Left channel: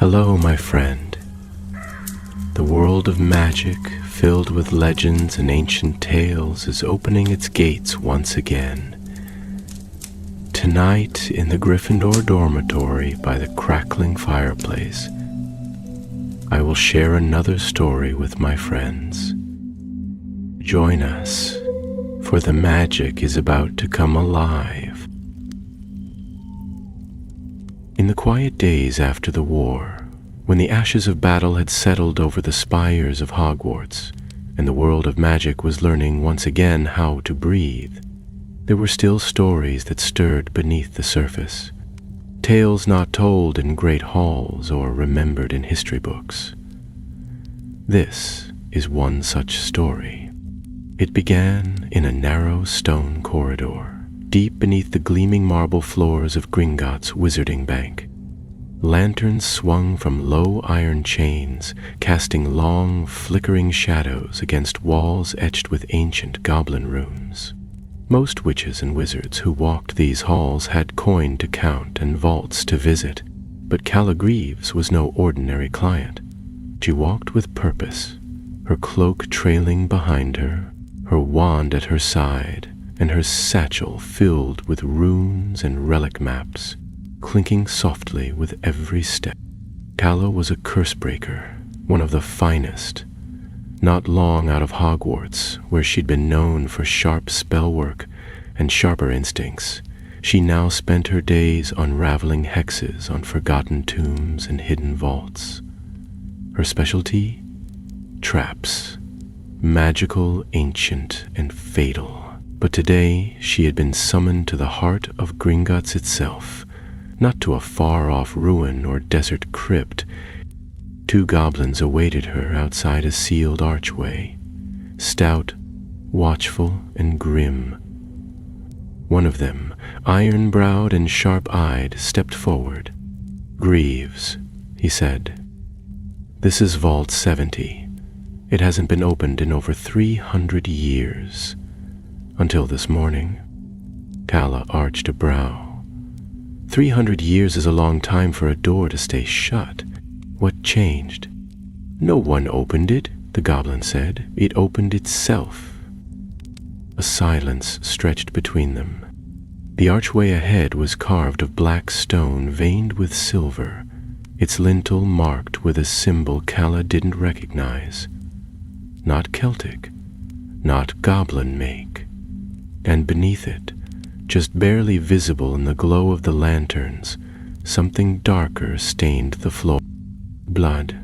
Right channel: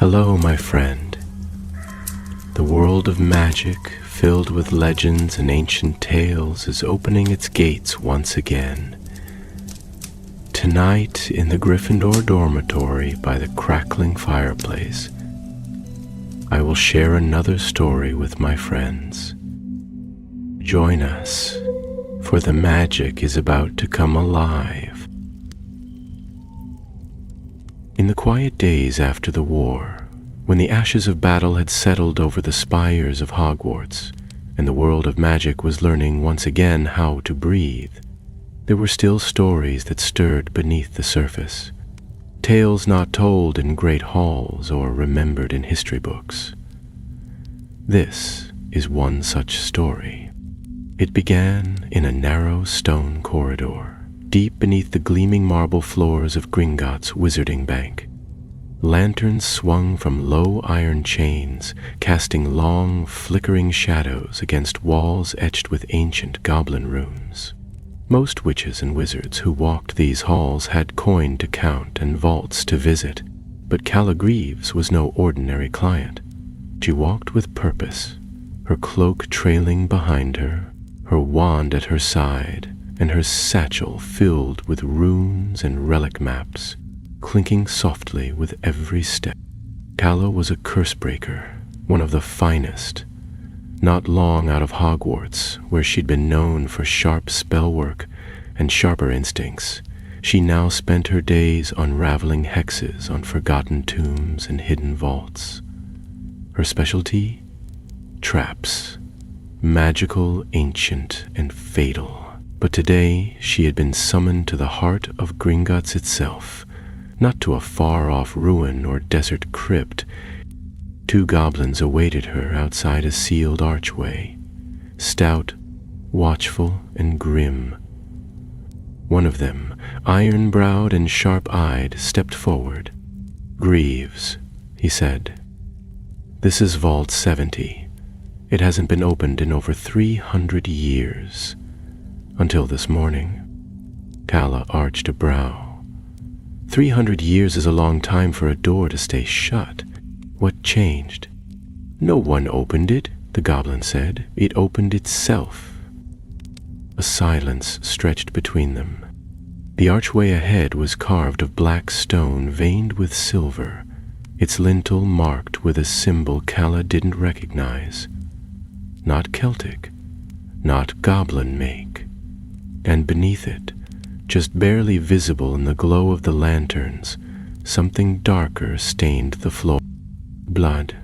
Hello, my friend. The world of magic, filled with legends and ancient tales, is opening its gates once again. Tonight, in the Gryffindor dormitory by the crackling fireplace, I will share another story with my friends. Join us, for the magic is about to come alive. In the quiet days after the war, when the ashes of battle had settled over the spires of Hogwarts, and the world of magic was learning once again how to breathe, there were still stories that stirred beneath the surface, tales not told in great halls or remembered in history books. This is one such story. It began in a narrow stone corridor, deep beneath the gleaming marble floors of Gringotts Wizarding Bank. Lanterns swung from low iron chains, casting long, flickering shadows against walls etched with ancient goblin runes. Most witches and wizards who walked these halls had coin to count and vaults to visit, but Calla Greaves was no ordinary client. She walked with purpose, her cloak trailing behind her, her wand at her side, and her satchel filled with runes and relic maps, clinking softly with every step. Calla was a curse-breaker, one of the finest. Not long out of Hogwarts, where she'd been known for sharp spell work and sharper instincts, she now spent her days unraveling hexes on forgotten tombs and hidden vaults. Her specialty? Traps. Magical, ancient, and fatal. But today she had been summoned to the heart of Gringotts itself, not to a far-off ruin or desert crypt. Two goblins awaited her outside a sealed archway, stout, watchful, and grim. One of them, iron-browed and sharp-eyed, stepped forward. "Greaves," he said. "This is Vault 70. It hasn't been opened in over 300 years. Until this morning." Calla arched a brow. 300 years is a long time for a door to stay shut. What changed? "No one opened it," the goblin said. "It opened itself." A silence stretched between them. The archway ahead was carved of black stone veined with silver, its lintel marked with a symbol Calla didn't recognize. Not Celtic, not goblin make. And beneath it, just barely visible in the glow of the lanterns, something darker stained the floor. Blood.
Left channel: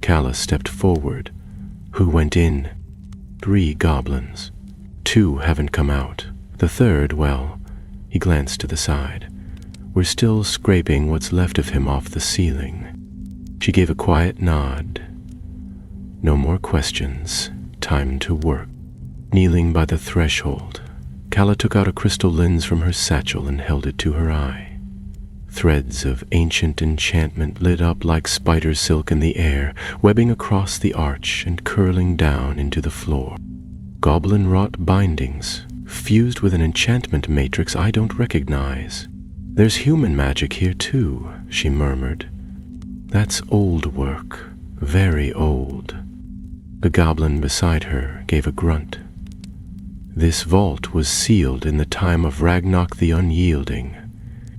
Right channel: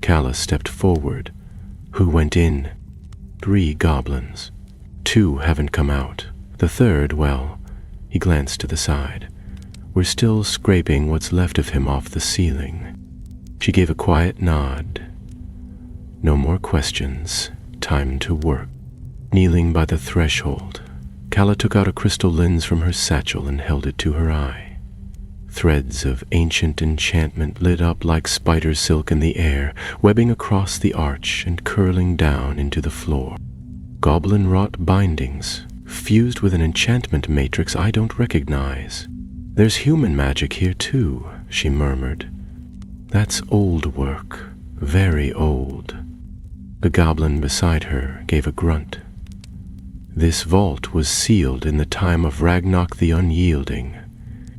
Calla stepped forward. "Who went in?" "3 goblins. 2 haven't come out. The third, well," he glanced to the side, "we're still scraping what's left of him off the ceiling." She gave a quiet nod. No more questions. Time to work. Kneeling by the threshold, Calla took out a crystal lens from her satchel and held it to her eye. Threads of ancient enchantment lit up like spider silk in the air, webbing across the arch and curling down into the floor. Goblin-wrought bindings, fused with an enchantment matrix I don't recognize. "There's human magic here too," she murmured. "That's old work, very old." The goblin beside her gave a grunt. "This vault was sealed in the time of Ragnarok the Unyielding.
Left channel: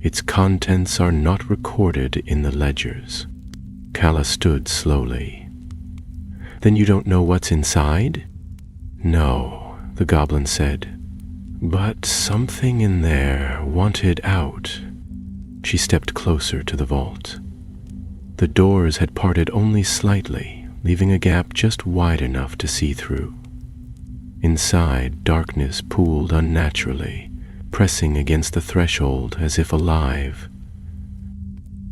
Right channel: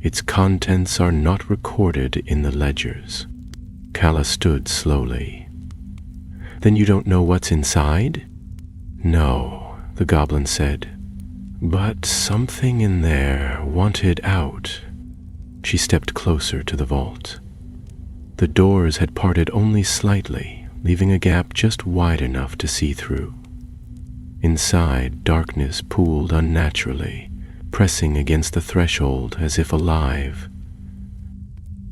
Its contents are not recorded in the ledgers." Calla stood slowly. "Then you don't know what's inside?" "No," the goblin said. "But something in there wanted out." She stepped closer to the vault. The doors had parted only slightly, leaving a gap just wide enough to see through. Inside, darkness pooled unnaturally, pressing against the threshold as if alive.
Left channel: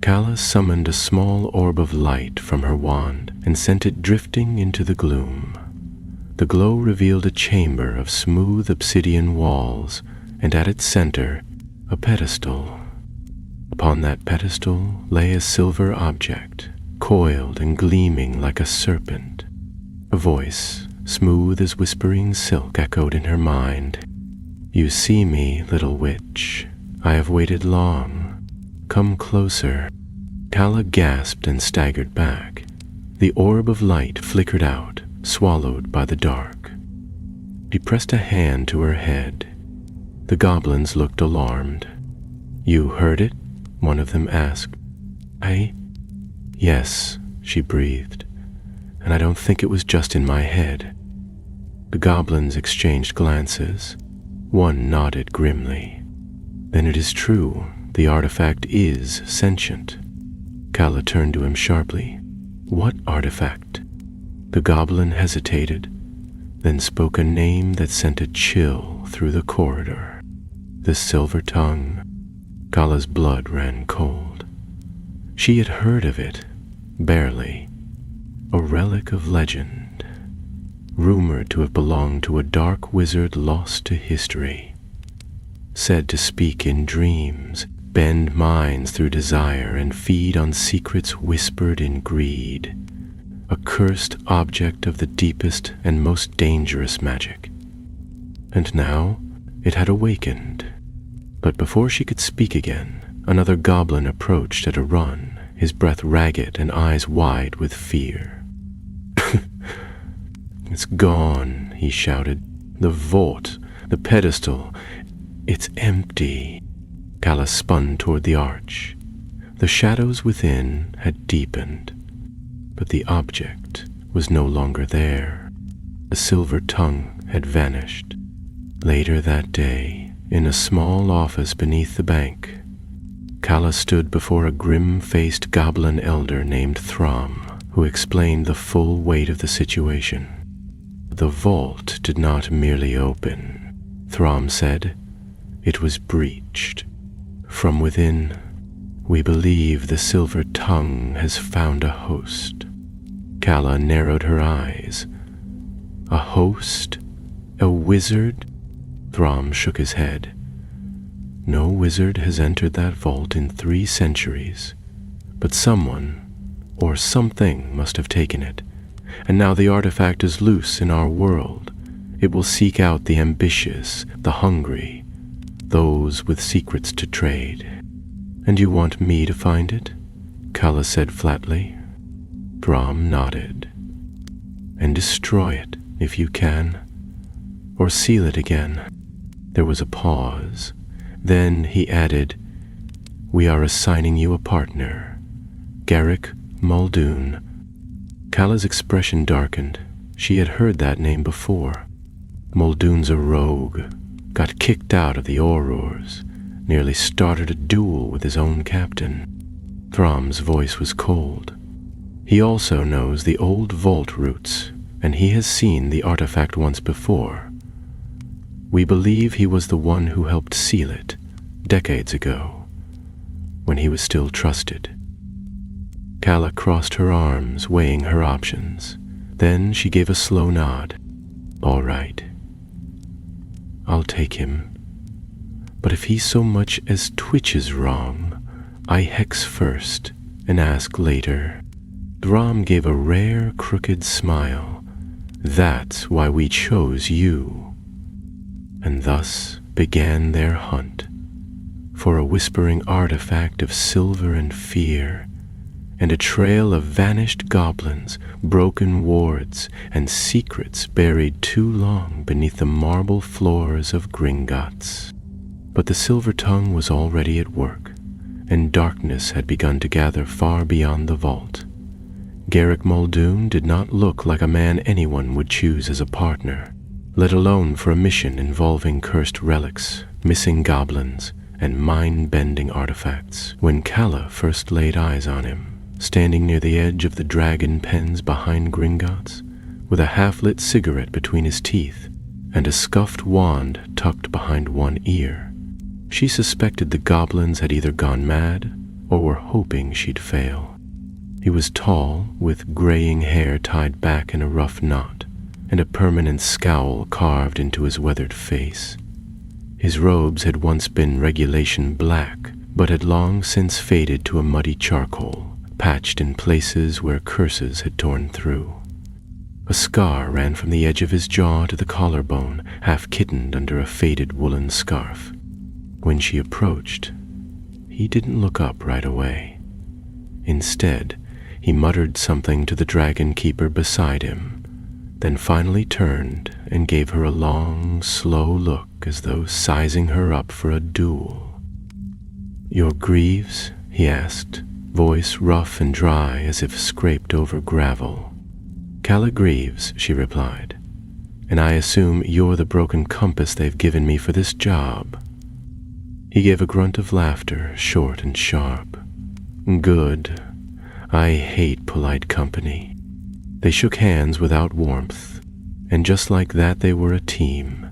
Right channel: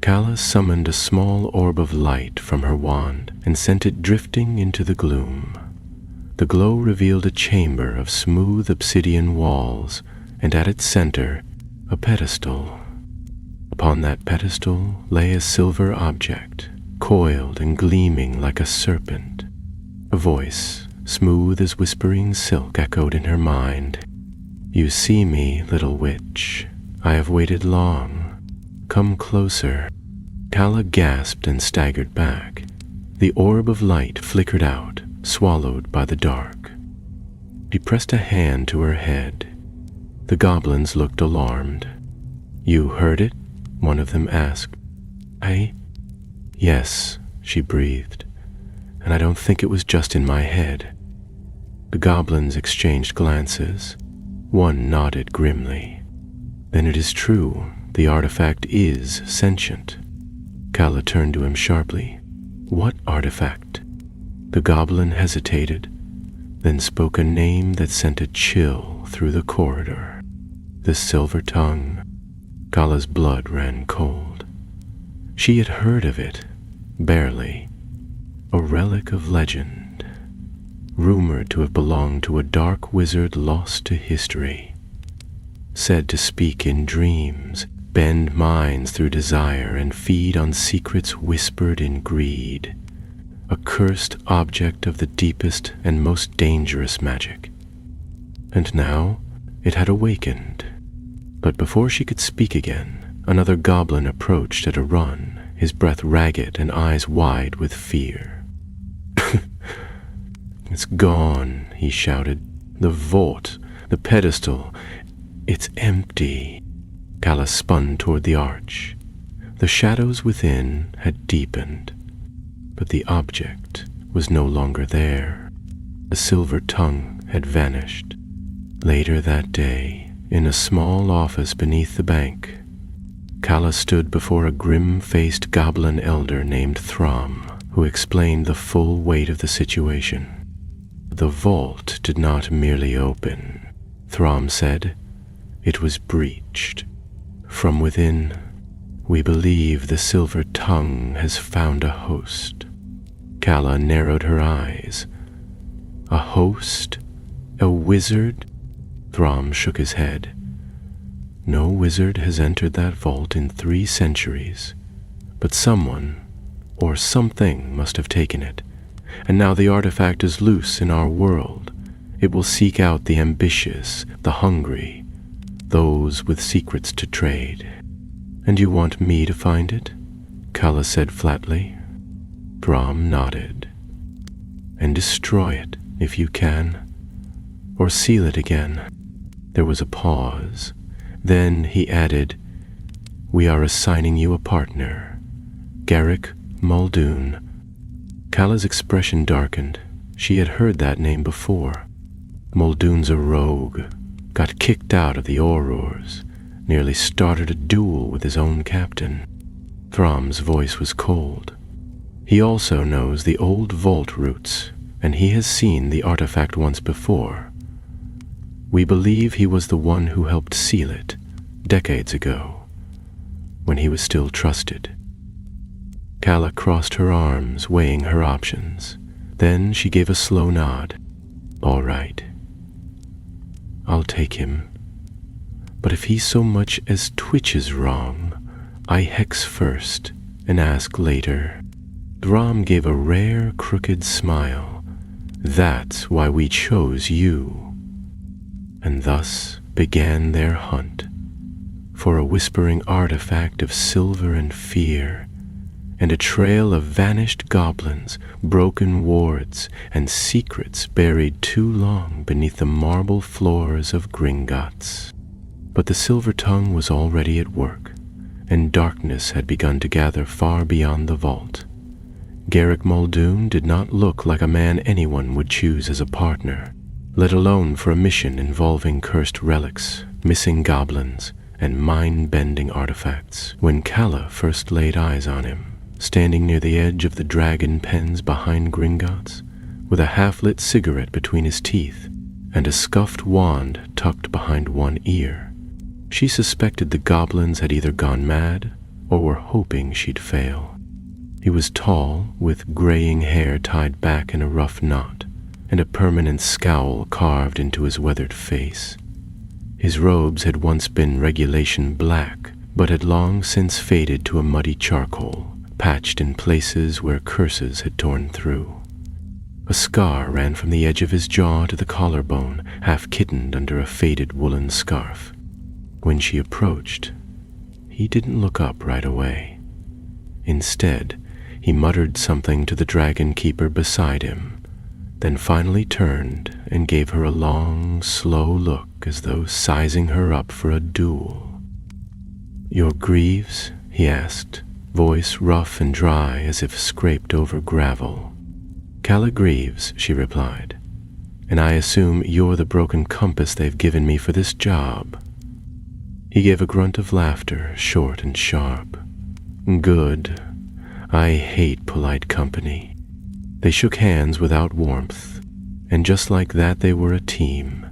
Calla summoned a small orb of light from her wand and sent it drifting into the gloom. The glow revealed a chamber of smooth obsidian walls, and at its center, a pedestal. Upon that pedestal lay a silver object, coiled and gleaming like a serpent. A voice, smooth as whispering silk, echoed in her mind. "You see me, little witch. I have waited long. Come closer." Kala gasped and staggered back. The orb of light flickered out, swallowed by the dark. She pressed a hand to her head. The goblins looked alarmed. "You heard it?" one of them asked. Yes, she breathed, and I don't think it was just in my head." The goblins exchanged glances. One nodded grimly. "Then it is true, the artifact is sentient." Kala turned to him sharply. "What artifact?" The goblin hesitated, then spoke a name that sent a chill through the corridor. "The Silver Tongue." Kala's blood ran cold. She had heard of it, barely. A relic of legend, rumored to have belonged to a dark wizard lost to history, said to speak in dreams, bend minds through desire, and feed on secrets whispered in greed. A cursed object of the deepest and most dangerous magic. And now it had awakened. But before she could speak again, another goblin approached at a run, his breath ragged and eyes wide with fear. "It's gone," he shouted. "The vault, the pedestal, it's empty." Kala spun toward the arch. The shadows within had deepened, but the object was no longer there. The Silver Tongue had vanished. Later that day, in a small office beneath the bank, Kala stood before a grim-faced goblin elder named Throm, who explained the full weight of the situation. The vault did not merely open, Throm said. It was breached. From within, we believe the Silver Tongue has found a host. Kala narrowed her eyes. A host? A wizard? Throm shook his head. No wizard has entered that vault in 3 centuries, but someone or something must have taken it, and now the artifact is loose in our world. It will seek out the ambitious, the hungry, those with secrets to trade. "And you want me to find it?" Kala said flatly. Throm nodded. "And destroy it, if you can, or seal it again." There was a pause. Then he added, "We are assigning you a partner, Garrick Muldoon." Kala's expression darkened. She had heard that name before. Muldoon's a rogue, got kicked out of the Aurors, nearly started a duel with his own captain. Throm's voice was cold. "He also knows the old vault routes, and he has seen the artifact once before. We believe he was the one who helped seal it, decades ago, when he was still trusted." Kala crossed her arms, weighing her options. Then she gave a slow nod. "All right. I'll take him. But if he so much as twitches wrong, I hex first and ask later." Throm gave a rare, crooked smile. "That's why we chose you." And thus began their hunt for a whispering artifact of silver and fear, and a trail of vanished goblins, broken wards, and secrets buried too long beneath the marble floors of Gringotts. But the Silver Tongue was already at work, and darkness had begun to gather far beyond the vault. Garrick Muldoon did not look like a man anyone would choose as a partner, let alone for a mission involving cursed relics, missing goblins, and mind-bending artifacts. When Kala first laid eyes on him, standing near the edge of the dragon pens behind Gringotts, with a half-lit cigarette between his teeth and a scuffed wand tucked behind one ear, she suspected the goblins had either gone mad or were hoping she'd fail. He was tall, with graying hair tied back in a rough knot, and a permanent scowl carved into his weathered face. His robes had once been regulation black, but had long since faded to a muddy charcoal, patched in places where curses had torn through. A scar ran from the edge of his jaw to the collarbone, half kittened under a faded woolen scarf. When she approached, he didn't look up right away. Instead, he muttered something to the dragon keeper beside him, then finally turned and gave her a long, slow look as though sizing her up for a duel. "Your greaves?" he asked, voice rough and dry as if scraped over gravel. "Calla Greaves," she replied, "and I assume you're the broken compass they've given me for this job." He gave a grunt of laughter, short and sharp. "Good. I hate polite company." They shook hands without warmth, and just like that they were a team.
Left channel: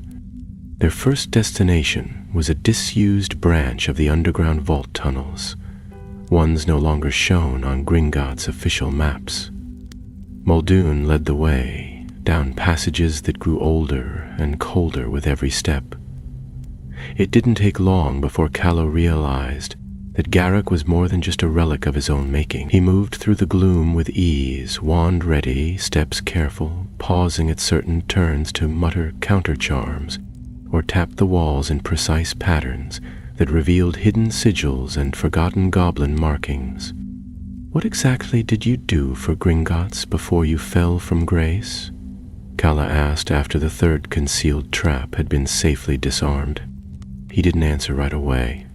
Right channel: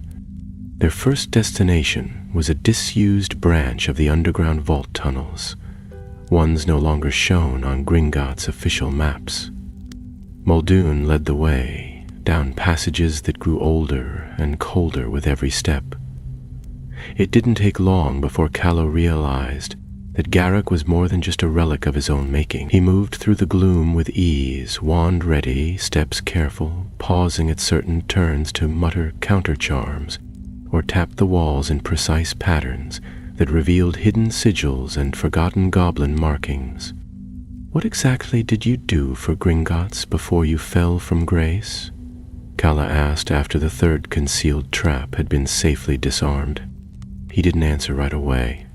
Their first destination was a disused branch of the underground vault tunnels, ones no longer shown on Gringotts' official maps. Muldoon led the way, down passages that grew older and colder with every step. It didn't take long before Callow realized that Garrick was more than just a relic of his own making. He moved through the gloom with ease, wand ready, steps careful, pausing at certain turns to mutter counter-charms or tap the walls in precise patterns that revealed hidden sigils and forgotten goblin markings. "What exactly did you do for Gringotts before you fell from grace?" Calla asked after the third concealed trap had been safely disarmed. He didn't answer right away.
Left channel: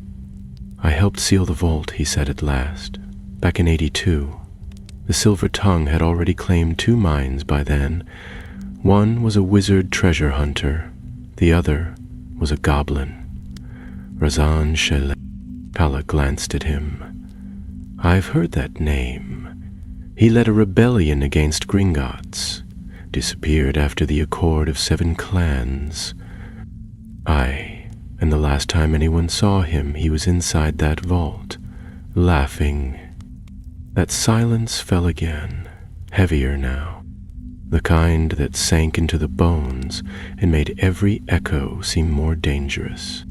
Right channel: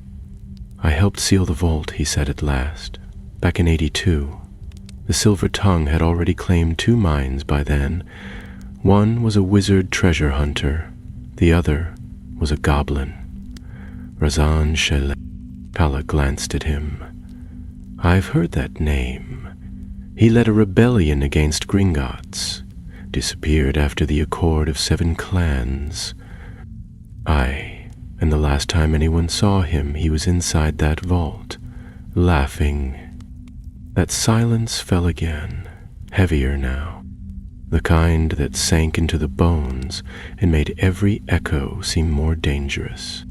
"I helped seal the vault," he said at last, "back in 82. The Silver Tongue had already claimed 2 mines by then. One was a wizard treasure hunter. The other was a goblin. Razan Shele." Calla glanced at him. "I've heard that name. He led a rebellion against Gringotts. Disappeared after the Accord of 7 Clans. Aye. And the last time anyone saw him, he was inside that vault, laughing." That silence fell again, heavier now, the kind that sank into the bones and made every echo seem more dangerous.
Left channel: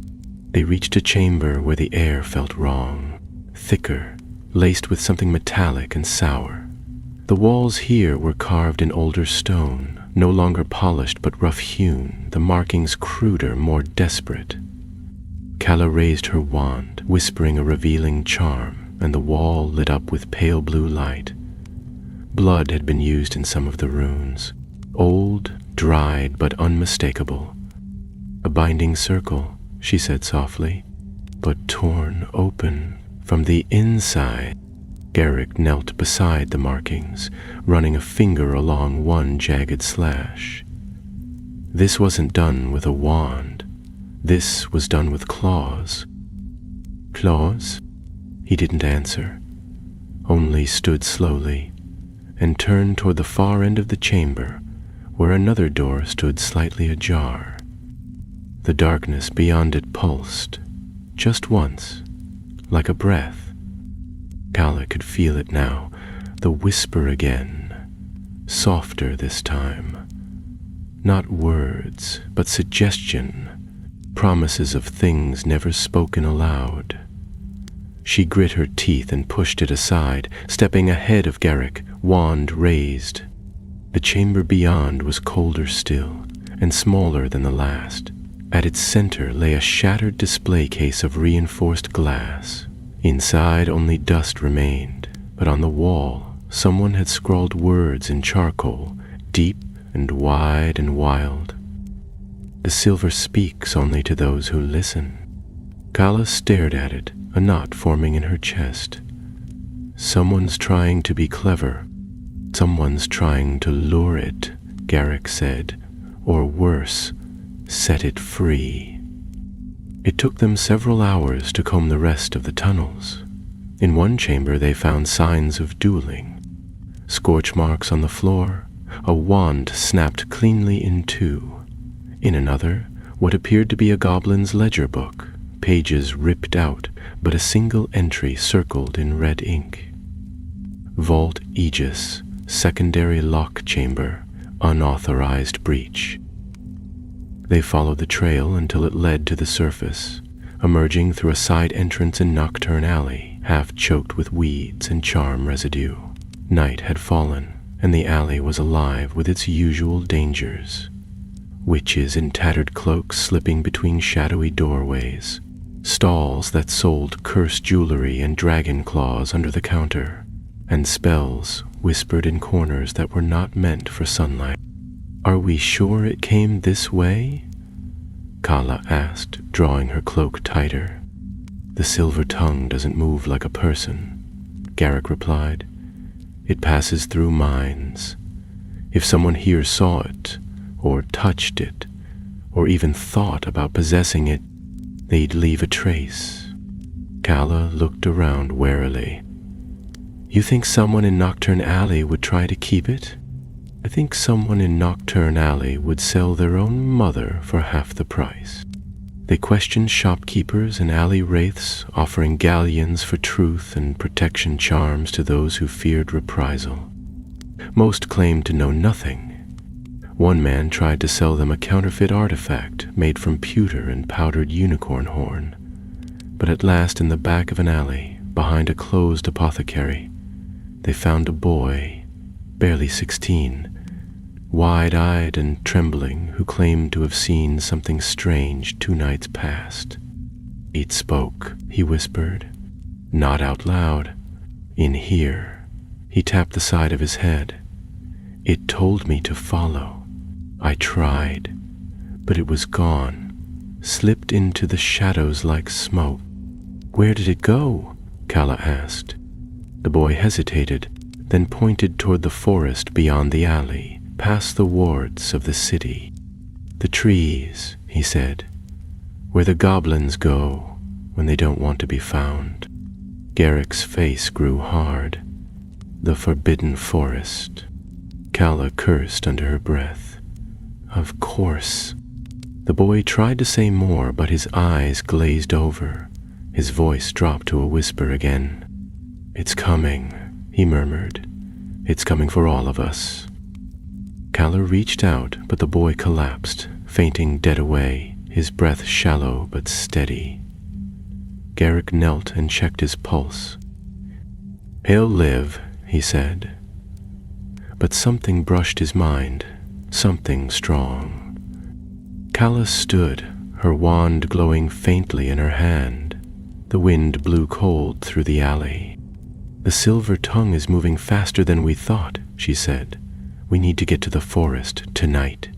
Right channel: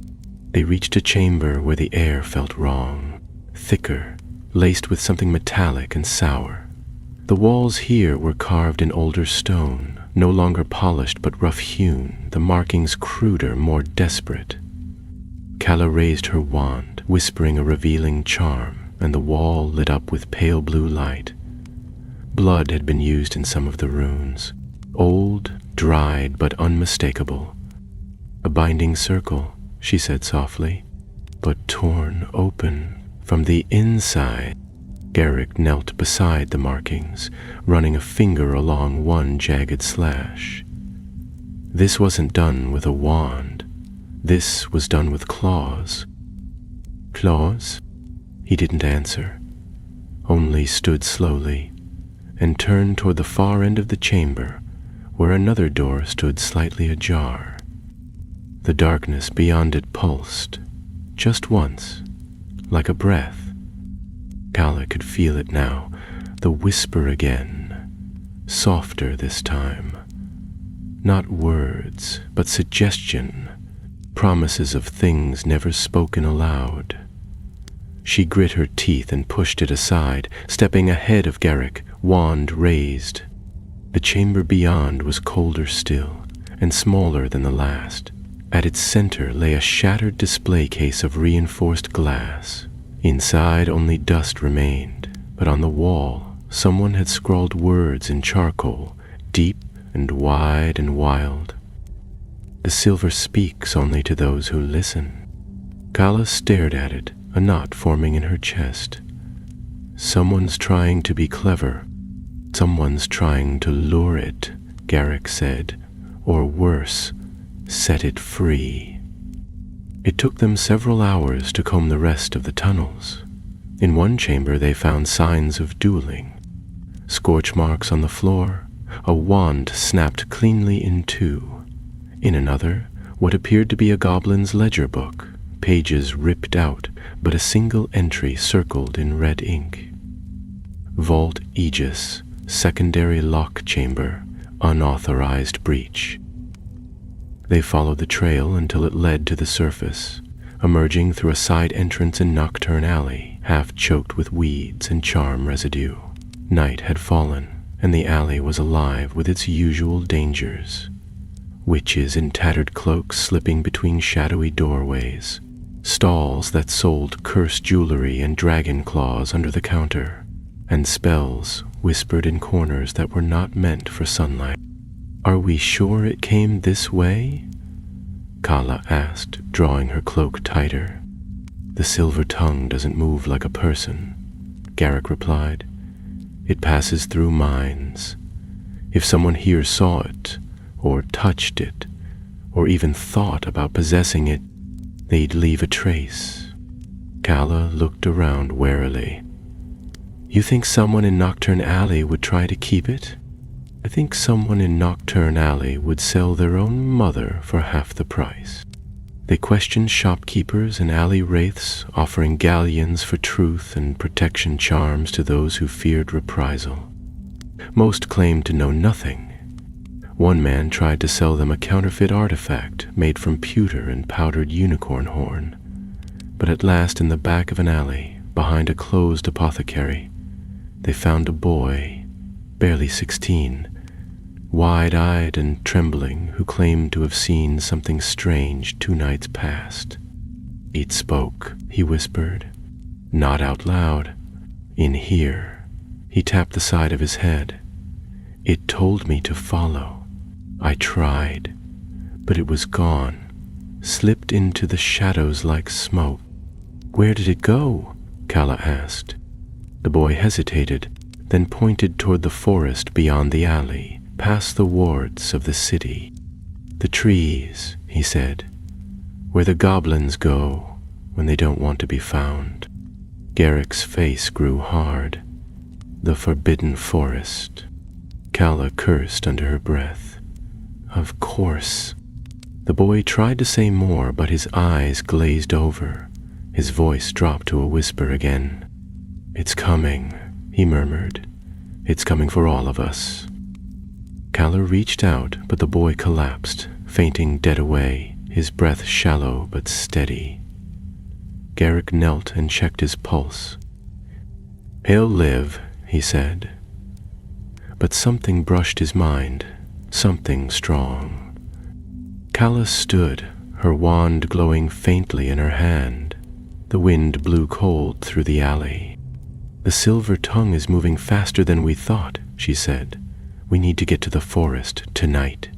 They reached a chamber where the air felt wrong, thicker, laced with something metallic and sour. The walls here were carved in older stone, no longer polished but rough-hewn, the markings cruder, more desperate. Calla raised her wand, whispering a revealing charm, and the wall lit up with pale blue light. Blood had been used in some of the runes, old, dried, but unmistakable. "A binding circle," she said softly, "but torn open from the inside." Garrick knelt beside the markings, running a finger along one jagged slash. This wasn't done with a wand. This was done with claws. "Claws?" He didn't answer, only stood slowly and turned toward the far end of the chamber, where another door stood slightly ajar. The darkness beyond it pulsed, just once, like a breath. Calla could feel it now, the whisper again, softer this time. Not words, but suggestion, promises of things never spoken aloud. She grit her teeth and pushed it aside, stepping ahead of Garrick, wand raised. The chamber beyond was colder still, and smaller than the last. At its center lay a shattered display case of reinforced glass. Inside only dust remained, but on the wall someone had scrawled words in charcoal, deep and wide and wild. "The silver speaks only to those who listen." Calla stared at it, a knot forming in her chest. "Someone's trying to be clever. Someone's trying to lure it," Garrick said, "or worse, set it free." It took them several hours to comb the rest of the tunnels. In one chamber they found signs of dueling. Scorch marks on the floor, a wand snapped cleanly in 2. In another, what appeared to be a goblin's ledger book, pages ripped out, but a single entry circled in red ink. "Vault Aegis, secondary lock chamber, unauthorized breach." They followed the trail until it led to the surface, emerging through a side entrance and nocturne alley, half choked with weeds and charm residue. Night had fallen, and the alley was alive with its usual dangers. Witches in tattered cloaks slipping between shadowy doorways, stalls that sold cursed jewelry and dragon claws under the counter, and spells whispered in corners that were not meant for sunlight. "Are we sure it came this way?" Kala asked, drawing her cloak tighter. "The silver tongue doesn't move like a person," Garrick replied. "It passes through minds. If someone here saw it, or touched it, or even thought about possessing it, they'd leave a trace." Kala looked around warily. "You think someone in Nocturne Alley would try to keep it?" "I think someone in Nocturne Alley would sell their own mother for half the price." They questioned shopkeepers and alley wraiths, offering galleons for truth and protection charms to those who feared reprisal. Most claimed to know nothing. One man tried to sell them a counterfeit artifact made from pewter and powdered unicorn horn. But at last, in the back of an alley, behind a closed apothecary, they found a boy, barely 16, wide-eyed and trembling, who claimed to have seen something strange 2 nights past. "It spoke," he whispered. "Not out loud. In here." He tapped the side of his head. "It told me to follow. I tried, but it was gone, slipped into the shadows like smoke." "Where did it go?" Kala asked. The boy hesitated, then pointed toward the forest beyond the alley, past the wards of the city. "The trees," he said, "where the goblins go when they don't want to be found." Garrick's face grew hard. "The forbidden forest." Kala cursed under her breath. "Of course." The boy tried to say more, but his eyes glazed over. His voice dropped to a whisper again. "It's coming," he murmured. "It's coming for all of us." Kala reached out, but the boy collapsed, fainting dead away, his breath shallow but steady. Garrick knelt and checked his pulse. "He'll live," he said. But something brushed his mind, something strong. Kala stood, her wand glowing faintly in her hand. The wind blew cold through the alley. "The silver tongue is moving faster than we thought," she said. "We need to get to the forest tonight."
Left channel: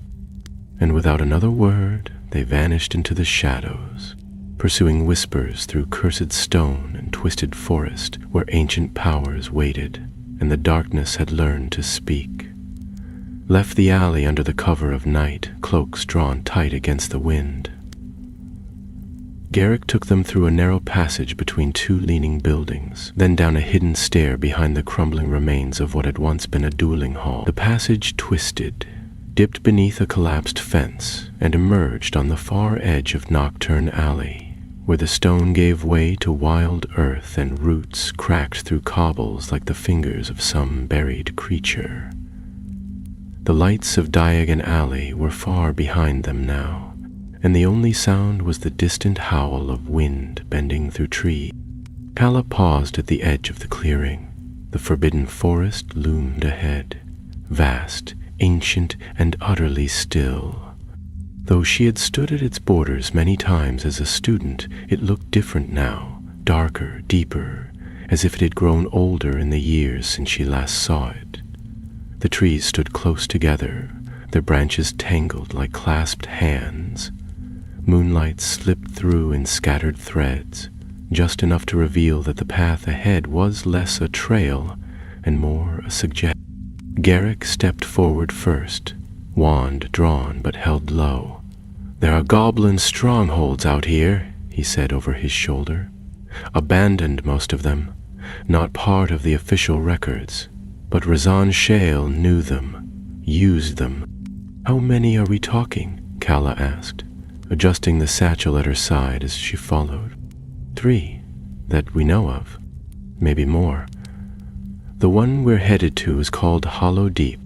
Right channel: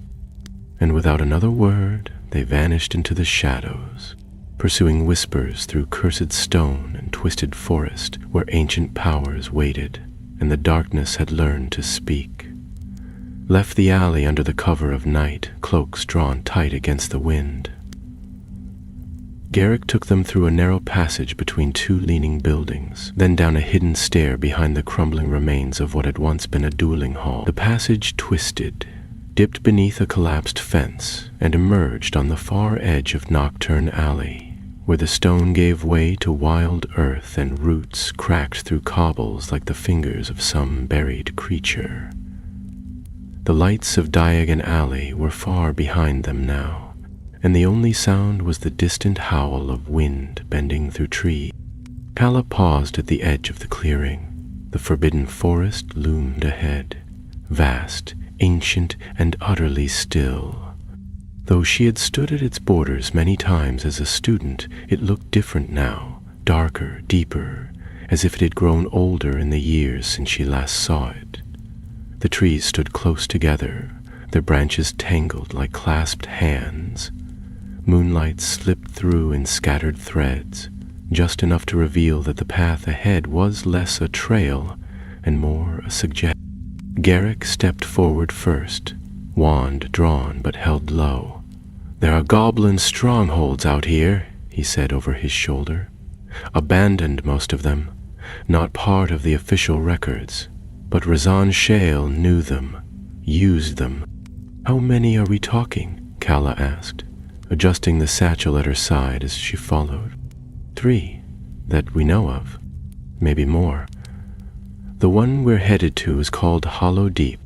And without another word, they vanished into the shadows, pursuing whispers through cursed stone and twisted forest where ancient powers waited, and the darkness had learned to speak. Left the alley under the cover of night, cloaks drawn tight against the wind. Garrick took them through a narrow passage between 2 leaning buildings, then down a hidden stair behind the crumbling remains of what had once been a dueling hall. The passage twisted, dipped beneath a collapsed fence, and emerged on the far edge of Nocturne Alley, where the stone gave way to wild earth and roots cracked through cobbles like the fingers of some buried creature. The lights of Diagon Alley were far behind them now, and the only sound was the distant howl of wind bending through trees. Kala paused at the edge of the clearing. The forbidden forest loomed ahead, vast, ancient, and utterly still. Though she had stood at its borders many times as a student, it looked different now, darker, deeper, as if it had grown older in the years since she last saw it. The trees stood close together, their branches tangled like clasped hands. Moonlight slipped through in scattered threads, just enough to reveal that the path ahead was less a trail and more a suggestion. Garrick stepped forward first, wand drawn but held low. "There are goblin strongholds out here," he said over his shoulder. "Abandoned, most of them, not part of the official records, but Razan Shale knew them, used them." "How many are we talking?" Kala asked, adjusting the satchel at her side as she followed. 3, that we know of. Maybe more. The one we're headed to is called Hollow Deep.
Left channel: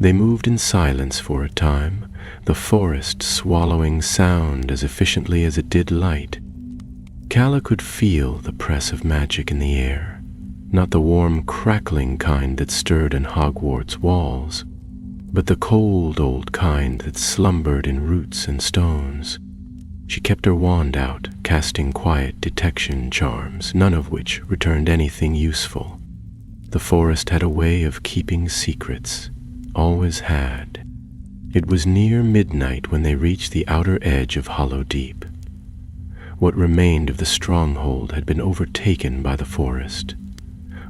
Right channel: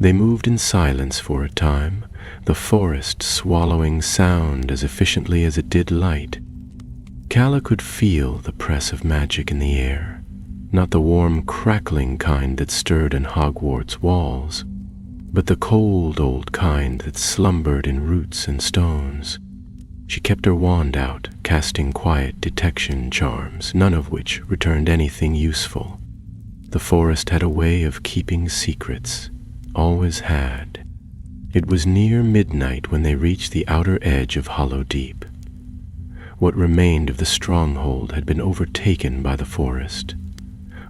They moved in silence for a time, the forest swallowing sound as efficiently as it did light. Kala could feel the press of magic in the air, not the warm, crackling kind that stirred in Hogwarts walls, but the cold old kind that slumbered in roots and stones. She kept her wand out, casting quiet detection charms, none of which returned anything useful. The forest had a way of keeping secrets, always had. It was near midnight when they reached the outer edge of Hollow Deep. What remained of the stronghold had been overtaken by the forest.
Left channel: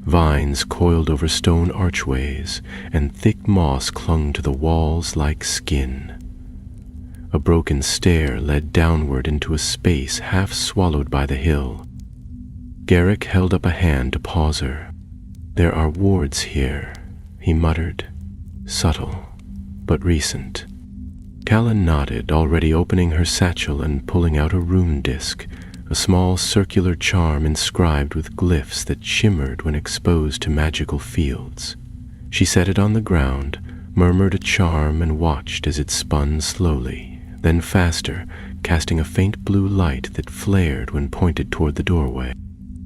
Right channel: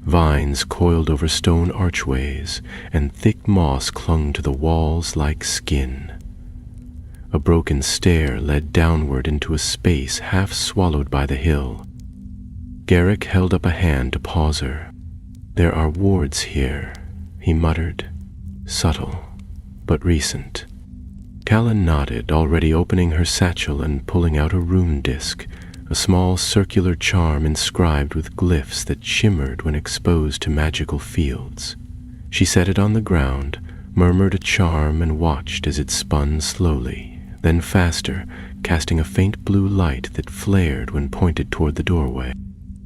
Vines coiled over stone archways, and thick moss clung to the walls like skin. A broken stair led downward into a space half swallowed by the hill. Garrick held up a hand to pause her. "There are wards here," he muttered, subtle but recent. Calla nodded, already opening her satchel and pulling out a rune disc, a small circular charm inscribed with glyphs that shimmered when exposed to magical fields. She set it on the ground, murmured a charm, and watched as it spun slowly, then faster, casting a faint blue light that flared when pointed toward the doorway.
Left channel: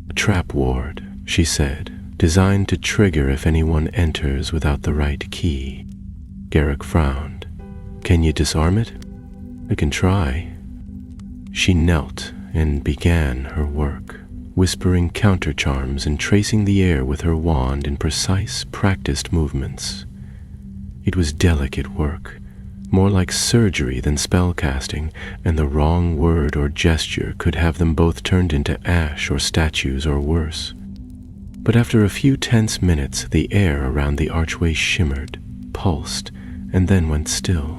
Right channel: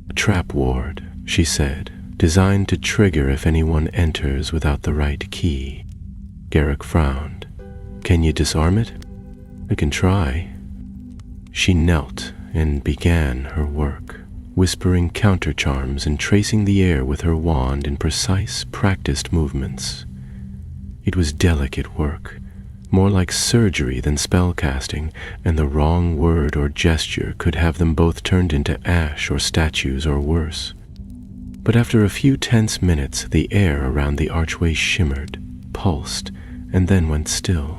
"A trap ward," she said, "designed to trigger if anyone enters without the right key." Garrick frowned. "Can you disarm it?" "I can try." She knelt and began her work, whispering counter charms and tracing the air with her wand in precise, practiced movements. It was delicate work, more like surgery than spellcasting, and the wrong word or gesture could have them both turned into ash or statues or worse. But after a few tense minutes, the air around the archway shimmered, pulsed, and then went still.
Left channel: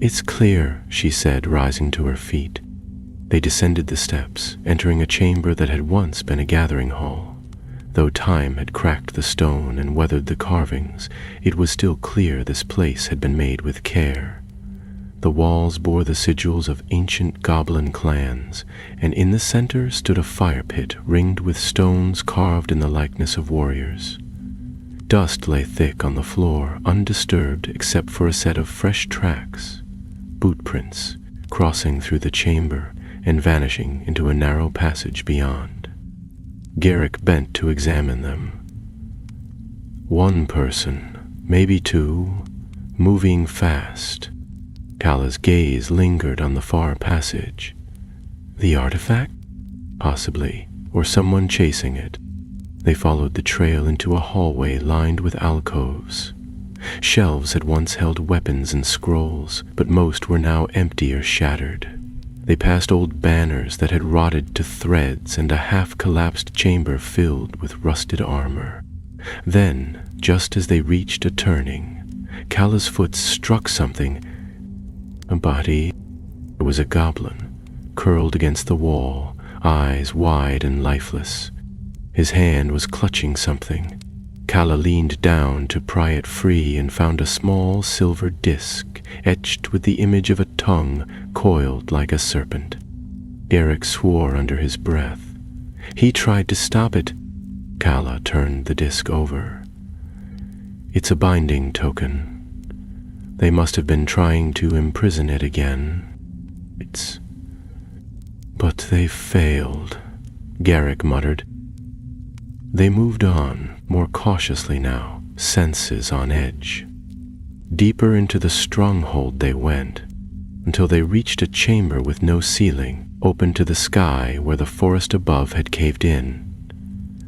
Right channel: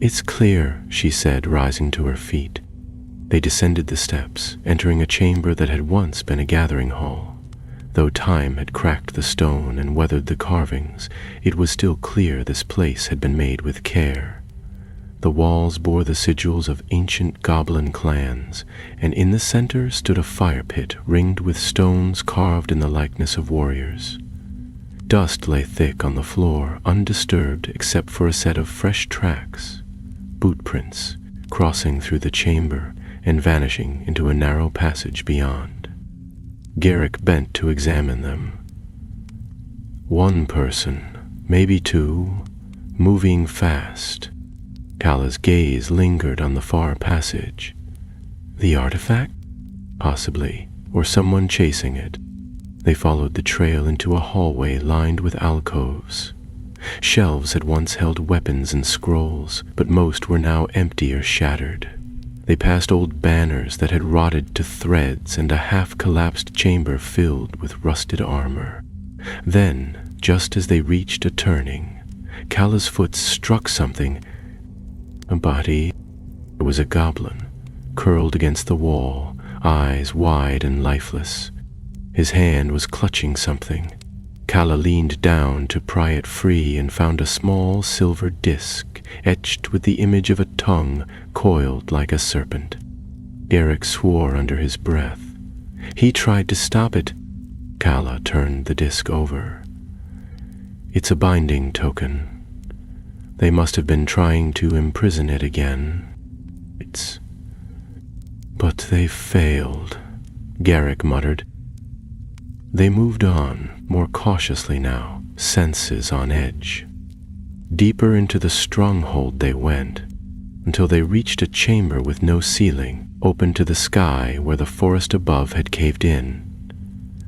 "It's clear," she said, rising to her feet. They descended the steps, entering a chamber that had once been a gathering hall. Though time had cracked the stone and weathered the carvings, it was still clear this place had been made with care. The walls bore the sigils of ancient goblin clans, and in the center stood a fire pit ringed with stones carved in the likeness of warriors. Dust lay thick on the floor, undisturbed except for a set of fresh tracks, boot prints, crossing through the chamber and vanishing into a narrow passage beyond. Garrick bent to examine them. One person, maybe two, moving fast. Calla's gaze lingered on the far passage. The artifact? Possibly, or someone chasing it. They followed the trail into a hallway lined with alcoves. Shelves had once held weapons and scrolls, but most were now empty or shattered. They passed old banners that had rotted to threads and a half-collapsed chamber filled with rusted armor. Then, just as they reached a turning, Calla's foot struck something. A body. It was a goblin, curled against the wall, eyes wide and lifeless. His hand was clutching something. Calla leaned down to pry it free and found a small silver disc etched with the image of a tongue coiled like a serpent. Garrick swore under his breath. He tried to stop it. Calla turned the disc over. "It's a binding token. They must have been trying to imprison it again. But they failed," Garrick muttered. They moved on, more cautiously now, senses on edge. Deeper into the stronghold they went, until they reached a chamber with no ceiling, open to the sky where the forest above had caved in.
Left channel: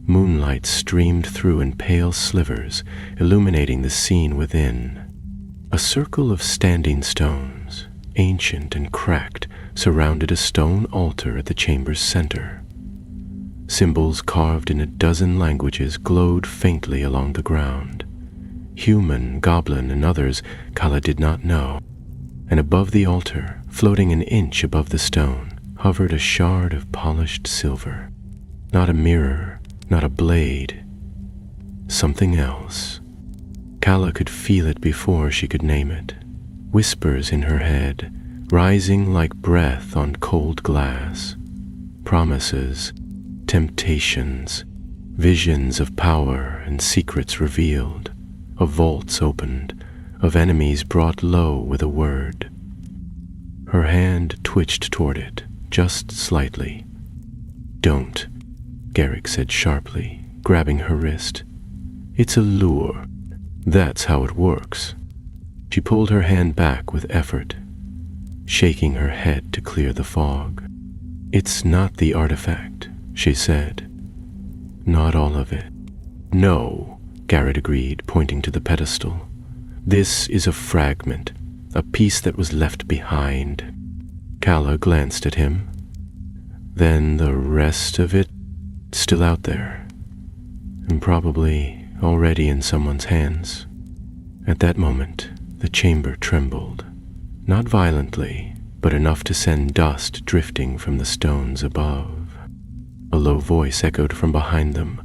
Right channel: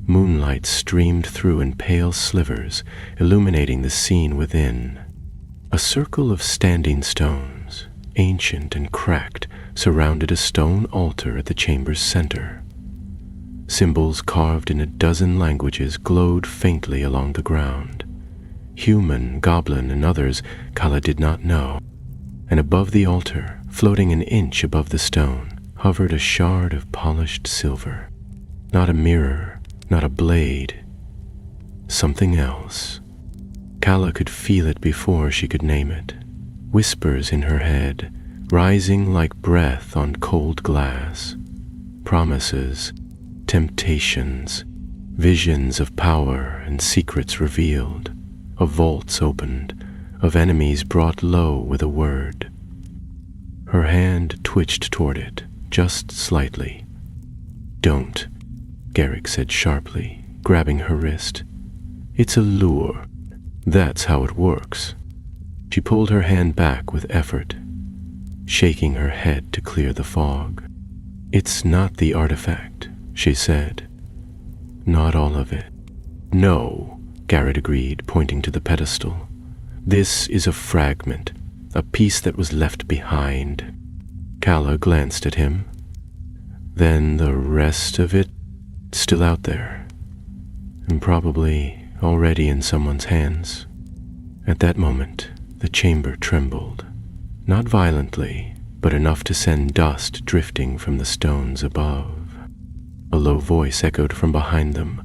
Moonlight streamed through in pale slivers, illuminating the scene within. A circle of standing stones, ancient and cracked, surrounded a stone altar at the chamber's center. Symbols carved in a dozen languages glowed faintly along the ground. Human, goblin, and others Calla did not know. And above the altar, floating an inch above the stone, hovered a shard of polished silver. Not a mirror, not a blade. Something else. Calla could feel it before she could name it. Whispers in her head, rising like breath on cold glass. Promises, temptations, visions of power and secrets revealed, of vaults opened, of enemies brought low with a word. Her hand twitched toward it, just slightly. "Don't," Garrick said sharply, grabbing her wrist. "It's a lure. That's how it works." She pulled her hand back with effort, shaking her head to clear the fog. "It's not the artifact," she said. "Not all of it." "No," Garrett agreed, pointing to the pedestal. "This is a fragment, a piece that was left behind." Calla glanced at him. "Then the rest of it still out there, and probably already in someone's hands." At that moment, the chamber trembled, not violently, but enough to send dust drifting from the stones above. A low voice echoed from behind them,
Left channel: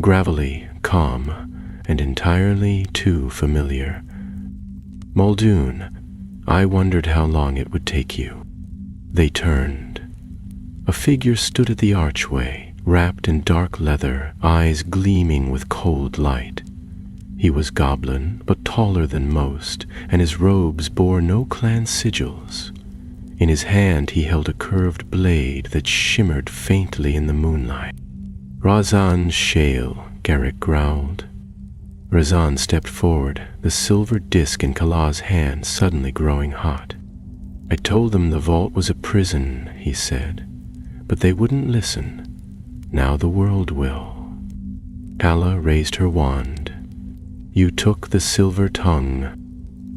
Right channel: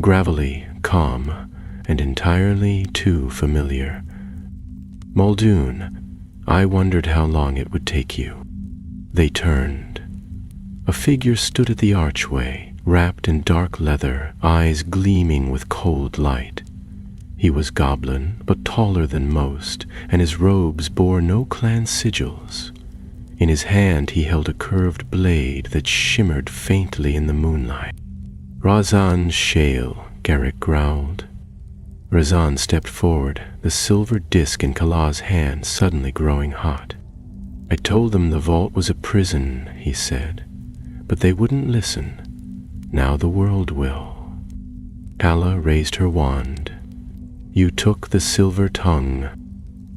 gravelly, calm, and entirely too familiar. "Muldoon, I wondered how long it would take you." They turned. A figure stood at the archway, wrapped in dark leather, eyes gleaming with cold light. He was goblin, but taller than most, and his robes bore no clan sigils. In his hand he held a curved blade that shimmered faintly in the moonlight. "Razan Shale," Garrick growled. Razan stepped forward, the silver disc in Calla's hand suddenly growing hot. "I told them the vault was a prison," he said, "but they wouldn't listen. Now the world will." Calla raised her wand. "You took the silver tongue."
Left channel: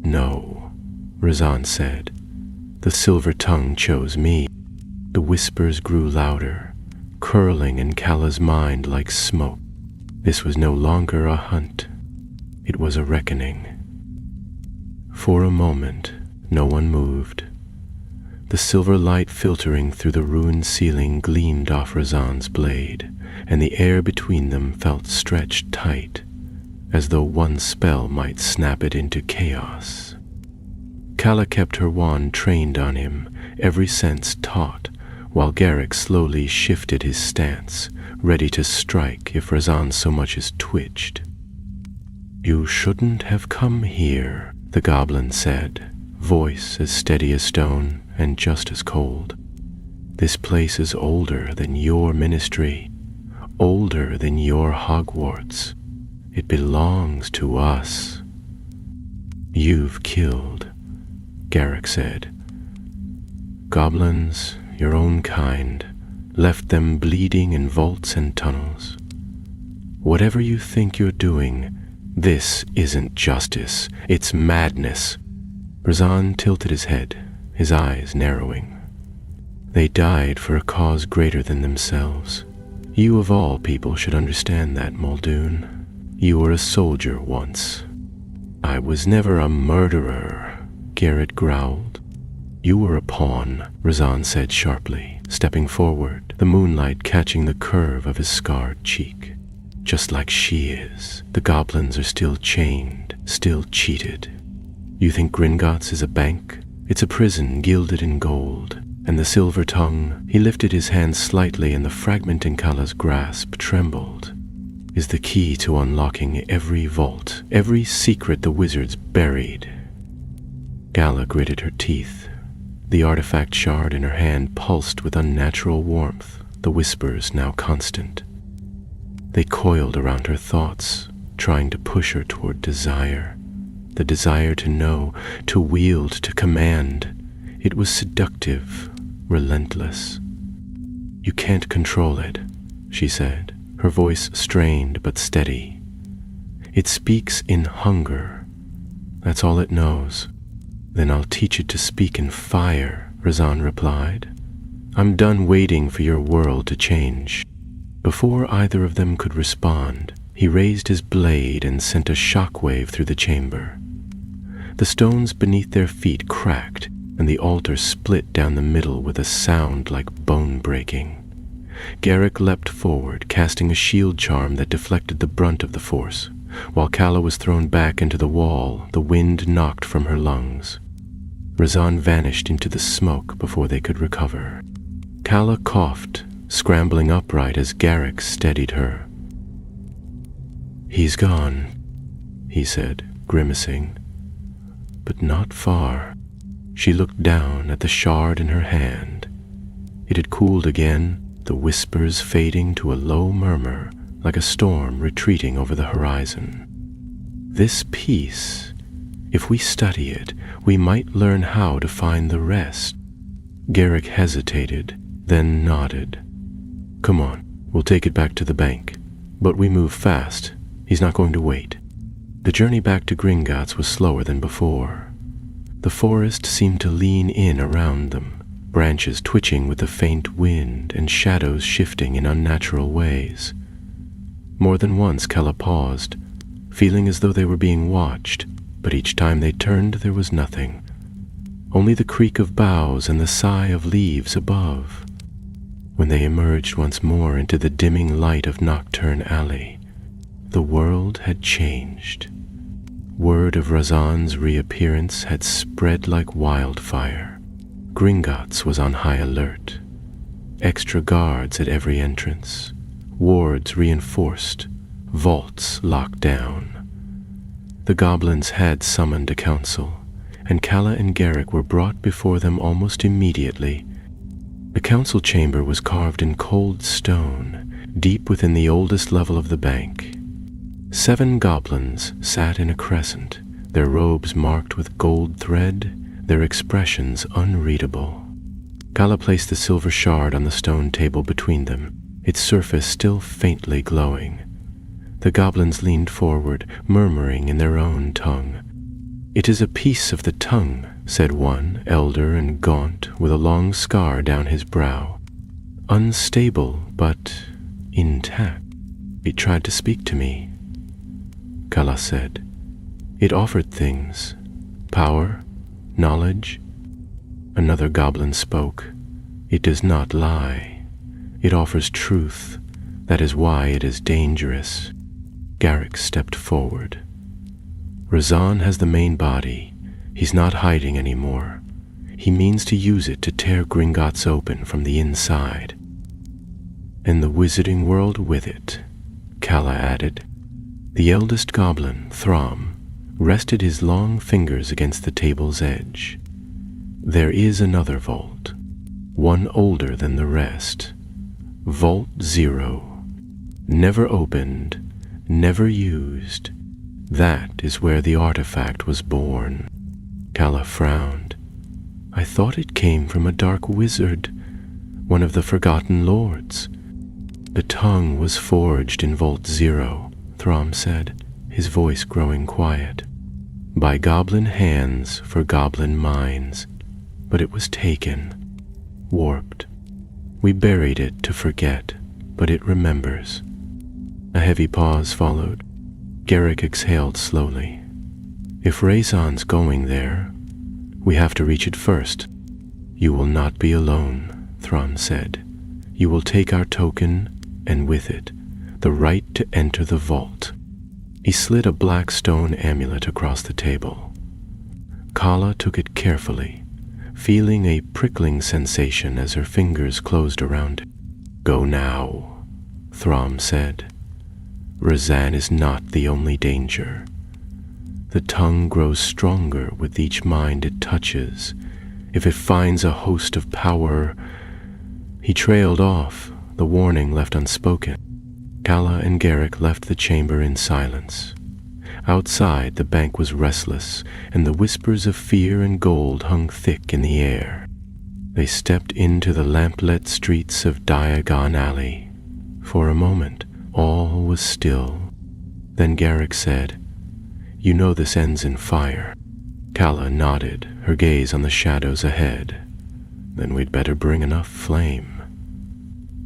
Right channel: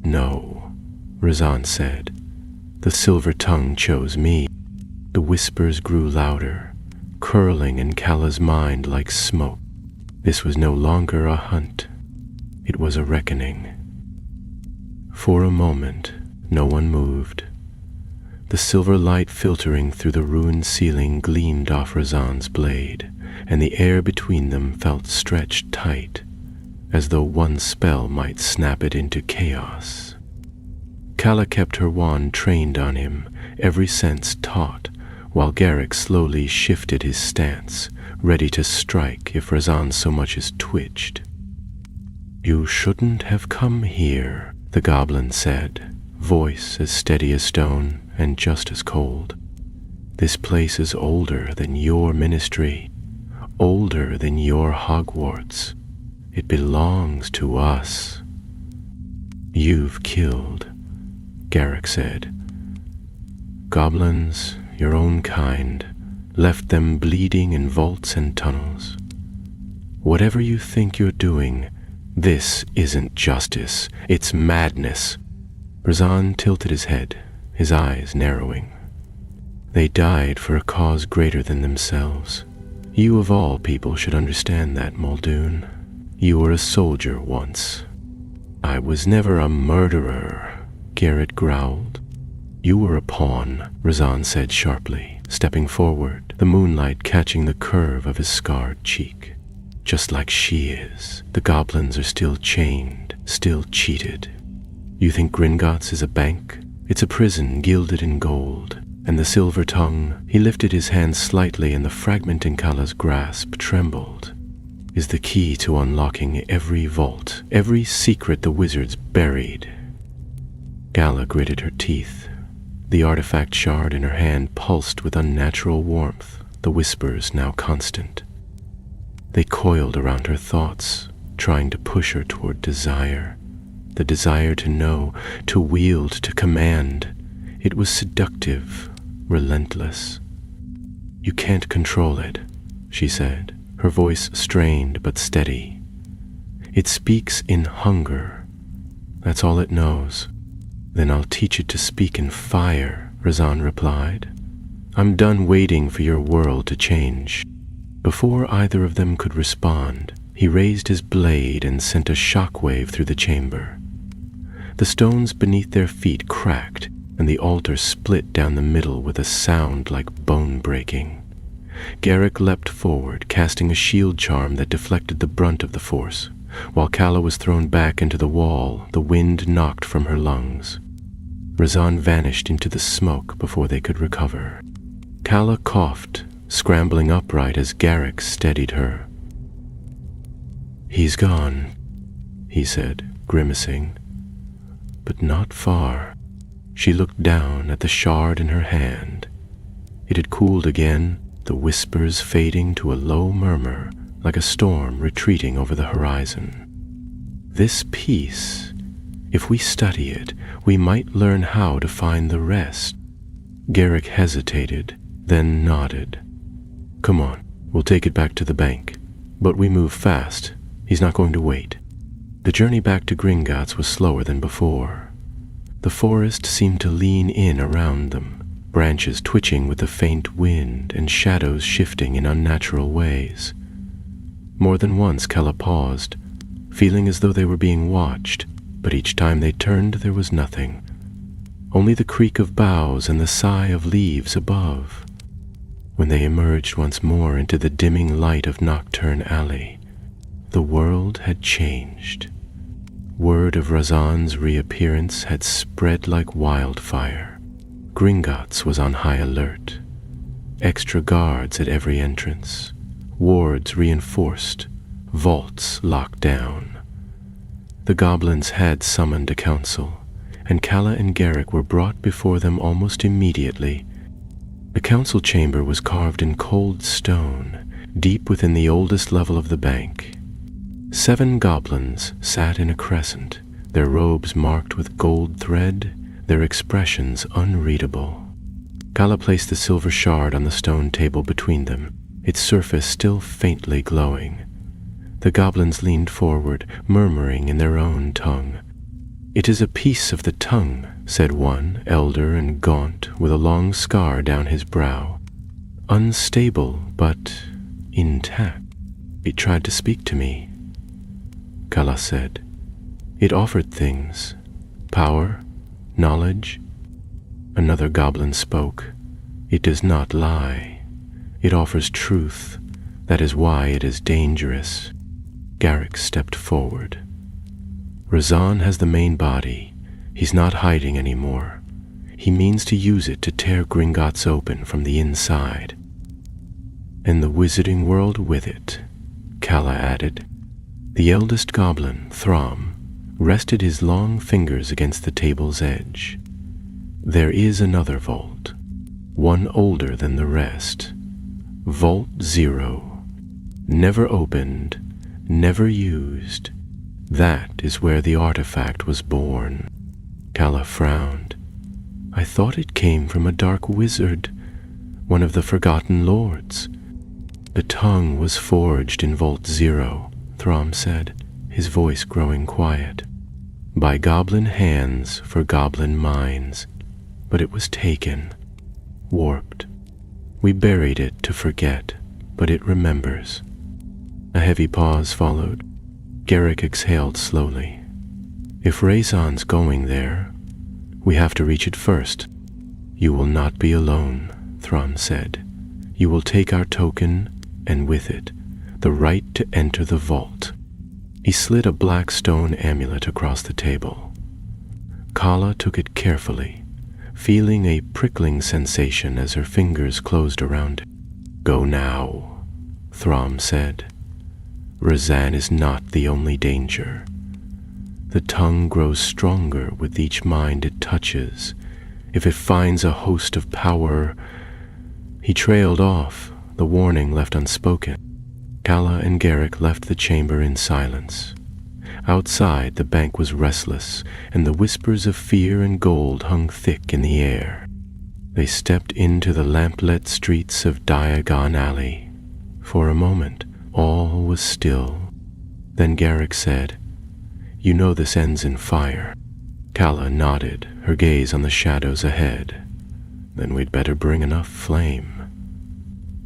"No," Razan said. "The silver tongue chose me." The whispers grew louder, curling in Calla's mind like smoke. This was no longer a hunt. It was a reckoning. For a moment, no one moved. The silver light filtering through the ruined ceiling gleamed off Razan's blade, and the air between them felt stretched tight, as though one spell might snap it into chaos. Calla kept her wand trained on him, every sense taut, while Garrick slowly shifted his stance, ready to strike if Razan so much as twitched. "You shouldn't have come here," the goblin said, voice as steady as stone and just as cold. "This place is older than your ministry, older than your Hogwarts. It belongs to us." "You've killed," Garrick said. "Goblins, your own kind, left them bleeding in vaults and tunnels. Whatever you think you're doing, this isn't justice, it's madness." Razan tilted his head, his eyes narrowing. "They died for a cause greater than themselves. You of all people should understand that, Muldoon. You were a soldier once." "I was never a murderer," Garrett growled. "You were a pawn," Razan said sharply, stepping forward, the moonlight catching the curve of his scarred cheek. "Just like she is. The goblins are still chained, still cheated. You think Gringotts is a bank? It's a prison gilded in gold. And the silver tongue," he lifted his hand slightly and the fragment in Calla's grasp trembled, "is the key to unlocking every vault, every secret the wizards buried." Calla gritted her teeth. The artifact shard in her hand pulsed with unnatural warmth, the whispers now constant. They coiled around her thoughts, trying to push her toward desire. The desire to know, to wield, to command. It was seductive, relentless. "You can't control it," she said, her voice strained but steady. "It speaks in hunger. That's all it knows." "Then I'll teach it to speak in fire," Razan replied. "I'm done waiting for your world to change." Before either of them could respond, he raised his blade and sent a shockwave through the chamber. The stones beneath their feet cracked, and the altar split down the middle with a sound like bone breaking. Garrick leapt forward, casting a shield charm that deflected the brunt of the force. While Calla was thrown back into the wall, the wind knocked from her lungs. Razan vanished into the smoke before they could recover. Calla coughed, scrambling upright as Garrick steadied her. "He's gone," he said, grimacing. "But not far." She looked down at the shard in her hand. It had cooled again, the whispers fading to a low murmur, like a storm retreating over the horizon. "This piece, if we study it, we might learn how to find the rest." Garrick hesitated, then nodded. "Come on, we'll take it back to the bank. But we move fast. He's not going to wait. The journey back to Gringotts was slower than before. The forest seemed to lean in around them, branches twitching with the faint wind and shadows shifting in unnatural ways. More than once Kella paused, feeling as though they were being watched, but each time they turned there was nothing. Only the creak of boughs and the sigh of leaves above. When they emerged once more into the dimming light of Nocturne Alley, the world had changed. Word of Razan's reappearance had spread like wildfire. Gringotts was on high alert. Extra guards at every entrance, wards reinforced, vaults locked down. The goblins had summoned a council, and Calla and Garrick were brought before them almost immediately. The council chamber was carved in cold stone, deep within the oldest level of the bank. 7 goblins sat in a crescent, their robes marked with gold thread, their expressions unreadable. Calla placed the silver shard on the stone table between them, its surface still faintly glowing. The goblins leaned forward, murmuring in their own tongue. "It is a piece of the tongue," said one, elder and gaunt, with a long scar down his brow. "Unstable, but intact. It tried to speak to me," Calla said. "It offered things, power, knowledge." Another goblin spoke. "It does not lie. It offers truth. That is why it is dangerous." Garrick stepped forward. "Razan has the main body. He's not hiding anymore. He means to use it to tear Gringotts open from the inside. And the wizarding world with it," Calla added. The eldest goblin, Throm, rested his long fingers against the table's edge. "There is another vault, one older than the rest. Vault 0. Never opened, never used. That is where the artifact was born." Calla frowned. "I thought it came from a dark wizard, one of the Forgotten Lords." "The tongue was forged in Vault 0, Throm said, his voice growing quiet. "By goblin hands for goblin minds, but it was taken, warped. We buried it to forget, but it remembers." A heavy pause followed. Garrick exhaled slowly. "If Razan's going there, we have to reach it first." "You will not be alone," Throm said. "You will take our token, and with it, the right to enter the vault." He slid a black stone amulet across the table. Calla took it carefully, feeling a prickling sensation as her fingers closed around it. "Go now," Throm said. "Razan is not the only danger. The tongue grows stronger with each mind it touches. If it finds a host of power—" He trailed off, the warning left unspoken. Calla and Garrick left the chamber in silence. Outside, the bank was restless, and the whispers of fear and gold hung thick in the air. They stepped into the lamplit streets of Diagon Alley. For a moment, all was still. Then Garrick said, "You know this ends in fire." Calla nodded, her gaze on the shadows ahead. "Then we'd better bring enough flame."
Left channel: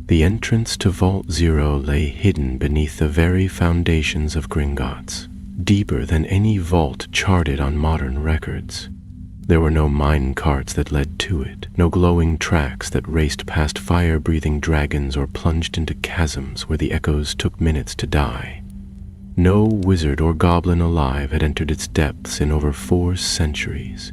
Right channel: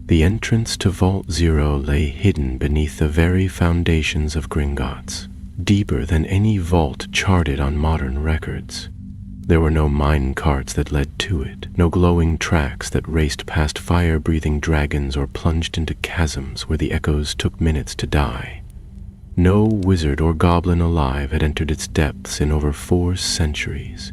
The entrance to Vault 0 lay hidden beneath the very foundations of Gringotts, deeper than any vault charted on modern records. There were no mine carts that led to it, no glowing tracks that raced past fire-breathing dragons or plunged into chasms where the echoes took minutes to die. No wizard or goblin alive had entered its depths in over 4 centuries.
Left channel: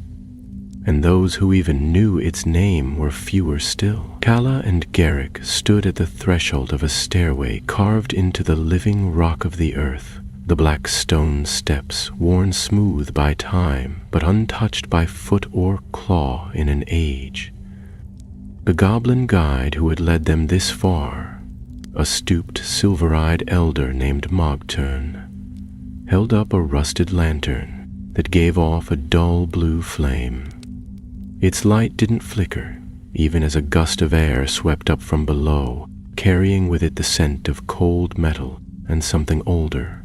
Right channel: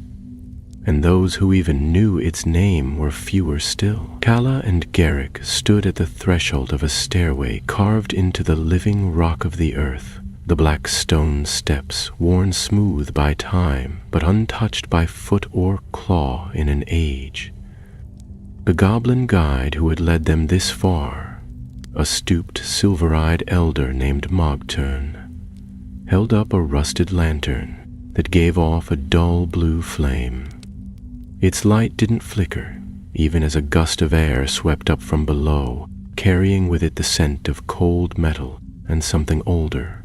And those who even knew its name were fewer still. Calla and Garrick stood at the threshold of a stairway carved into the living rock of the earth, the black stone steps worn smooth by time, but untouched by foot or claw in an age. The goblin guide who had led them this far, a stooped, silver-eyed elder named Mogturn, held up a rusted lantern that gave off a dull blue flame. Its light didn't flicker, even as a gust of air swept up from below, carrying with it the scent of cold metal and something older,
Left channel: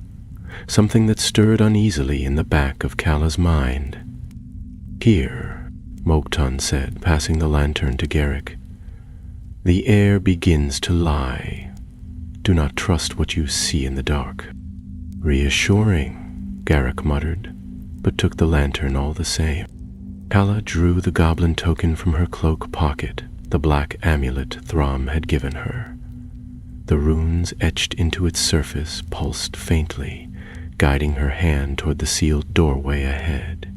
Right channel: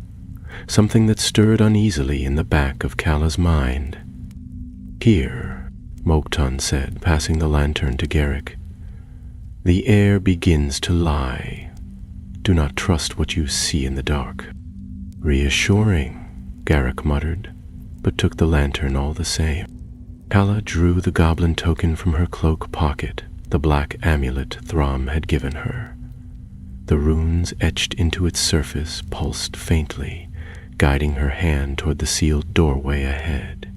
something that stirred uneasily in the back of Kalla's mind. "Here," Mokton said, passing the lantern to Garrick. "The air begins to lie. Do not trust what you see in the dark." "Reassuring," Garrick muttered, but took the lantern all the same. Kalla drew the goblin token from her cloak pocket, the black amulet Throm had given her. The runes etched into its surface pulsed faintly, guiding her hand toward the sealed doorway ahead.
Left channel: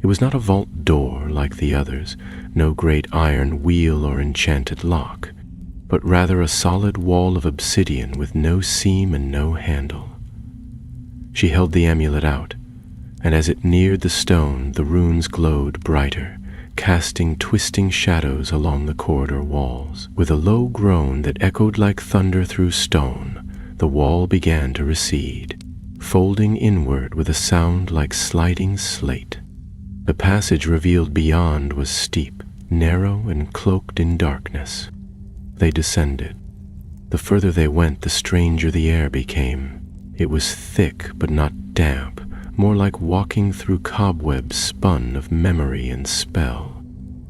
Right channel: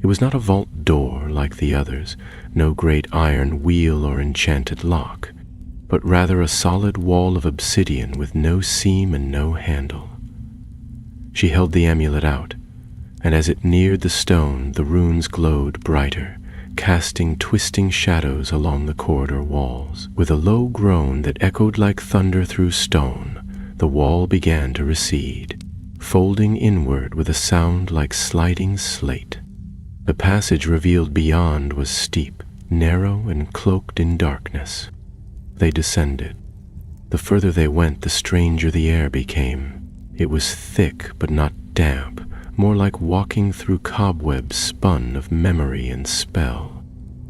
It was not a vault door like the others, no great iron wheel or enchanted lock, but rather a solid wall of obsidian with no seam and no handle. She held the amulet out, and as it neared the stone, the runes glowed brighter, casting twisting shadows along the corridor walls. With a low groan that echoed like thunder through stone, the wall began to recede, folding inward with a sound like sliding slate. The passage revealed beyond was steep, narrow, and cloaked in darkness. They descended. The further they went, the stranger the air became. It was thick but not damp, more like walking through cobwebs spun of memory and spell.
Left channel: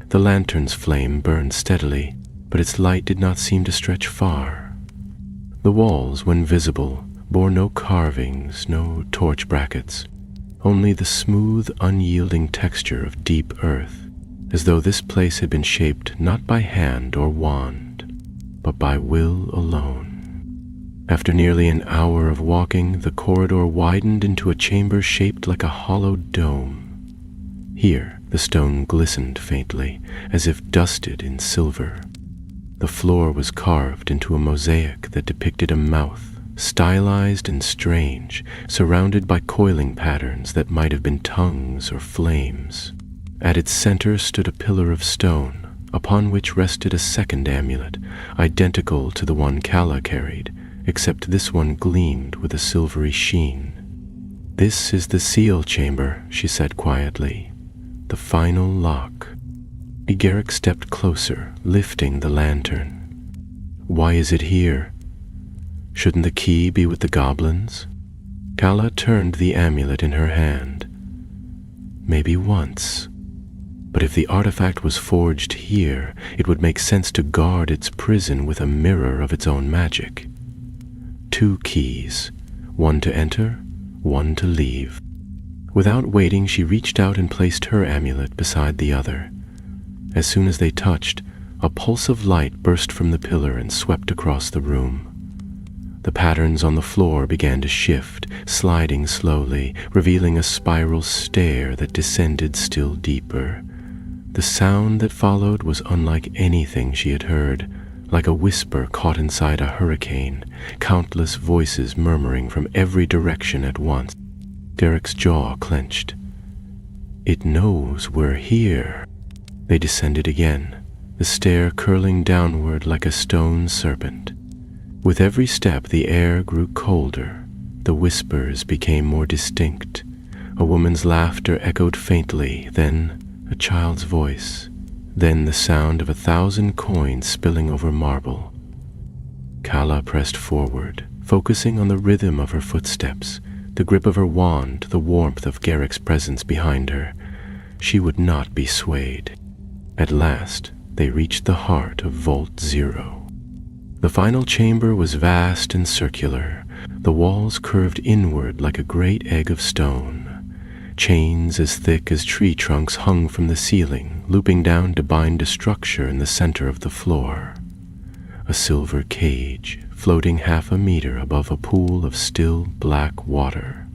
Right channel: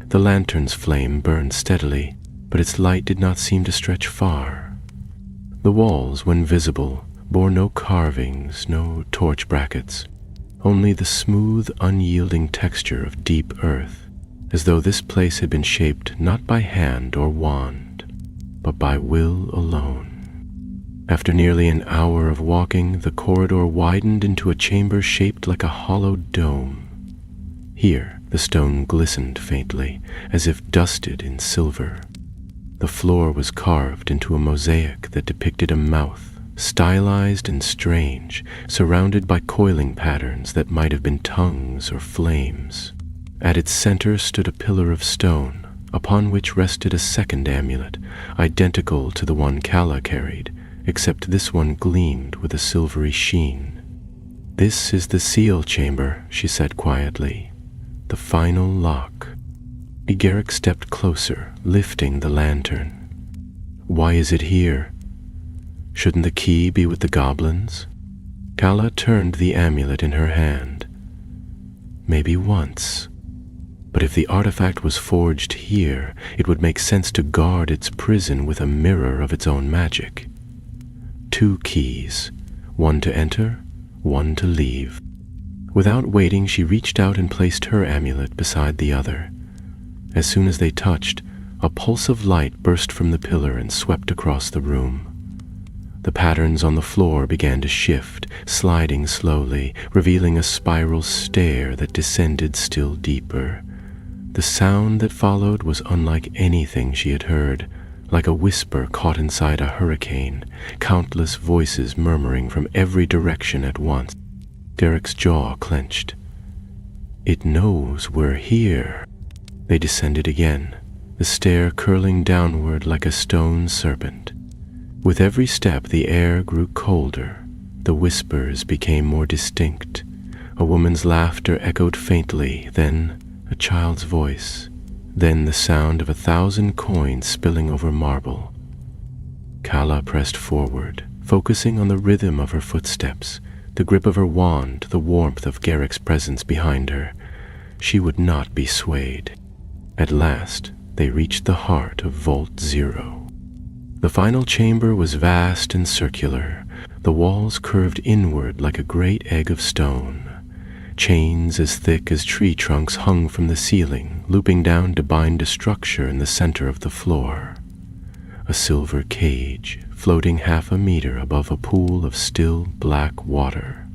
The lantern's flame burned steadily, but its light did not seem to stretch far. The walls, when visible, bore no carvings, no torch brackets, only the smooth, unyielding texture of deep earth, as though this place had been shaped not by hand or wand, but by will alone. After nearly an hour of walking, the corridor widened into a chamber shaped like a hollow dome. Here, the stone glistened faintly, as if dusted in silver. The floor was carved into a mosaic that depicted a mouth, stylized and strange, surrounded by coiling patterns that might have been tongues or flames. At its center stood a pillar of stone, upon which rested a second amulet, identical to the one Kalla carried, except this one gleamed with a silvery sheen. "This is the seal chamber," she said quietly. "The final lock." Garrick stepped closer, lifting the lantern. "Why is it here? Shouldn't the key be with the goblins?" Kalla turned the amulet in her hand. "Maybe once. But if the artifact was forged here, it would make sense to guard its prison with a mirror of its own magic. 2 keys, one to enter, one to leave." Without waiting, she reached out and placed her amulet beside the other. As soon as they touched, a pulse of light burst from the pillar and swept across the room. The patterns on the floor began to shift, sliding slowly, revealing a spiral stair that descended still deeper. The sound that followed was unlike anything she had heard, like a whisper caught inside a hurricane, countless voices murmuring from every direction at once. Garrick's jaw clenched. "It knows we're here." They descended again, the stair curling downward like a stone serpent. With every step, the air grew colder. The whispers became more distinct. A woman's laughter echoed faintly, then a child's voice, then the sound of 1,000 coins spilling over marble. Kalla pressed forward, focusing on the rhythm of her footsteps, the grip of her wand, the warmth of Garrick's presence behind her. She would not be swayed. At last, they reached the heart of Vault 0. The final chamber was vast and circular. The walls curved inward like a great egg of stone. Chains as thick as tree trunks hung from the ceiling, looping down to bind a structure in the center of the floor. A silver cage, floating 1/2 meter above a pool of still black water.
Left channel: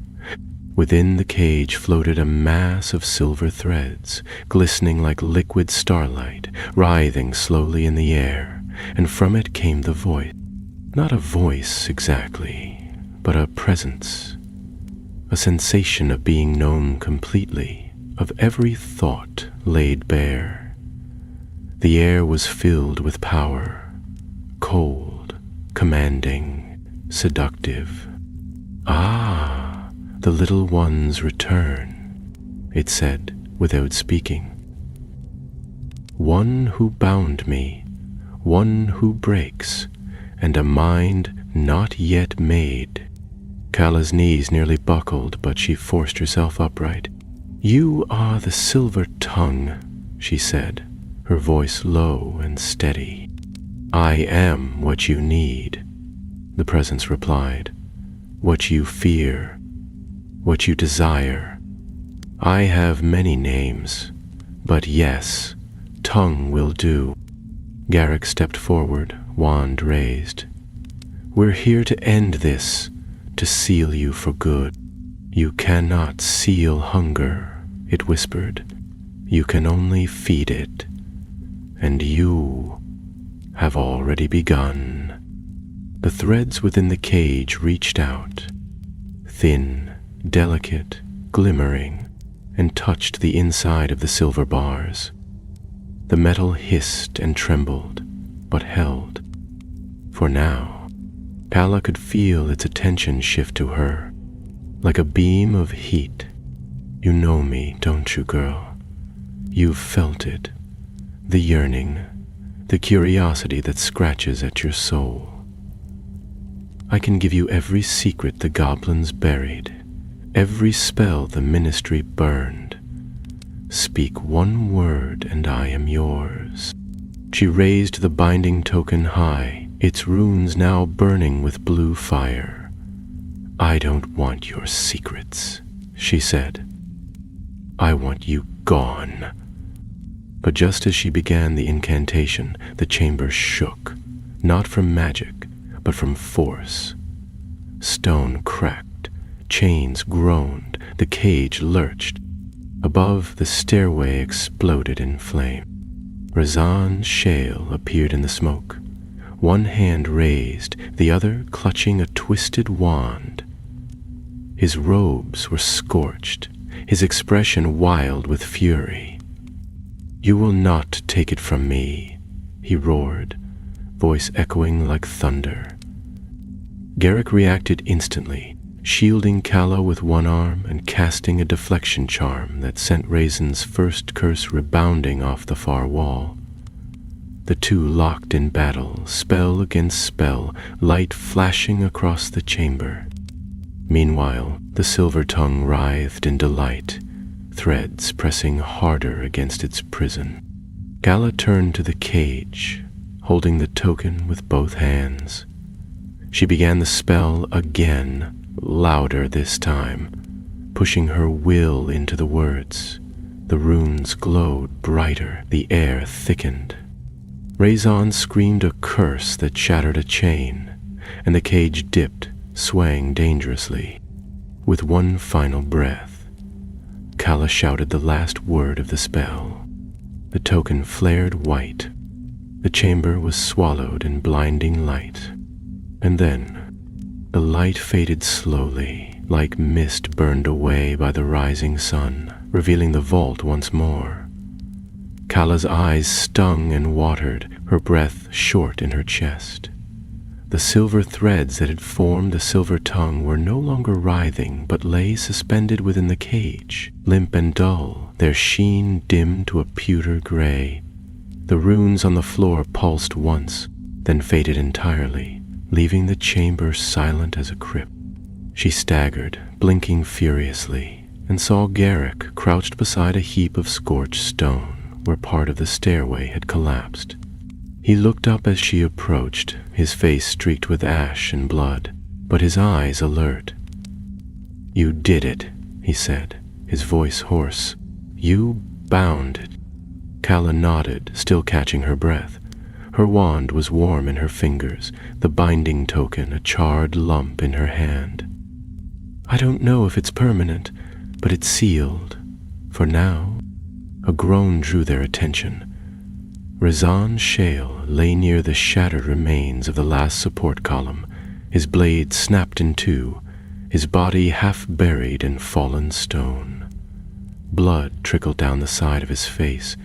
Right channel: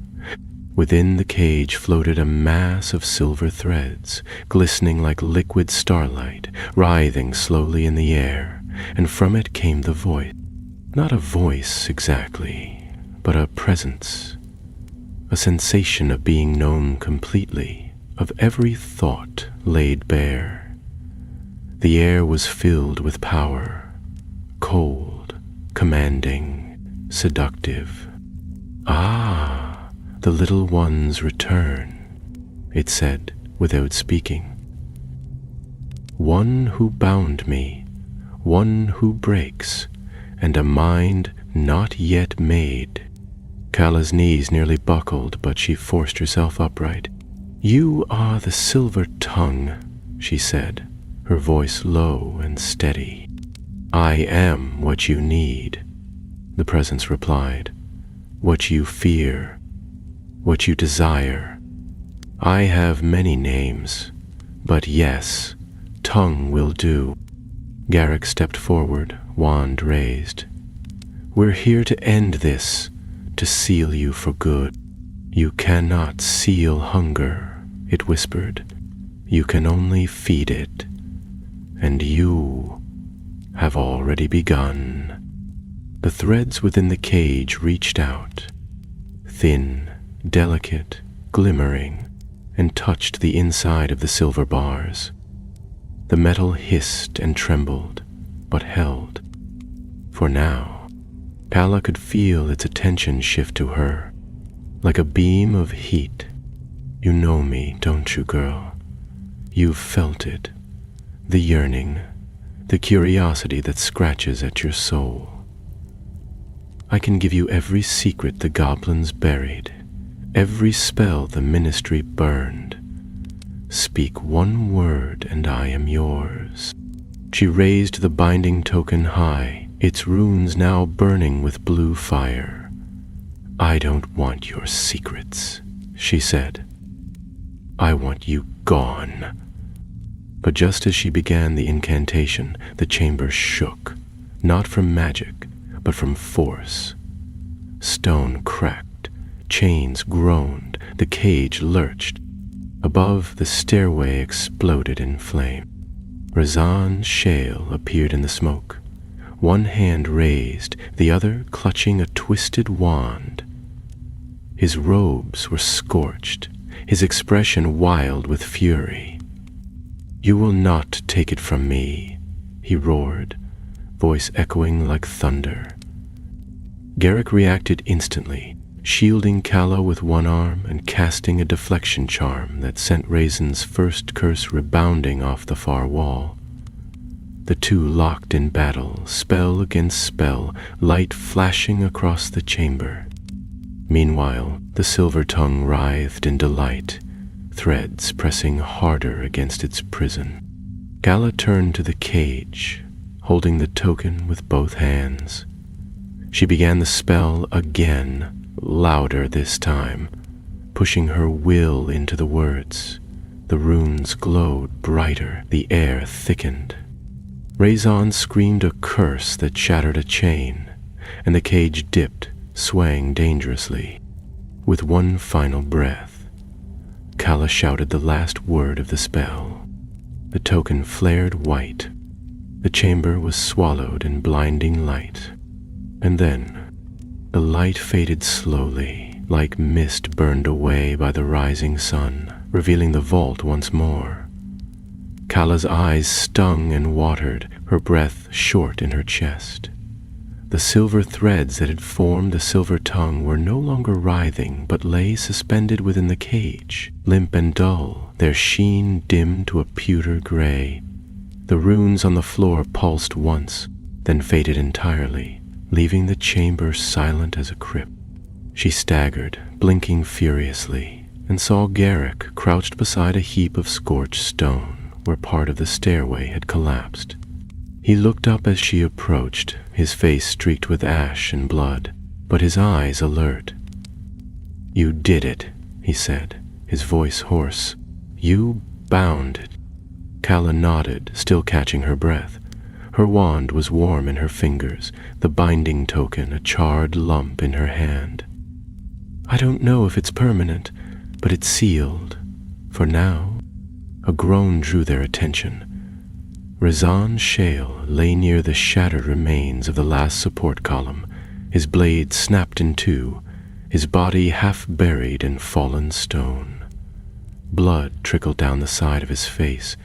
Within the cage floated a mass of silver threads, glistening like liquid starlight, writhing slowly in the air, and from it came the voice. Not a voice exactly, but a presence. A sensation of being known completely, of every thought laid bare. The air was filled with power, cold, commanding, seductive. "Ah, the little ones return," it said without speaking. "One who bound me, one who breaks, and a mind not yet made." Kala's knees nearly buckled, but she forced herself upright. "You are the silver tongue," she said, her voice low and steady. "I am what you need," the presence replied. "What you fear, what you desire. I have many names, but yes, tongue will do." Garrick stepped forward, wand raised. "We're here to end this, to seal you for good." "You cannot seal hunger," it whispered. "You can only feed it. And you have already begun." The threads within the cage reached out, thin, delicate, glimmering, and touched the inside of the silver bars. The metal hissed and trembled, but held. For now, Kala could feel its attention shift to her, like a beam of heat. "You know me, don't you, girl? You've felt it. The yearning, the curiosity that scratches at your soul. I can give you every secret the goblins buried, every spell the ministry burned. Speak one word and I am yours." She raised the binding token high, its runes now burning with blue fire. "I don't want your secrets," she said. "I want you gone." But just as she began the incantation, the chamber shook, not from magic, but from force. Stone cracked, chains groaned, the cage lurched. Above, the stairway exploded in flame. Razan Shale appeared in the smoke, one hand raised, the other clutching a twisted wand. His robes were scorched, his expression wild with fury. "You will not take it from me," he roared, voice echoing like thunder. Garrick reacted instantly, shielding Kala with one arm and casting a deflection charm that sent Raisin's first curse rebounding off the far wall. The two locked in battle, spell against spell, light flashing across the chamber. Meanwhile, the silver tongue writhed in delight, threads pressing harder against its prison. Kala turned to the cage, holding the token with both hands. She began the spell again, louder this time, pushing her will into the words. The runes glowed brighter, the air thickened. Razan screamed a curse that shattered a chain, and the cage dipped, swaying dangerously. With one final breath, Kala shouted the last word of the spell. The token flared white. The chamber was swallowed in blinding light. And then, the light faded slowly, like mist burned away by the rising sun, revealing the vault once more. Kala's eyes stung and watered, her breath short in her chest. The silver threads that had formed the silver tongue were no longer writhing, but lay suspended within the cage, limp and dull, their sheen dimmed to a pewter gray. The runes on the floor pulsed once, then faded entirely, leaving the chamber silent as a crypt. She staggered, blinking furiously, and saw Garrick crouched beside a heap of scorched stone, where part of the stairway had collapsed. He looked up as she approached, his face streaked with ash and blood, but his eyes alert. "You did it," he said, his voice hoarse. "You bound it." Kala nodded, still catching her breath. Her wand was warm in her fingers, the binding token a charred lump in her hand. "I don't know if it's permanent, but it's sealed. For now." A groan drew their attention. Razan Shale lay near the shattered remains of the last support column, his blade snapped in two, his body half buried in fallen stone. Blood trickled down the side of his face,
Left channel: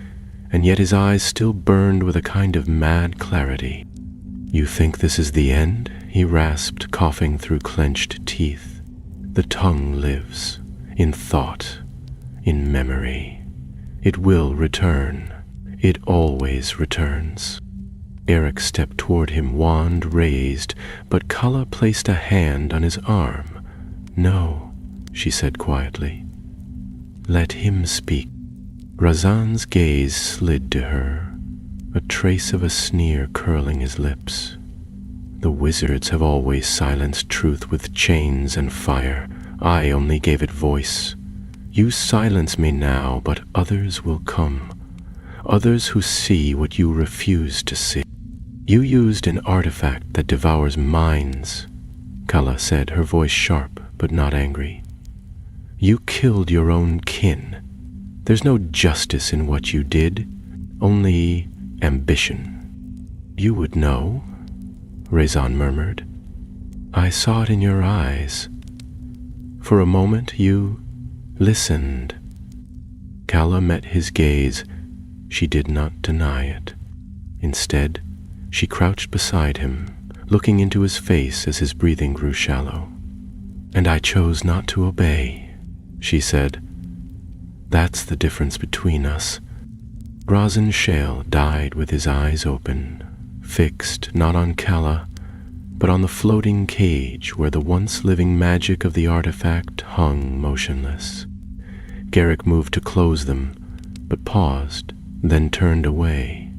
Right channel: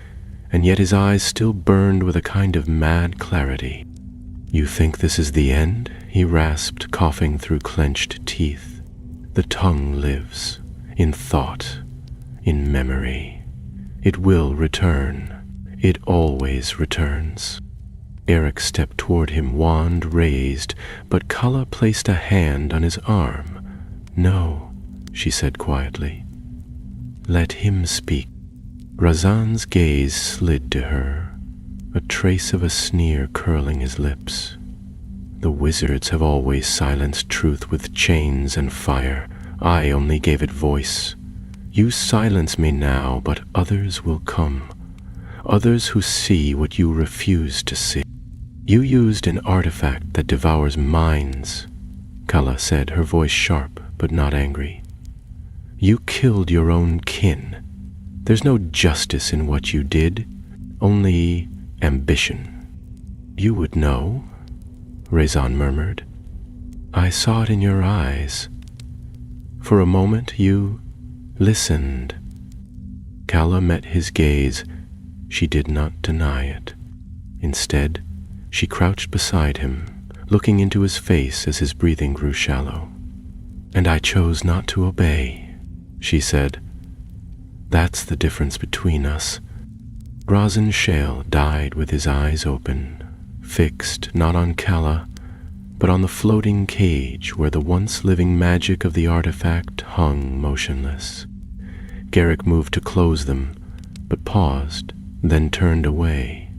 and yet his eyes still burned with a kind of mad clarity. "You think this is the end?" he rasped, coughing through clenched teeth. "The tongue lives, in thought, in memory. It will return. It always returns." Eric stepped toward him, wand raised, but Kala placed a hand on his arm, No, she said quietly. Let him speak. Razan's gaze slid to her, a trace of a sneer curling his lips. The wizards have always silenced truth with chains and fire. I only gave it voice. You silence me now, but others will come. Others who see what you refuse to see. You used an artifact that devours minds, Kala said, her voice sharp but not angry. You killed your own kin. There's no justice in what you did, only ambition. You would know, Razan murmured. I saw it in your eyes. For a moment you listened. Kala met his gaze. She did not deny it. Instead, she crouched beside him, looking into his face as his breathing grew shallow. And I chose not to obey, she said. That's the difference between us. Razan Shale died with his eyes open, fixed not on Kala, but on the floating cage where the once living magic of the artifact hung motionless. Garrick moved to close them, but paused, then turned away.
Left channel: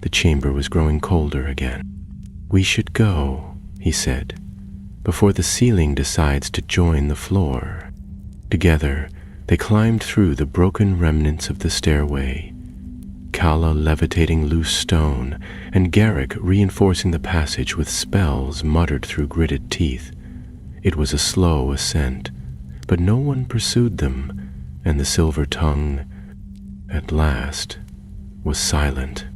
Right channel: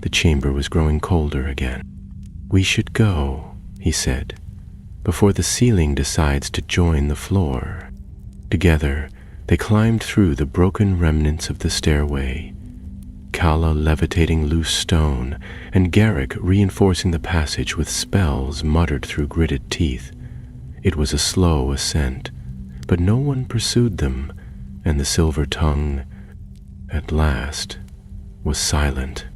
The chamber was growing colder again. We should go, he said, before the ceiling decides to join the floor. Together, they climbed through the broken remnants of the stairway, Kala levitating loose stone, and Garrick reinforcing the passage with spells muttered through gritted teeth. It was a slow ascent, but no one pursued them, and the silver tongue, at last, was silent.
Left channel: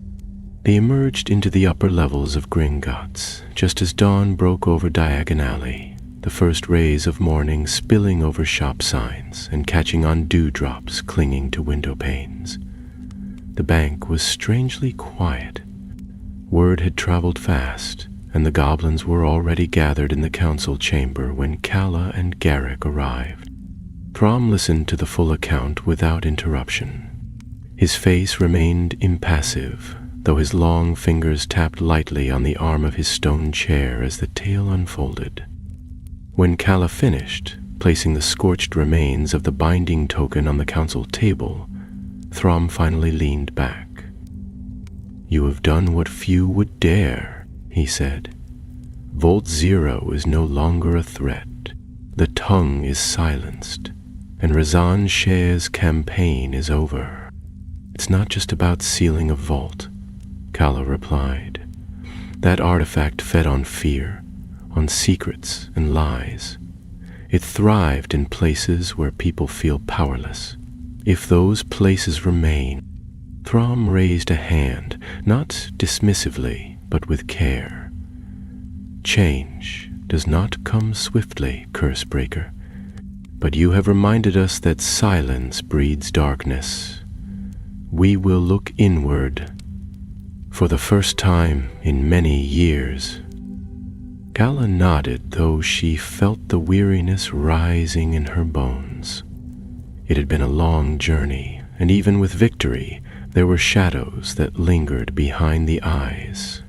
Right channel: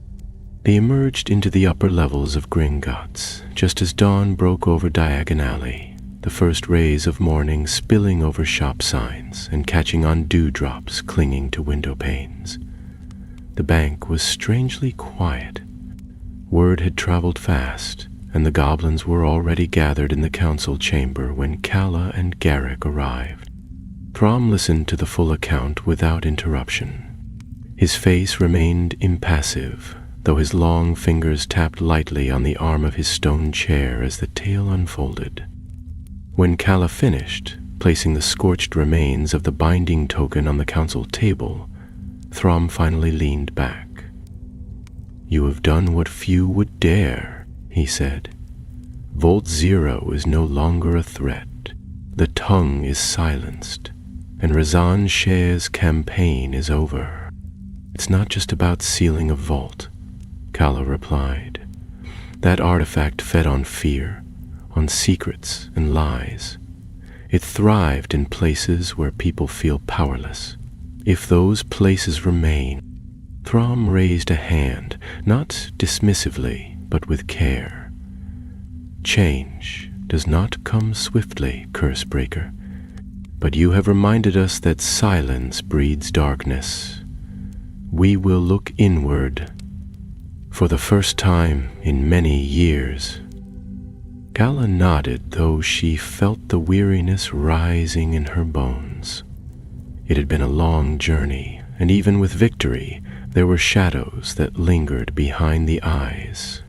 They emerged into the upper levels of Gringotts, just as dawn broke over Diagon Alley, the first rays of morning spilling over shop signs and catching on dewdrops clinging to window panes. The bank was strangely quiet. Word had traveled fast, and the goblins were already gathered in the council chamber when Kala and Garrick arrived. Throm listened to the full account without interruption. His face remained impassive, though his long fingers tapped lightly on the arm of his stone chair as the tale unfolded. When Kala finished, placing the scorched remains of the binding token on the council table, Throm finally leaned back. You have done what few would dare, he said. Volt Zero is no longer a threat. The tongue is silenced, and Razan Shale's campaign is over. It's not just about sealing a vault, Kala replied. That artifact fed on fear, on secrets and lies. It thrived in places where people feel powerless. If those places remain, Throm raised a hand, not dismissively, but with care. Change does not come swiftly, Cursebreaker, but you have reminded us that silence breeds darkness. We will look inward. For the first time in many years. Kala nodded, though she felt the weariness rising in her bones. It had been a long journey, and even with victory, there were shadows that lingered behind the eyes.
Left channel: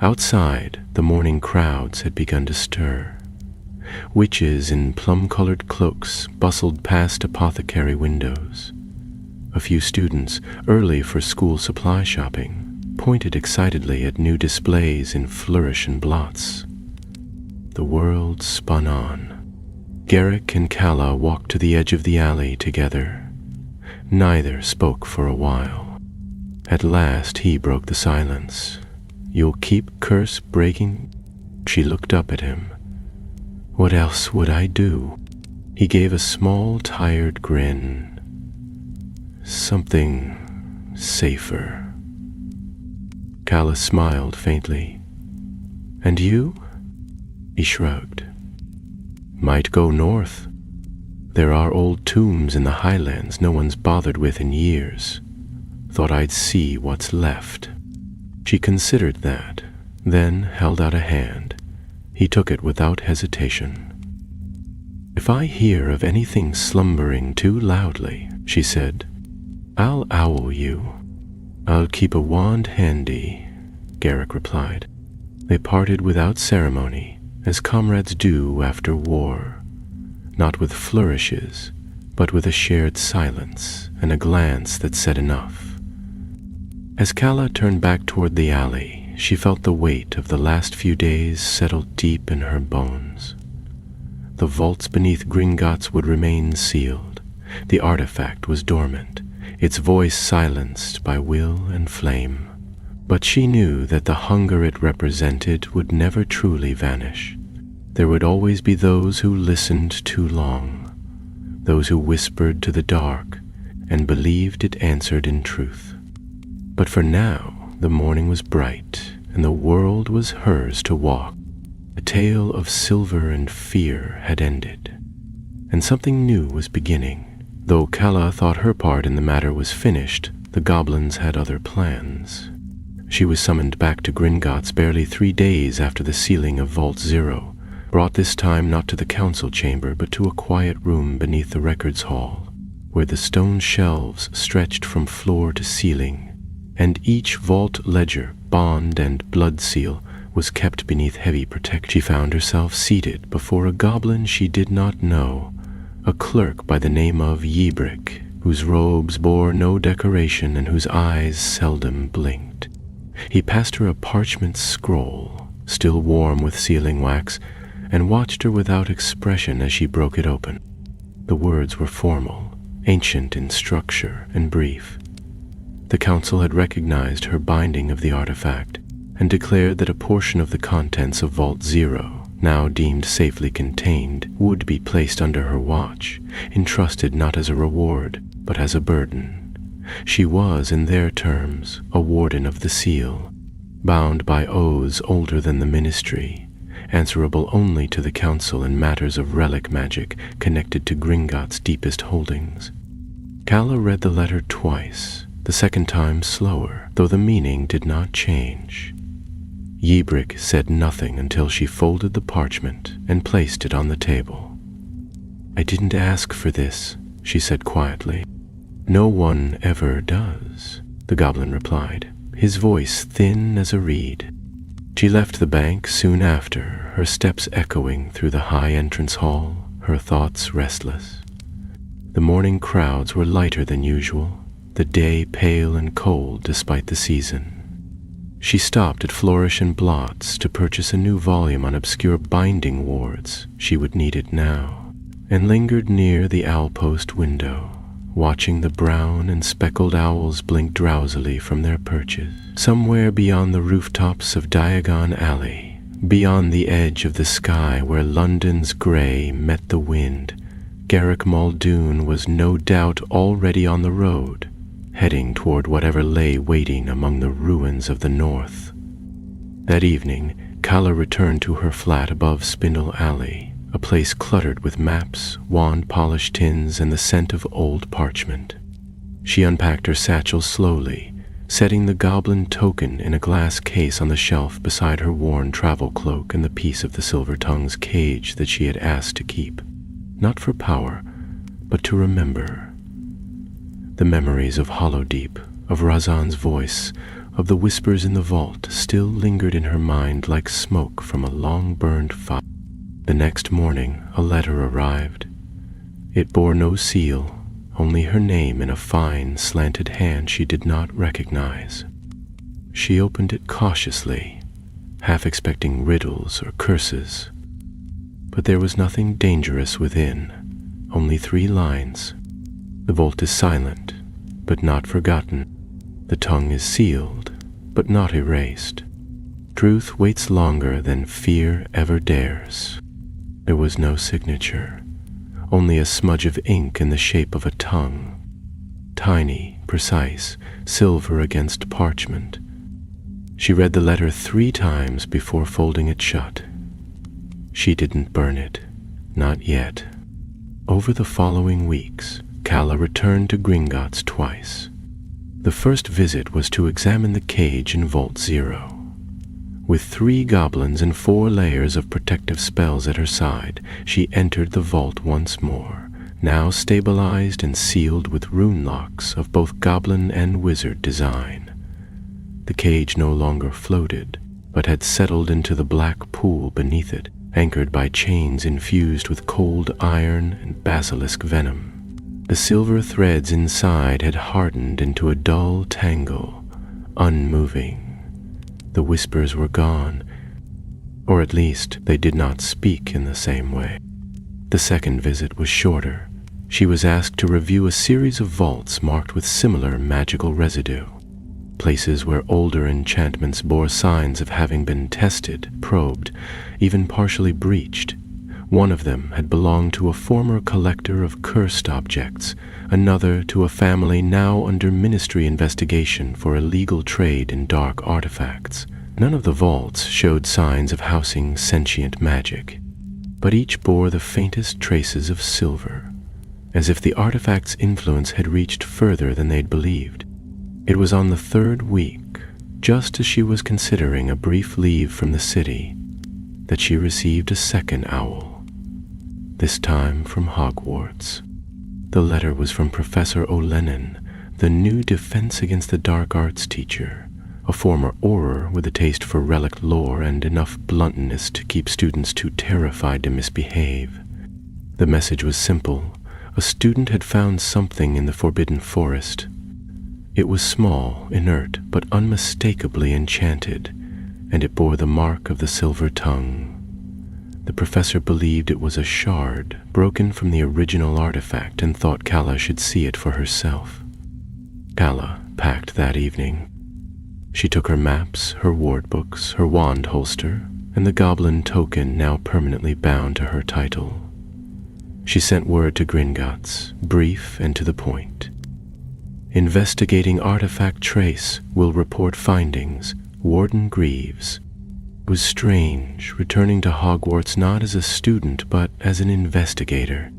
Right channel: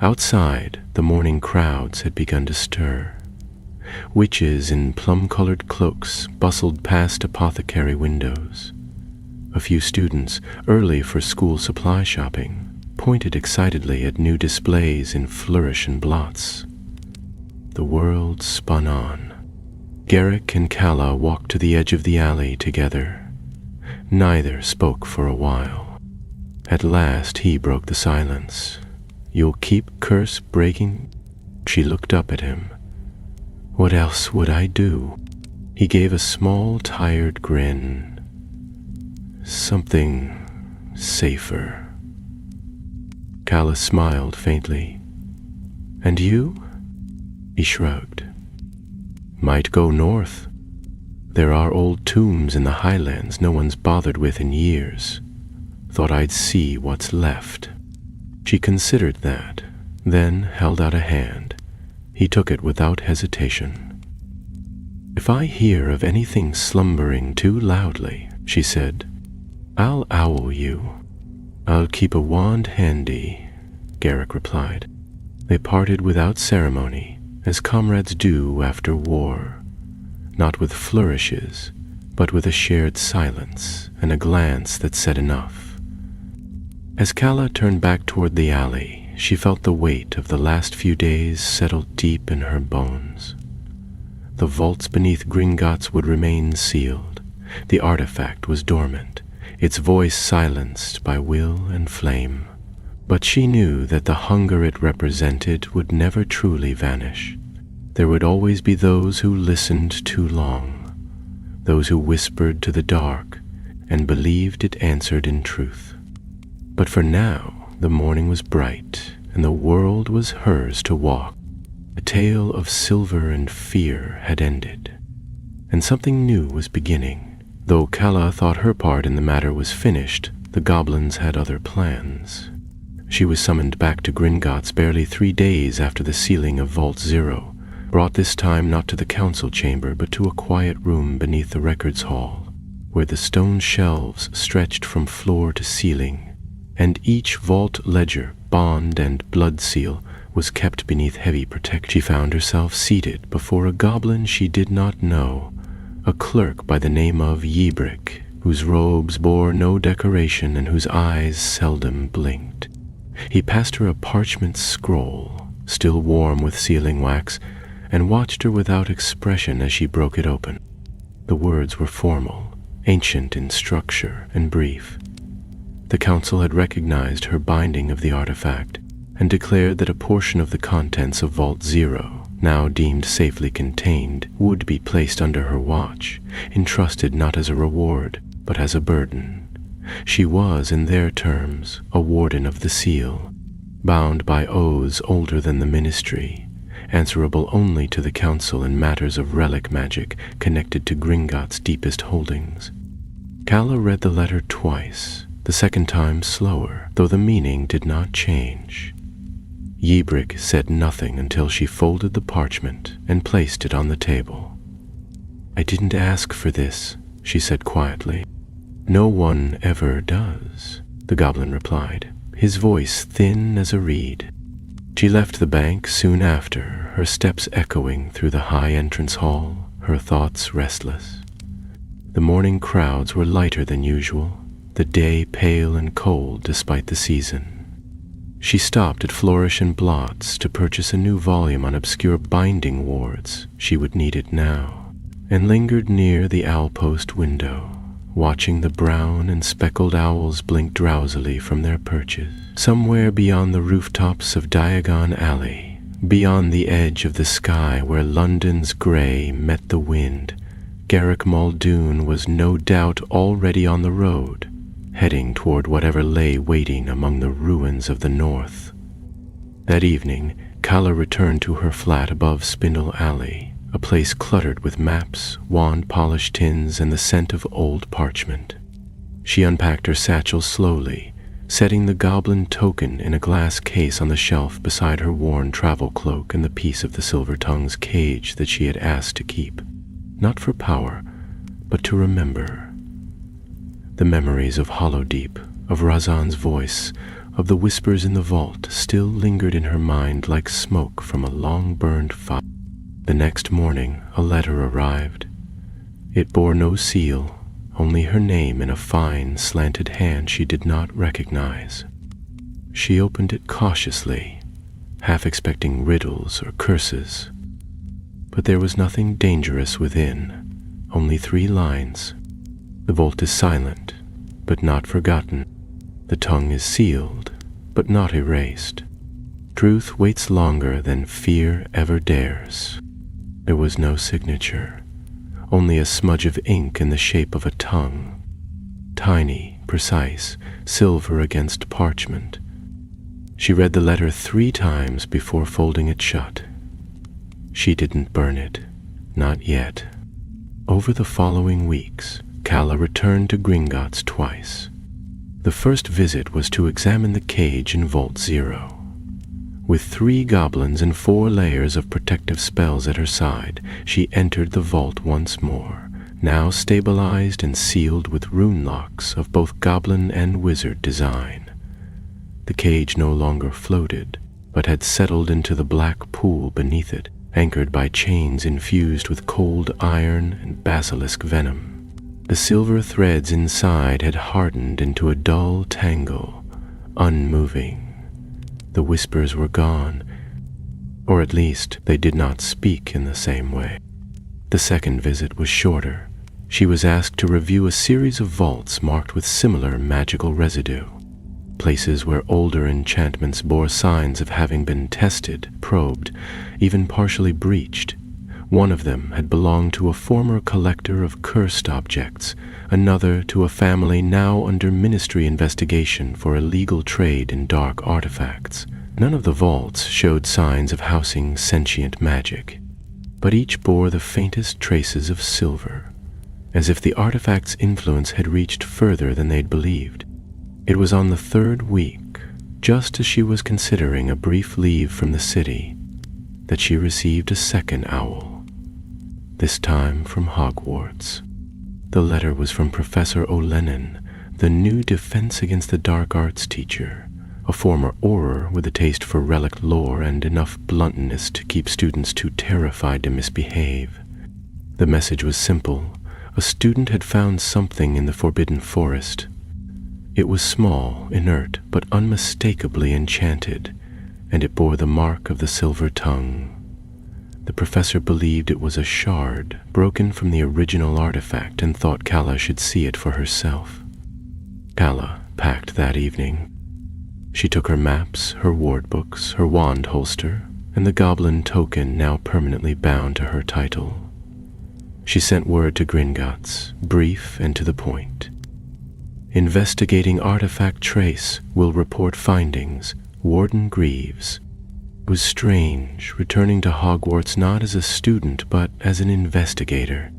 Outside, the morning crowds had begun to stir. Witches in plum-colored cloaks bustled past apothecary windows. A few students, early for school supply shopping, pointed excitedly at new displays in flourish and blots. The world spun on. Garrick and Kala walked to the edge of the alley together. Neither spoke for a while. At last he broke the silence. You'll keep curse breaking? She looked up at him. What else would I do? He gave a small, tired grin. Something safer. Kala smiled faintly. And you? He shrugged. Might go north. There are old tombs in the highlands no one's bothered with in years. Thought I'd see what's left. She considered that, then held out a hand. He took it without hesitation. If I hear of anything slumbering too loudly, she said, I'll owl you. I'll keep a wand handy, Garrick replied. They parted without ceremony, as comrades do after war. not with flourishes, but with a shared silence and a glance that said enough. As Calla turned back toward the alley, she felt the weight of the last few days settle deep in her bones. The vaults beneath Gringotts would remain sealed. The artifact was dormant, its voice silenced by will and flame. But she knew that the hunger it represented would never truly vanish. There would always be those who listened too long, those who whispered to the dark and believed it answered in truth. But for now, the morning was bright, and the world was hers to walk. The tale of silver and fear had ended, and something new was beginning. Though Calla thought her part in the matter was finished, the goblins had other plans. She was summoned back to Gringotts barely 3 days after the sealing of Vault 0, brought this time not to the council chamber but to a quiet room beneath the records hall, where the stone shelves stretched from floor to ceiling, and each vault ledger, bond, and blood seal was kept beneath heavy protection. She found herself seated before a goblin she did not know, a clerk by the name of Yebrick, whose robes bore no decoration and whose eyes seldom blinked. He passed her a parchment scroll, still warm with sealing wax, and watched her without expression as she broke it open. The words were formal, ancient in structure, and brief. The council had recognized her binding of the artifact and declared that a portion of the contents of Vault 0, now deemed safely contained, would be placed under her watch, entrusted not as a reward, but as a burden. She was, in their terms, a warden of the seal, bound by oaths older than the ministry, answerable only to the council in matters of relic magic connected to Gringotts' deepest holdings. Calla read the letter twice, the second time slower, though the meaning did not change. Yebrick said nothing until she folded the parchment and placed it on the table. "I didn't ask for this," she said quietly. "No one ever does," the goblin replied, his voice thin as a reed. She left the bank soon after, her steps echoing through the high entrance hall, her thoughts restless. The morning crowds were lighter than usual, the day pale and cold despite the season. She stopped at Flourish and Blott's to purchase a new volume on obscure binding wards, she would need it now, and lingered near the owl-post window, watching the brown and speckled owls blink drowsily from their perches. Somewhere beyond the rooftops of Diagon Alley, beyond the edge of the sky where London's grey met the wind, Garrick Muldoon was no doubt already on the road, heading toward whatever lay waiting among the ruins of the north. That evening, Calla returned to her flat above Spindle Alley, a place cluttered with maps, wand-polished tins, and the scent of old parchment. She unpacked her satchel slowly, setting the goblin token in a glass case on the shelf beside her worn travel cloak and the piece of the silver tongue's cage that she had asked to keep, not for power, but to remember. The memories of Hollowdeep, of Razan's voice, of the whispers in the vault still lingered in her mind like smoke from a long-burned fire. The next morning, a letter arrived. It bore no seal, only her name in a fine, slanted hand she did not recognize. She opened it cautiously, half expecting riddles or curses. But there was nothing dangerous within, only 3 lines. The vault is silent, but not forgotten. The tongue is sealed, but not erased. Truth waits longer than fear ever dares. There was no signature, only a smudge of ink in the shape of a tongue. Tiny, precise, silver against parchment. She read the letter 3 times before folding it shut. She didn't burn it, not yet. Over the following weeks, Calla returned to Gringotts twice. The first visit was to examine the cage in Vault 0. With 3 goblins and 4 layers of protective spells at her side, she entered the vault once more, now stabilized and sealed with rune locks of both goblin and wizard design. The cage no longer floated, but had settled into the black pool beneath it, anchored by chains infused with cold iron and basilisk venom. The silver threads inside had hardened into a dull tangle, unmoving. The whispers were gone, or at least they did not speak in the same way. The second visit was shorter. She was asked to review a series of vaults marked with similar magical residue, places where older enchantments bore signs of having been tested, probed, even partially breached. One of them had belonged to a former collector of cursed objects, another to a family now under ministry investigation for illegal trade in dark artifacts. None of the vaults showed signs of housing sentient magic, but each bore the faintest traces of silver, as if the artifact's influence had reached further than they'd believed. It was on the third week, just as she was considering a brief leave from the city, that she received a second owl, this time from Hogwarts. The letter was from Professor O'Lennon, the new Defense Against the Dark Arts teacher, a former Auror with a taste for relic lore and enough bluntness to keep students too terrified to misbehave. The message was simple. A student had found something in the Forbidden Forest. It was small, inert, but unmistakably enchanted, and it bore the mark of the silver tongue. The professor believed it was a shard, broken from the original artifact, and thought Calla should see it for herself. Calla packed that evening. She took her maps, her ward books, her wand holster, and the goblin token now permanently bound to her title. She sent word to Gringotts, brief and to the point. Investigating artifact trace, will report findings. Warden Greaves. It was strange, returning to Hogwarts not as a student, but as an investigator.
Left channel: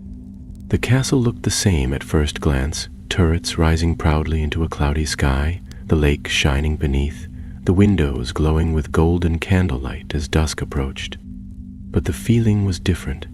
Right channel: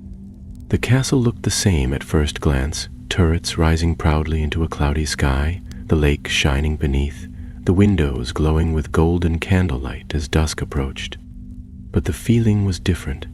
The castle looked the same at first glance, turrets rising proudly into a cloudy sky, the lake shining beneath, the windows glowing with golden candlelight as dusk approached. But the feeling was different.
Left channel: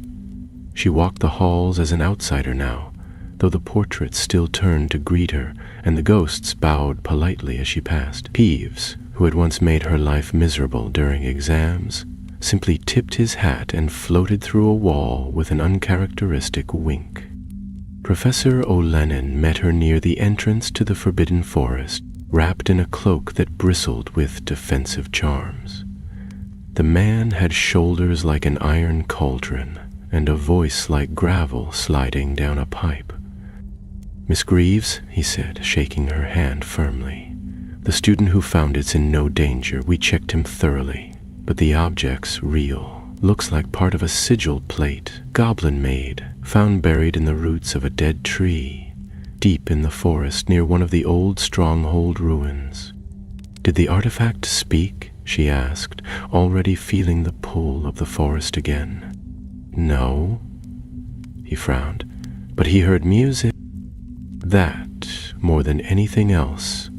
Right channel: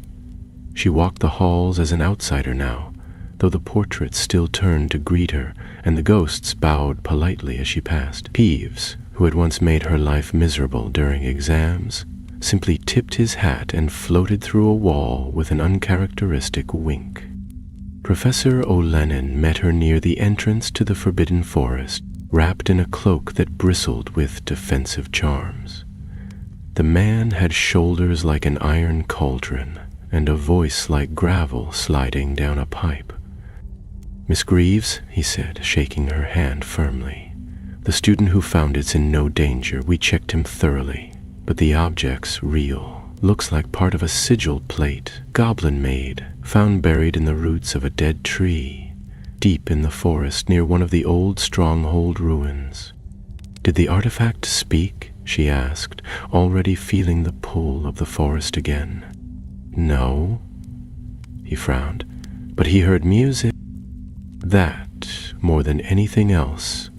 She walked the halls as an outsider now, though the portraits still turned to greet her, and the ghosts bowed politely as she passed. Peeves, who had once made her life miserable during exams, simply tipped his hat and floated through a wall with an uncharacteristic wink. Professor O'Lennon met her near the entrance to the Forbidden Forest, wrapped in a cloak that bristled with defensive charms. The man had shoulders like an iron cauldron, and a voice like gravel sliding down a pipe. "Miss Greaves," he said, shaking her hand firmly. "The student who found it's in no danger. We checked him thoroughly. But the object's real. Looks like part of a sigil plate, goblin-made, found buried in the roots of a dead tree, deep in the forest near one of the old stronghold ruins." "Did the artifact speak?" she asked, already feeling the pull of the forest again. "No," he frowned, "but he heard music." That, more than anything else,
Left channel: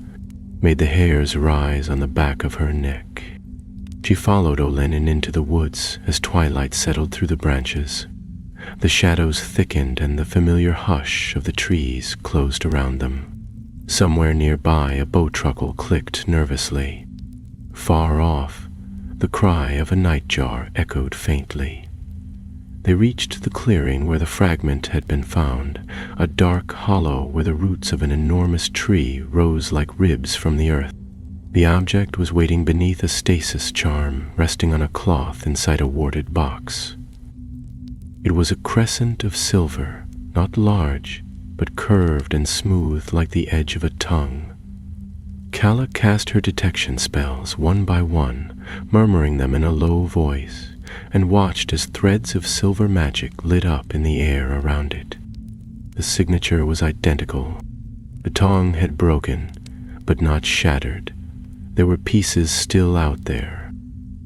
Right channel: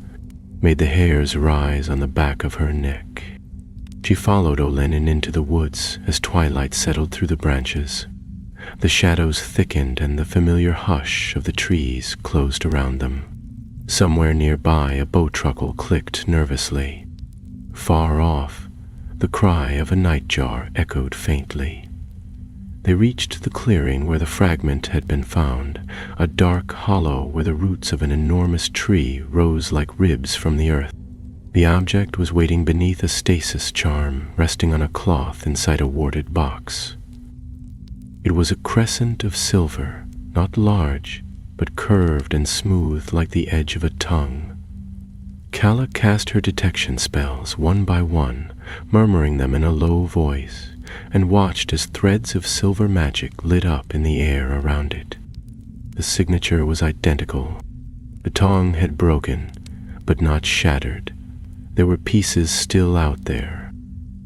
made the hairs rise on the back of her neck. She followed O'Lennon into the woods as twilight settled through the branches. The shadows thickened and the familiar hush of the trees closed around them. Somewhere nearby, a bow truckle clicked nervously. Far off, the cry of a nightjar echoed faintly. They reached the clearing where the fragment had been found, a dark hollow where the roots of an enormous tree rose like ribs from the earth. The object was waiting beneath a stasis charm, resting on a cloth inside a warded box. It was a crescent of silver, not large, but curved and smooth like the edge of a tongue. Calla cast her detection spells one by one, murmuring them in a low voice, and watched as threads of silver magic lit up in the air around it. The signature was identical. The tongue had broken, but not shattered. There were pieces still out there.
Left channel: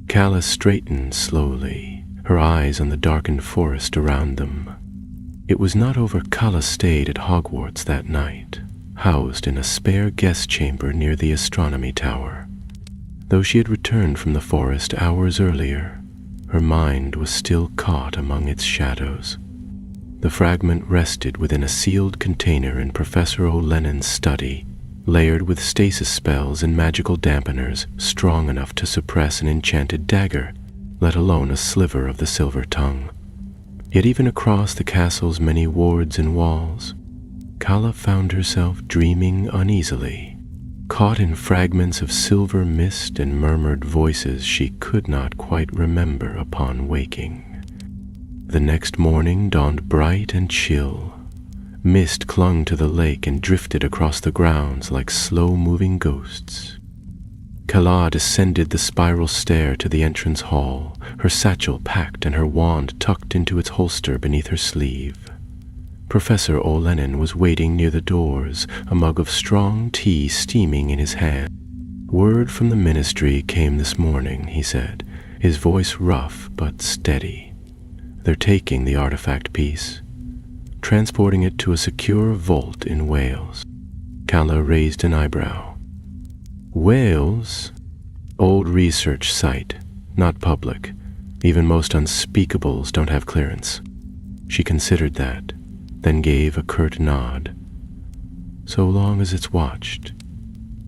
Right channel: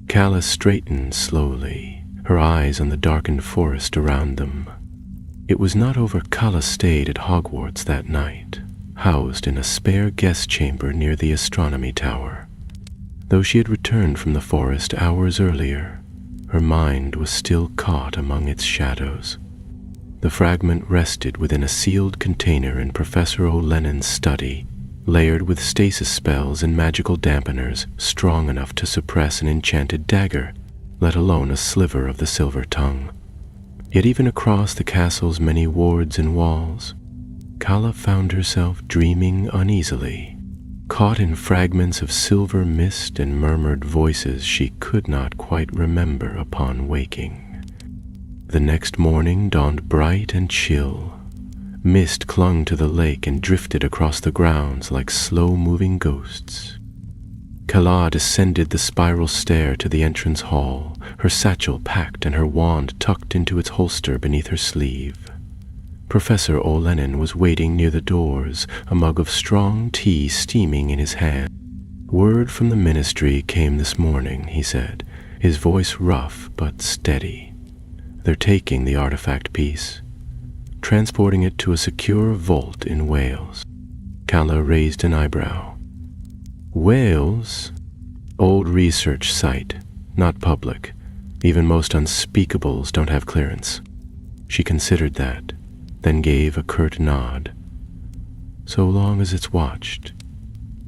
Calla straightened slowly, her eyes on the darkened forest around them. It was not over Calla stayed at Hogwarts that night, housed in a spare guest chamber near the astronomy tower. Though she had returned from the forest hours earlier, her mind was still caught among its shadows. The fragment rested within a sealed container in Professor O'Lennon's study, layered with stasis spells and magical dampeners strong enough to suppress an enchanted dagger. let alone a sliver of the silver tongue. Yet even across the castle's many wards and walls, Kala found herself dreaming uneasily, caught in fragments of silver mist and murmured voices she could not quite remember upon waking. The next morning dawned bright and chill. Mist clung to the lake and drifted across the grounds like slow-moving ghosts. Kala descended the spiral stair to the entrance hall, her satchel packed and her wand tucked into its holster beneath her sleeve. Professor Olenin was waiting near the doors, a mug of strong tea steaming in his hand. "Word from the ministry came this morning," he said, his voice rough but steady. "They're taking the artifact piece, transporting it to a secure vault in Wales." Kala raised an eyebrow. "Wales? Old research site, not public. Even most unspeakables don't have clearance." She considered that, then gave a curt nod. "So long as it's watched.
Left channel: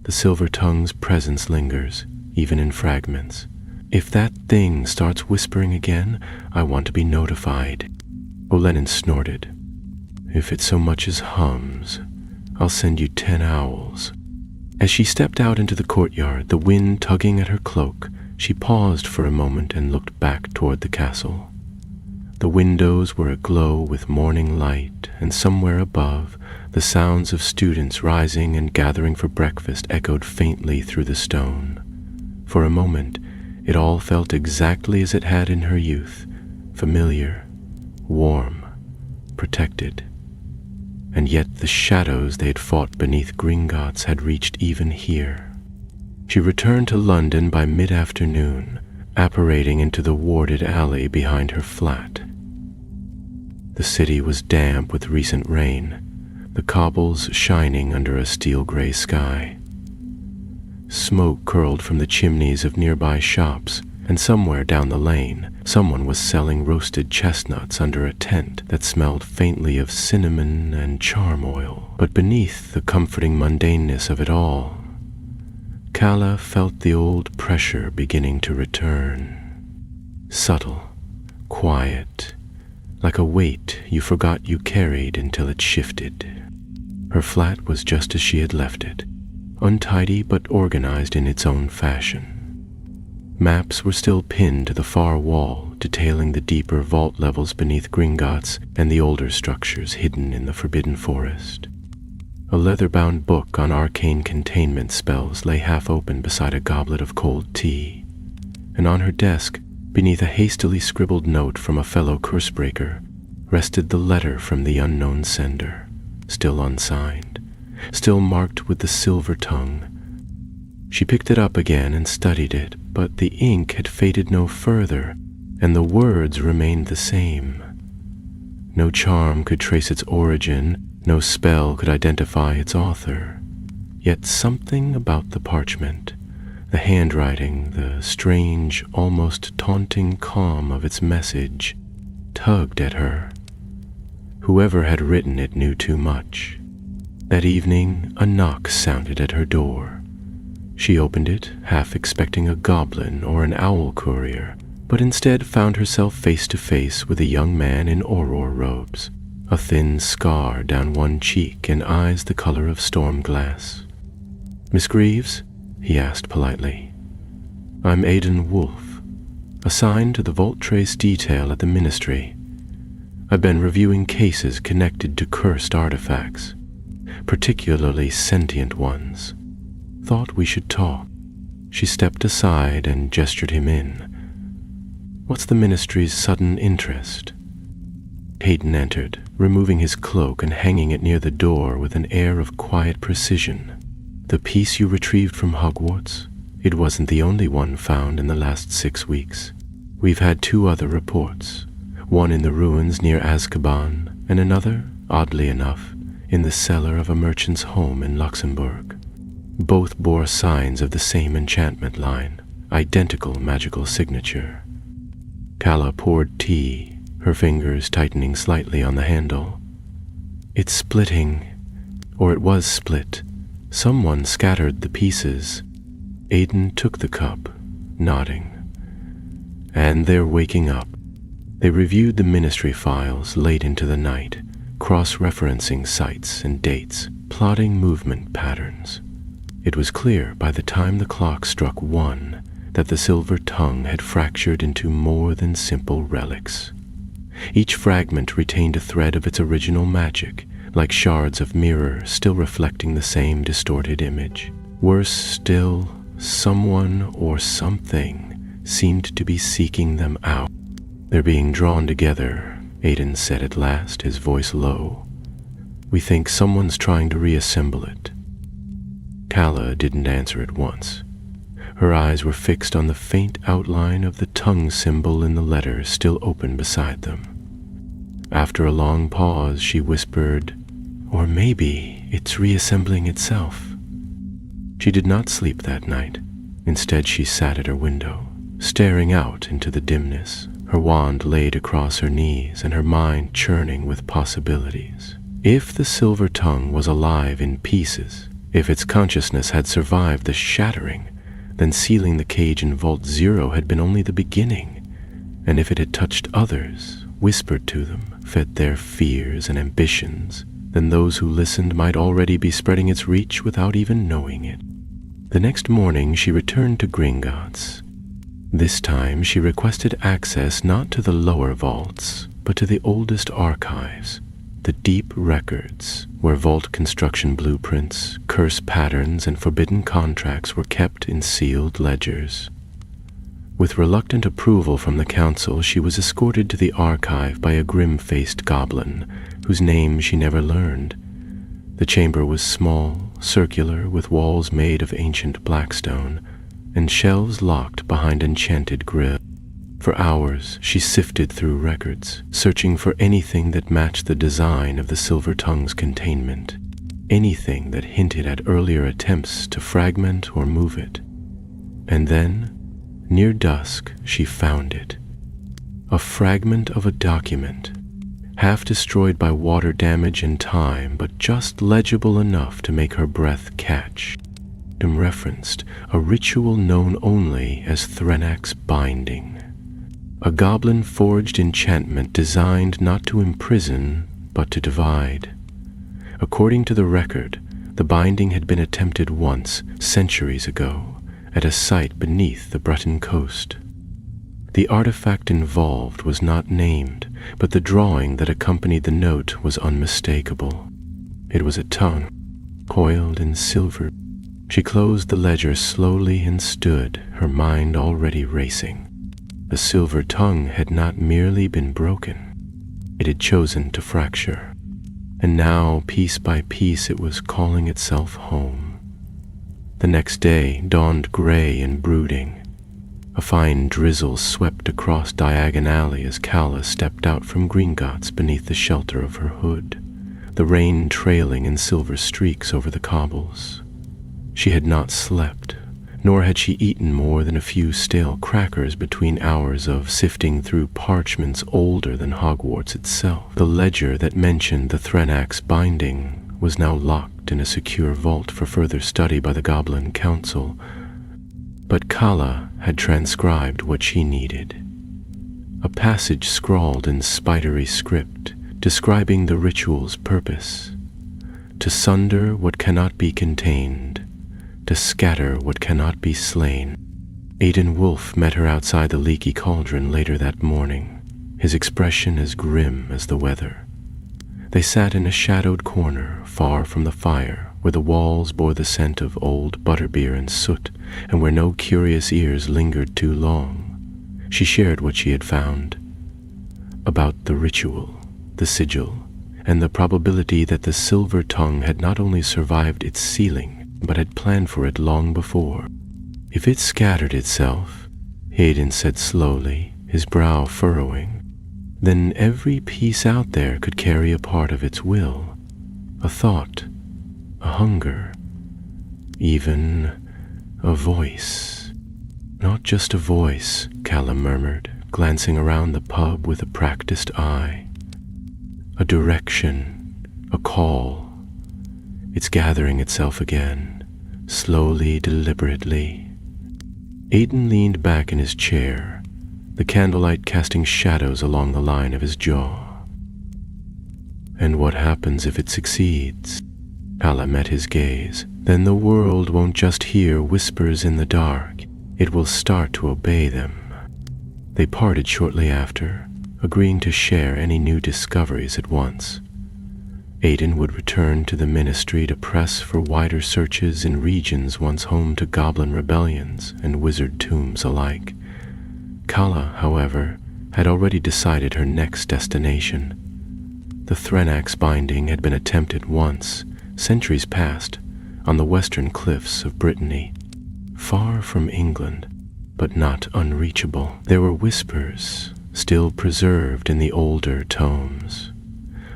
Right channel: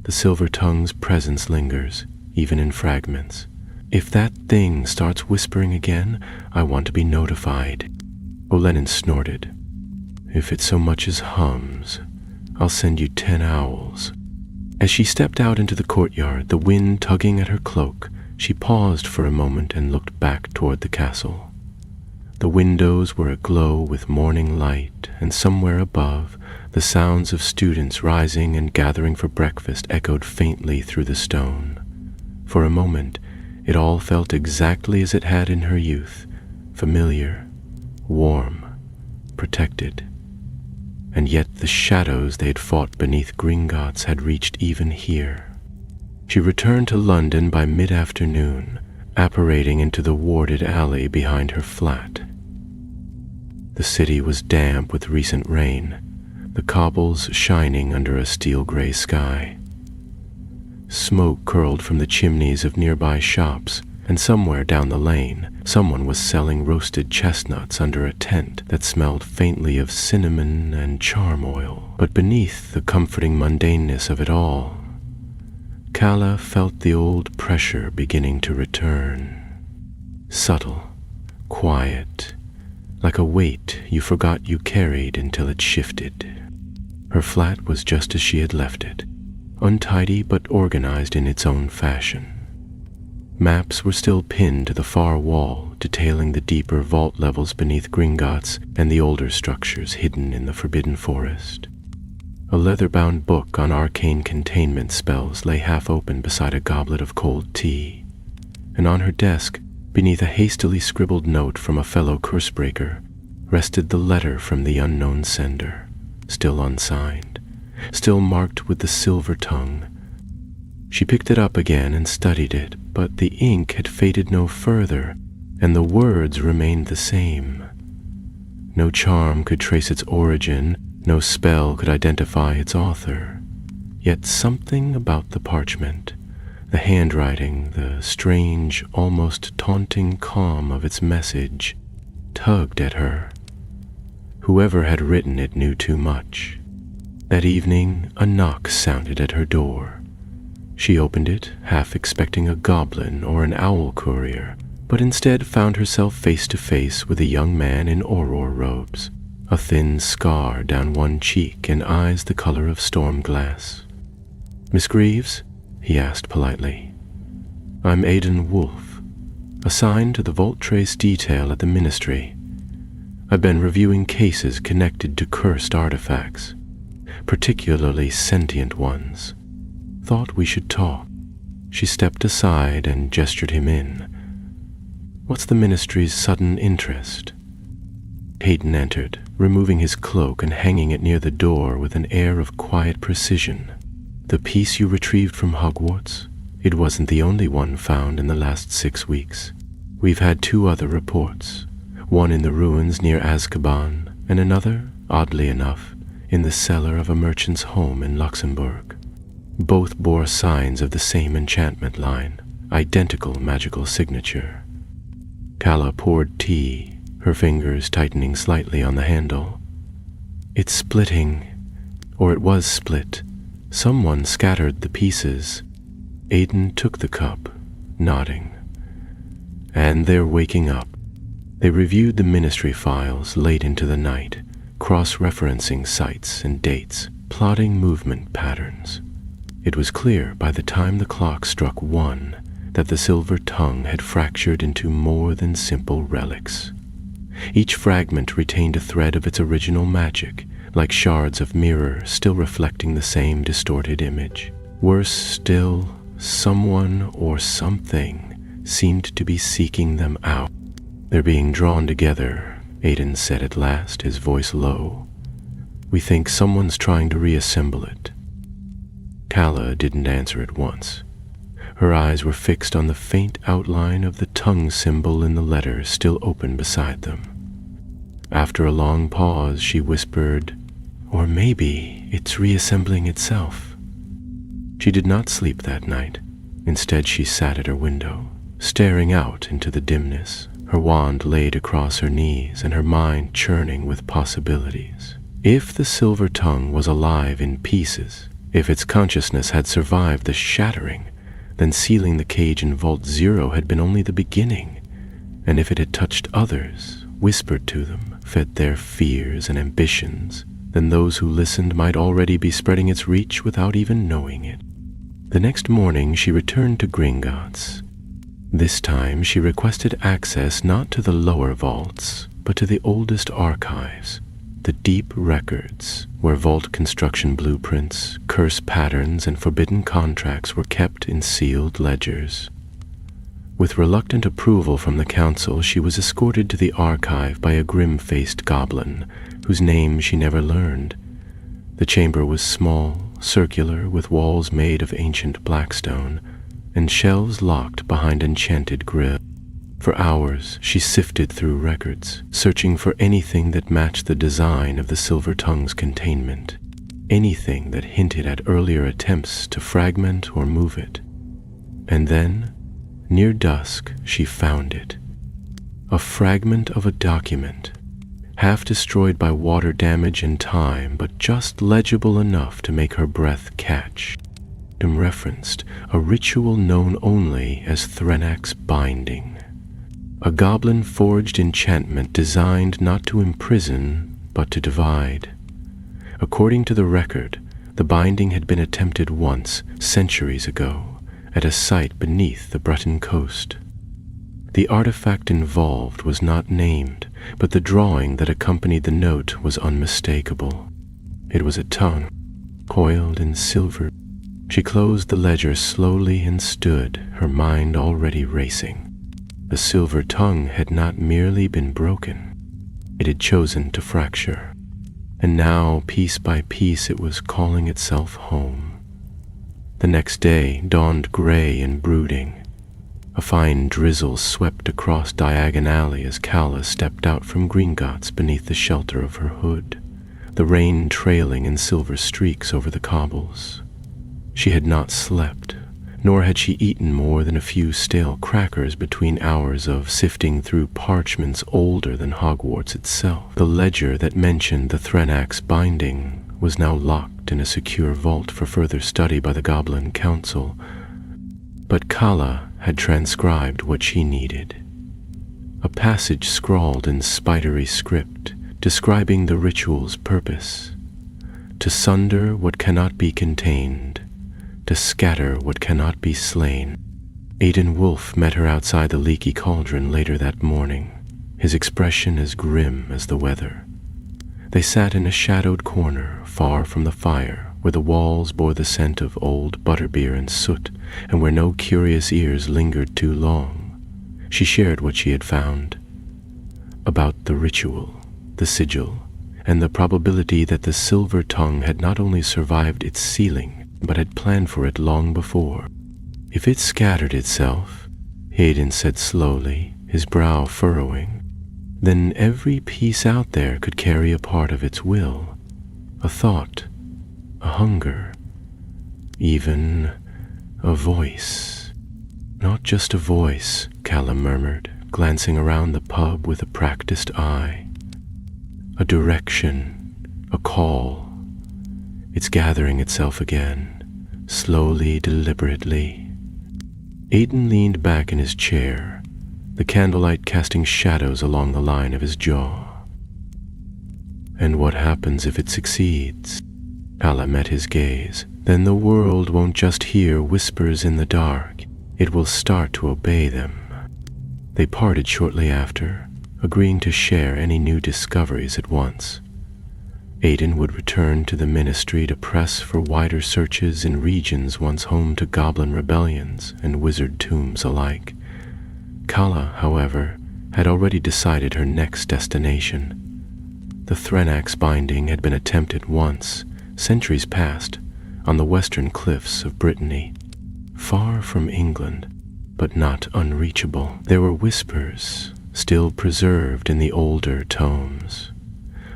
The silver tongue's presence lingers, even in fragments. If that thing starts whispering again, I want to be notified." Olenin snorted. "If it so much as hums, I'll send you 10 owls." As she stepped out into the courtyard, the wind tugging at her cloak, she paused for a moment and looked back toward the castle. The windows were aglow with morning light, and somewhere above, the sounds of students rising and gathering for breakfast echoed faintly through the stone. For a moment, it all felt exactly as it had in her youth, familiar, warm, protected. And yet the shadows they had fought beneath Gringotts had reached even here. She returned to London by mid-afternoon, apparating into the warded alley behind her flat. The city was damp with recent rain, the cobbles shining under a steel-gray sky. Smoke curled from the chimneys of nearby shops, and somewhere down the lane, someone was selling roasted chestnuts under a tent that smelled faintly of cinnamon and charm oil. But beneath the comforting mundaneness of it all, Kala felt the old pressure beginning to return. Subtle, quiet, like a weight you forgot you carried until it shifted. Her flat was just as she had left it, untidy but organized in its own fashion. Maps were still pinned to the far wall, detailing the deeper vault levels beneath Gringotts and the older structures hidden in the forbidden forest. A leather-bound book on arcane containment spells lay half open beside a goblet of cold tea, and on her desk, beneath a hastily scribbled note from a fellow cursebreaker, rested the letter from the unknown sender, still unsigned, still marked with the silver tongue. She picked it up again and studied it, but the ink had faded no further, and the words remained the same. No charm could trace its origin, no spell could identify its author. Yet something about the parchment, the handwriting, the strange, almost taunting calm of its message, tugged at her. Whoever had written it knew too much. That evening, a knock sounded at her door. She opened it, half expecting a goblin or an owl courier, but instead found herself face to face with a young man in auror robes, a thin scar down one cheek and eyes the color of storm glass. "Miss Greaves?" he asked politely. "I'm Aidan Wolfe, assigned to the Vault Trace detail at the Ministry. I've been reviewing cases connected to cursed artifacts, particularly sentient ones. Thought we should talk." She stepped aside and gestured him in. "What's the Ministry's sudden interest?" Hayden entered, removing his cloak and hanging it near the door with an air of quiet precision. "The piece you retrieved from Hogwarts? It wasn't the only one found in the last 6 weeks. We've had 2 other reports, one in the ruins near Azkaban, and another, oddly enough, in the cellar of a merchant's home in Luxembourg. Both bore signs of the same enchantment line, identical magical signature." Kala poured tea, her fingers tightening slightly on the handle. "It's splitting, or it was split. Someone scattered the pieces." Aidan took the cup, nodding. And they're waking up. They reviewed the ministry files late into the night, cross-referencing sites and dates, plotting movement patterns. It was clear by the time the clock struck 1 that the silver tongue had fractured into more than simple relics. Each fragment retained a thread of its original magic, like shards of mirror still reflecting the same distorted image. Worse still, someone or something seemed to be seeking them out. "They're being drawn together," Aiden said at last, his voice low. "We think someone's trying to reassemble it." Kala didn't answer at once. Her eyes were fixed on the faint outline of the tongue symbol in the letter still open beside them. After a long pause, she whispered, "Or maybe it's reassembling itself." She did not sleep that night. Instead, she sat at her window, staring out into the dimness, her wand laid across her knees and her mind churning with possibilities. If the silver tongue was alive in pieces, if its consciousness had survived the shattering, then sealing the cage in Vault 0 had been only the beginning. And if it had touched others, whispered to them, fed their fears and ambitions, then those who listened might already be spreading its reach without even knowing it. The next morning she returned to Gringotts. This time she requested access not to the lower vaults, but to the oldest archives, the deep records where vault construction blueprints, curse patterns, and forbidden contracts were kept in sealed ledgers. With reluctant approval from the council, she was escorted to the archive by a grim-faced goblin, whose name she never learned. The chamber was small, circular, with walls made of ancient blackstone, and shelves locked behind enchanted grills. For hours she sifted through records, searching for anything that matched the design of the silver tongue's containment, anything that hinted at earlier attempts to fragment or move it. And then, near dusk, she found it. A fragment of a document, half destroyed by water damage and time, but just legible enough to make her breath catch. It referenced a ritual known only as Threnak's Binding, a goblin-forged enchantment designed not to imprison, but to divide. According to the record, the binding had been attempted once, centuries ago, at a site beneath the Breton coast. The artifact involved was not named, but the drawing that accompanied the note was unmistakable. It was a tongue, coiled in silver. She closed the ledger slowly and stood, her mind already racing. The silver tongue had not merely been broken. It had chosen to fracture. And now, piece by piece, it was calling itself home. The next day dawned gray and brooding. A fine drizzle swept across Diagon Alley as Kala stepped out from Gringotts beneath the shelter of her hood, the rain trailing in silver streaks over the cobbles. She had not slept, nor had she eaten more than a few stale crackers between hours of sifting through parchments older than Hogwarts itself. The ledger that mentioned the Threnak's Binding was now locked in a secure vault for further study by the Goblin Council, but Kala had transcribed what she needed. A passage scrawled in spidery script describing the ritual's purpose: to sunder what cannot be contained, to scatter what cannot be slain. Aiden Wolfe met her outside the leaky cauldron later that morning, his expression as grim as the weather. They sat in a shadowed corner, far from the fire, where the walls bore the scent of old butterbeer and soot, and where no curious ears lingered too long. She shared what she had found about the ritual, the sigil, and the probability that the silver tongue had not only survived its sealing, but had planned for it long before. If it scattered itself, Hayden said slowly, his brow furrowing, then every piece out there could carry a part of its will, a thought, a hunger, even a voice. Not just a voice, Callum murmured, glancing around the pub with a practiced eye. A direction, a call. It's gathering itself again, slowly, deliberately. Aiden leaned back in his chair, the candlelight casting shadows along the line of his jaw. And what happens if it succeeds? Kala met his gaze. Then the world won't just hear whispers in the dark, it will start to obey them. They parted shortly after, agreeing to share any new discoveries at once. Aiden would return to the ministry to press for wider searches in regions once home to goblin rebellions and wizard tombs alike. Kala, however, had already decided her next destination. The Threnax binding had been attempted once, centuries past, on the western cliffs of Brittany, far from England, but not unreachable. There were whispers, still preserved in the older tomes,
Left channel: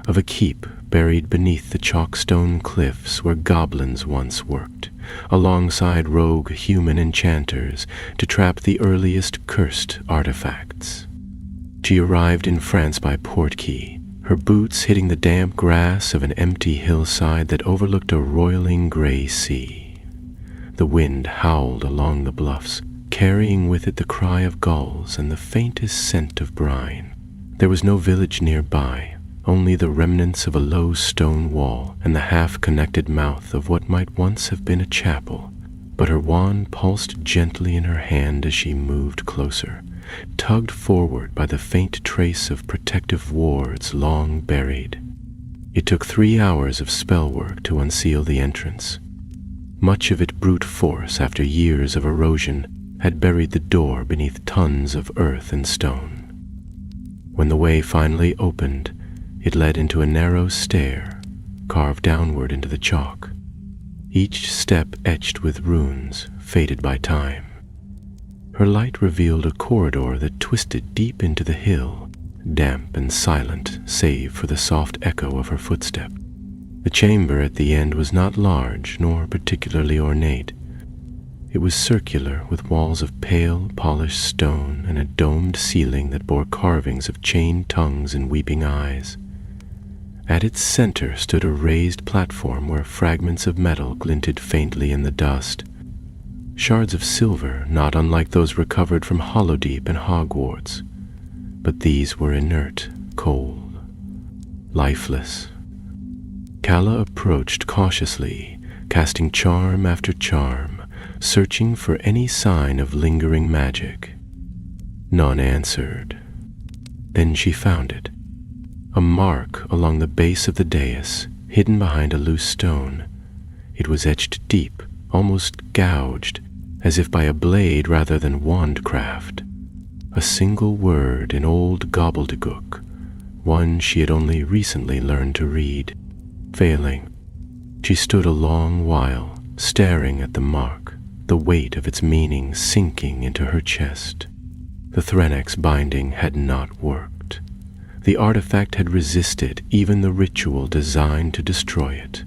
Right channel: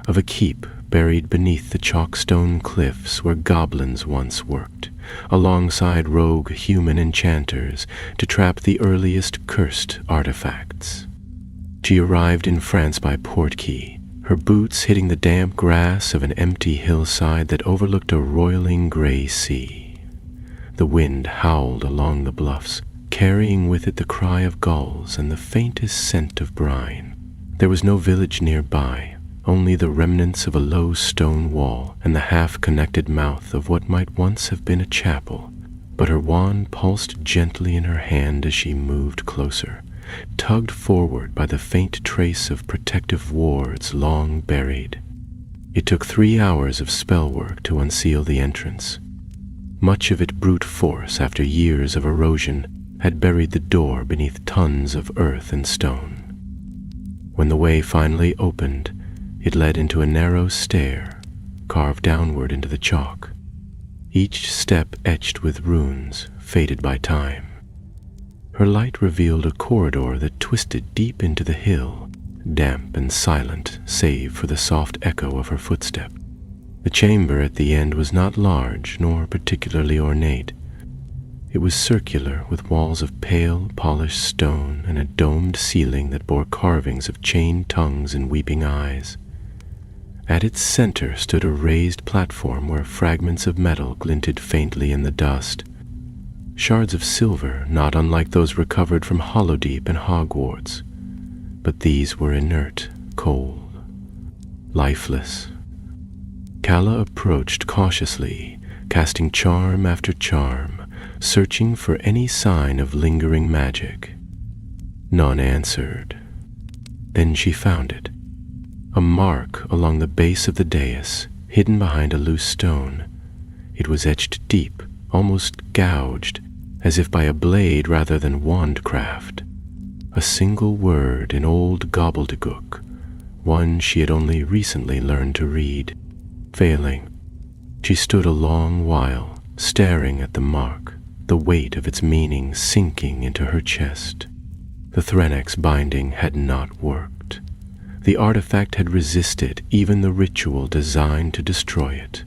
of a keep buried beneath the chalkstone cliffs where goblins once worked, alongside rogue human enchanters to trap the earliest cursed artifacts. She arrived in France by Portkey, her boots hitting the damp grass of an empty hillside that overlooked a roiling gray sea. The wind howled along the bluffs, carrying with it the cry of gulls and the faintest scent of brine. There was no village nearby, only the remnants of a low stone wall and the half-connected mouth of what might once have been a chapel. But her wand pulsed gently in her hand as she moved closer, tugged forward by the faint trace of protective wards long buried. It took 3 hours of spell work to unseal the entrance. Much of it brute force after years of erosion had buried the door beneath tons of earth and stone. When the way finally opened, it led into a narrow stair, carved downward into the chalk, each step etched with runes faded by time. Her light revealed a corridor that twisted deep into the hill, damp and silent save for the soft echo of her footstep. The chamber at the end was not large nor particularly ornate. It was circular, with walls of pale, polished stone and a domed ceiling that bore carvings of chained tongues and weeping eyes. At its center stood a raised platform where fragments of metal glinted faintly in the dust. Shards of silver, not unlike those recovered from Hollowdeep and Hogwarts, but these were inert, cold, lifeless. Kala approached cautiously, casting charm after charm, searching for any sign of lingering magic. None answered. Then she found it. A mark along the base of the dais, hidden behind a loose stone. It was etched deep, almost gouged, as if by a blade rather than wandcraft. A single word in old gobbledygook, one she had only recently learned to read. Failing, she stood a long while, staring at the mark, the weight of its meaning sinking into her chest. The Threnax binding had not worked. The artifact had resisted even the ritual designed to destroy it.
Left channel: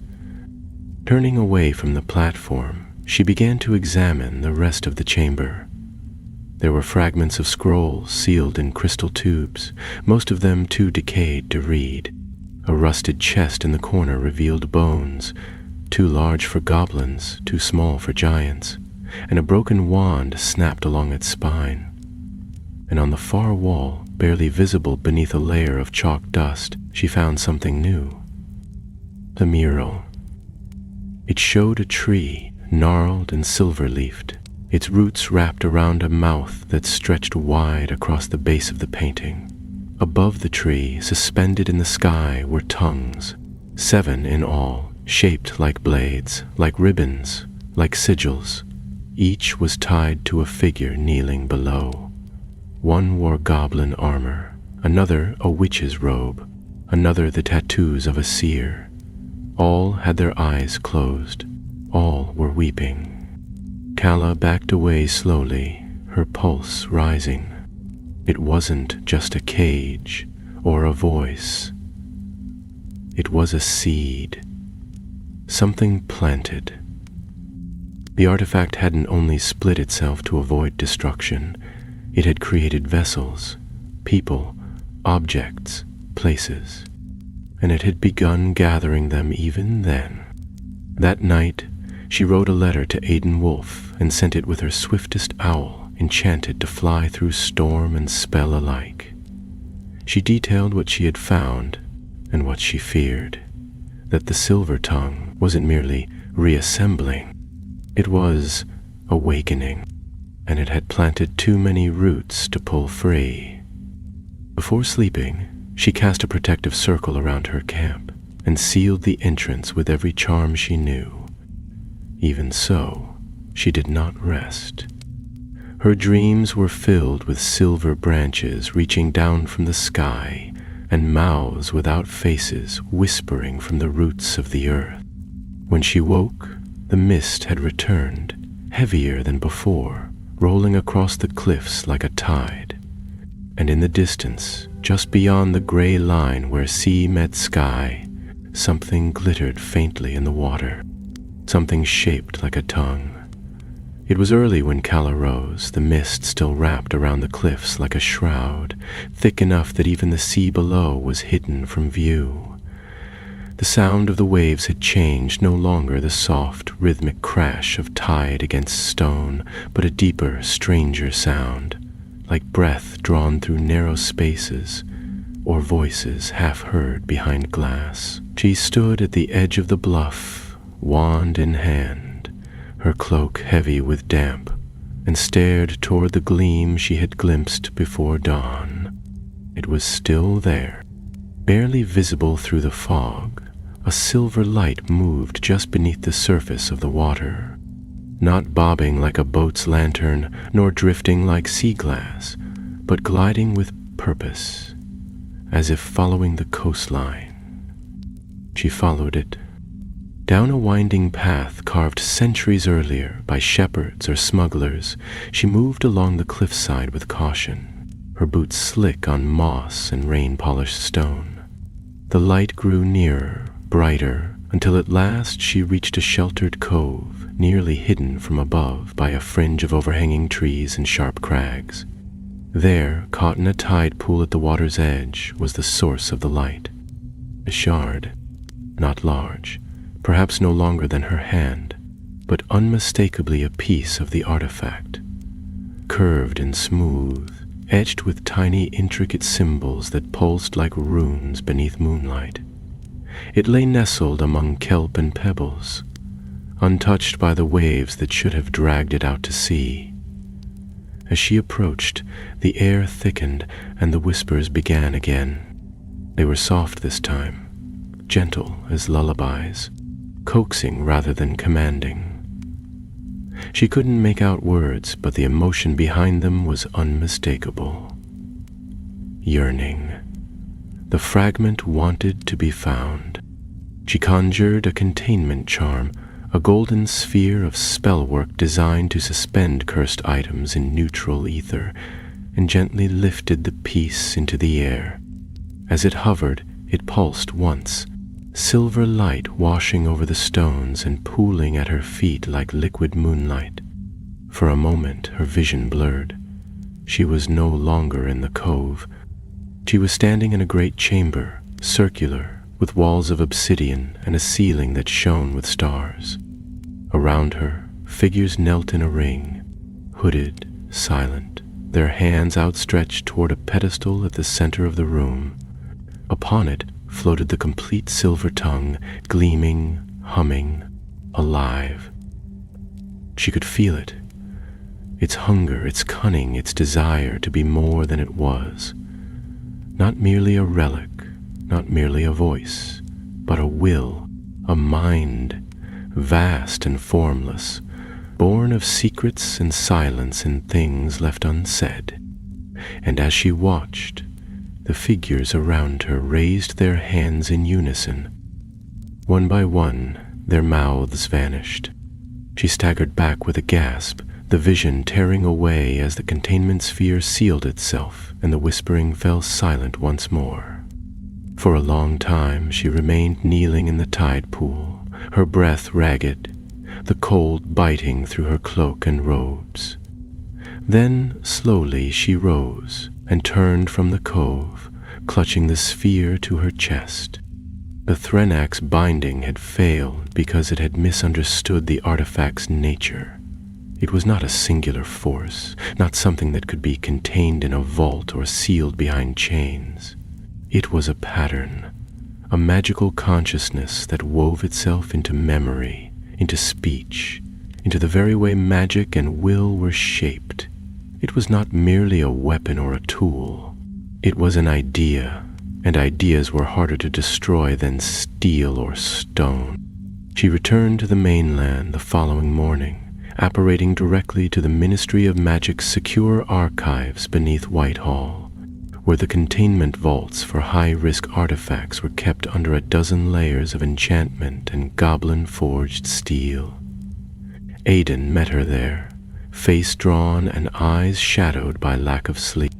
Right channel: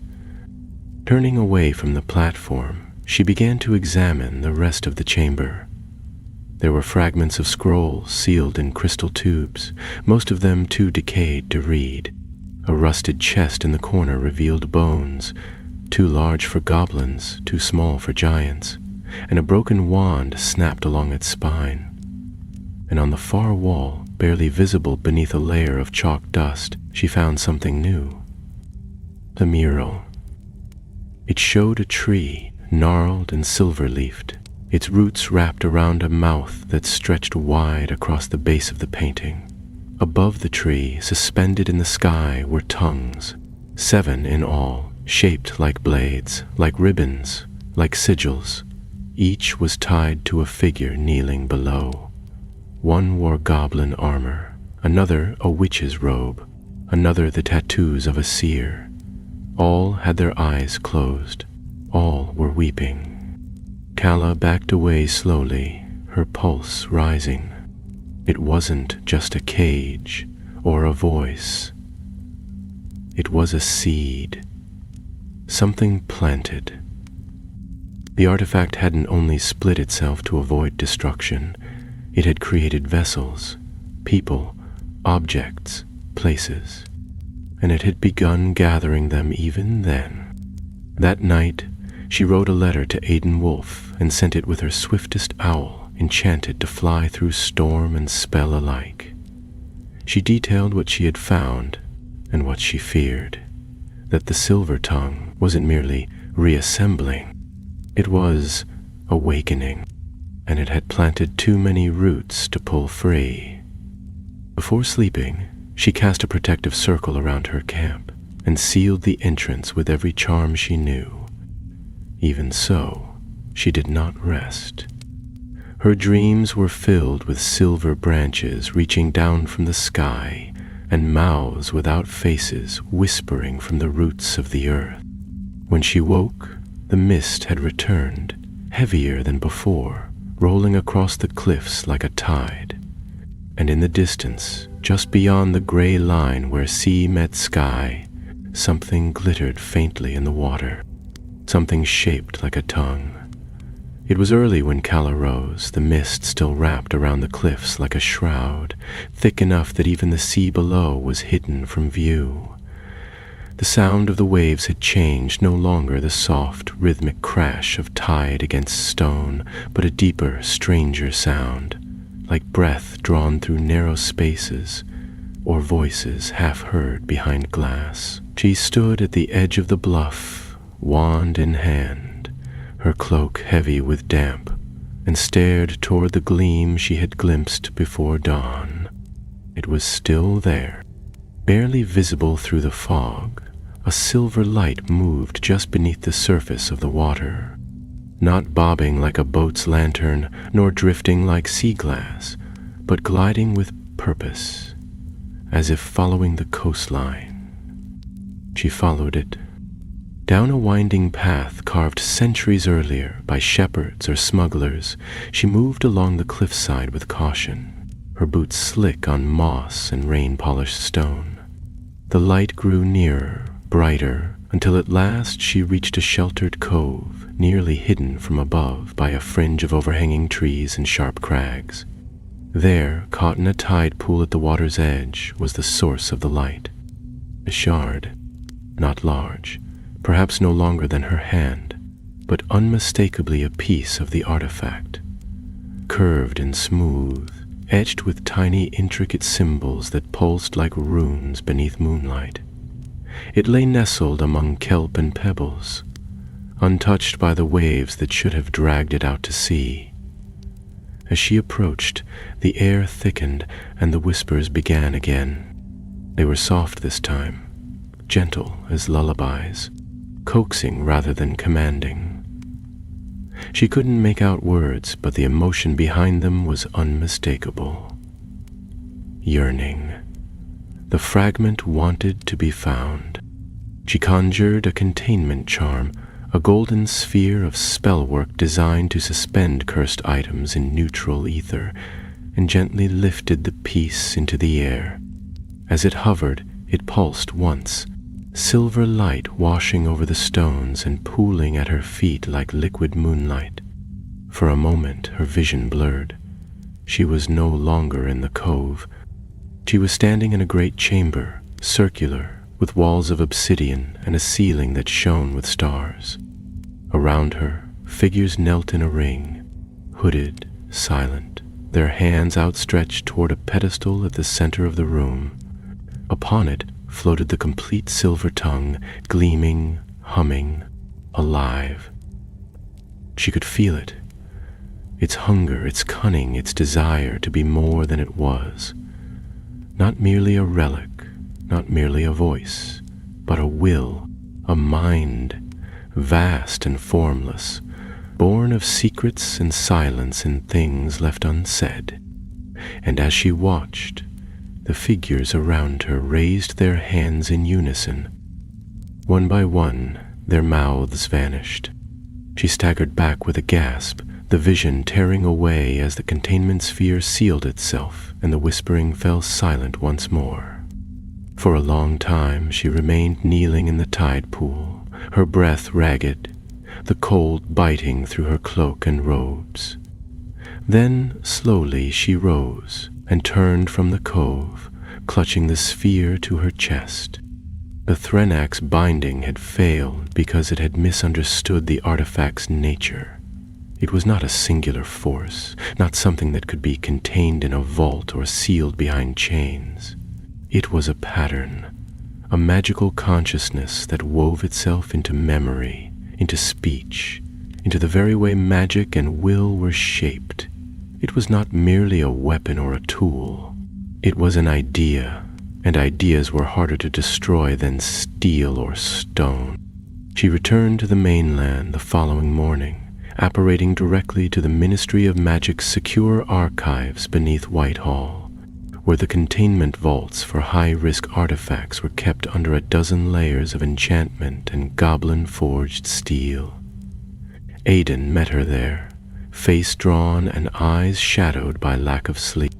Turning away from the platform, she began to examine the rest of the chamber. There were fragments of scrolls sealed in crystal tubes, most of them too decayed to read. A rusted chest in the corner revealed bones, too large for goblins, too small for giants, and a broken wand snapped along its spine. And on the far wall, barely visible beneath a layer of chalk dust, she found something new. The mural. It showed a tree, gnarled and silver-leafed, its roots wrapped around a mouth that stretched wide across the base of the painting. Above the tree, suspended in the sky, were tongues, 7 in all, shaped like blades, like ribbons, like sigils. Each was tied to a figure kneeling below. One wore goblin armor, another a witch's robe, another the tattoos of a seer. All had their eyes closed. All were weeping. Kala backed away slowly, her pulse rising. It wasn't just a cage or a voice. It was a seed, something planted. The artifact hadn't only split itself to avoid destruction, it had created vessels, people, objects, places, and it had begun gathering them even then. That night, she wrote a letter to Aiden Wolf and sent it with her swiftest owl enchanted to fly through storm and spell alike. She detailed what she had found and what she feared, that the silver tongue wasn't merely reassembling, it was awakening, and it had planted too many roots to pull free. Before sleeping, she cast a protective circle around her camp and sealed the entrance with every charm she knew. Even so, she did not rest. Her dreams were filled with silver branches reaching down from the sky and mouths without faces whispering from the roots of the earth. When she woke, the mist had returned, heavier than before, rolling across the cliffs like a tide. And in the distance, just beyond the gray line where sea met sky, something glittered faintly in the water, something shaped like a tongue. It was early when Calla rose, the mist still wrapped around the cliffs like a shroud, thick enough that even the sea below was hidden from view. The sound of the waves had changed, no longer the soft, rhythmic crash of tide against stone, but a deeper, stranger sound, like breath drawn through narrow spaces, or voices half heard behind glass. She stood at the edge of the bluff, wand in hand, her cloak heavy with damp, and stared toward the gleam she had glimpsed before dawn. It was still there, barely visible through the fog. A silver light moved just beneath the surface of the water, not bobbing like a boat's lantern, nor drifting like sea glass, but gliding with purpose, as if following the coastline. She followed it, down a winding path carved centuries earlier by shepherds or smugglers. She moved along the cliffside with caution, her boots slick on moss and rain-polished stone. The light grew nearer, brighter, until at last she reached a sheltered cove, nearly hidden from above by a fringe of overhanging trees and sharp crags. There, caught in a tide pool at the water's edge, was the source of the light. A shard, not large, perhaps no longer than her hand, but unmistakably a piece of the artifact, curved and smooth, etched with tiny intricate symbols that pulsed like runes beneath moonlight. It lay nestled among kelp and pebbles, untouched by the waves that should have dragged it out to sea. As she approached, the air thickened and the whispers began again. They were soft this time, gentle as lullabies, coaxing rather than commanding. She couldn't make out words, but the emotion behind them was unmistakable. Yearning. The fragment wanted to be found. She conjured a containment charm, a golden sphere of spellwork designed to suspend cursed items in neutral ether, and gently lifted the piece into the air. As it hovered, it pulsed once, silver light washing over the stones and pooling at her feet like liquid moonlight. For a moment her vision blurred. She was no longer in the cove. She was standing in a great chamber, circular, with walls of obsidian and a ceiling that shone with stars. Around her, figures knelt in a ring, hooded, silent, their hands outstretched toward a pedestal at the center of the room. Upon it floated the complete silver tongue, gleaming, humming, alive. She could feel it, its hunger, its cunning, its desire to be more than it was. Not merely a relic, not merely a voice, but a will, a mind, vast and formless, born of secrets and silence and things left unsaid. And as she watched, the figures around her raised their hands in unison. One by one, their mouths vanished. She staggered back with a gasp, the vision tearing away as the containment sphere sealed itself and the whispering fell silent once more. For a long time she remained kneeling in the tide pool, her breath ragged, the cold biting through her cloak and robes. Then slowly she rose and turned from the cove, clutching the sphere to her chest. The Threnac's binding had failed because it had misunderstood the artifact's nature. It was not a singular force, not something that could be contained in a vault or sealed behind chains. It was a pattern, a magical consciousness that wove itself into memory, into speech, into the very way magic and will were shaped. It was not merely a weapon or a tool. It was an idea, and ideas were harder to destroy than steel or stone. She returned to the mainland the following morning, apparating directly to the Ministry of Magic's secure archives beneath Whitehall, where the containment vaults for high-risk artifacts were kept under a dozen layers of enchantment and goblin-forged steel. Aidan met her there, face drawn and eyes shadowed by lack of sleep.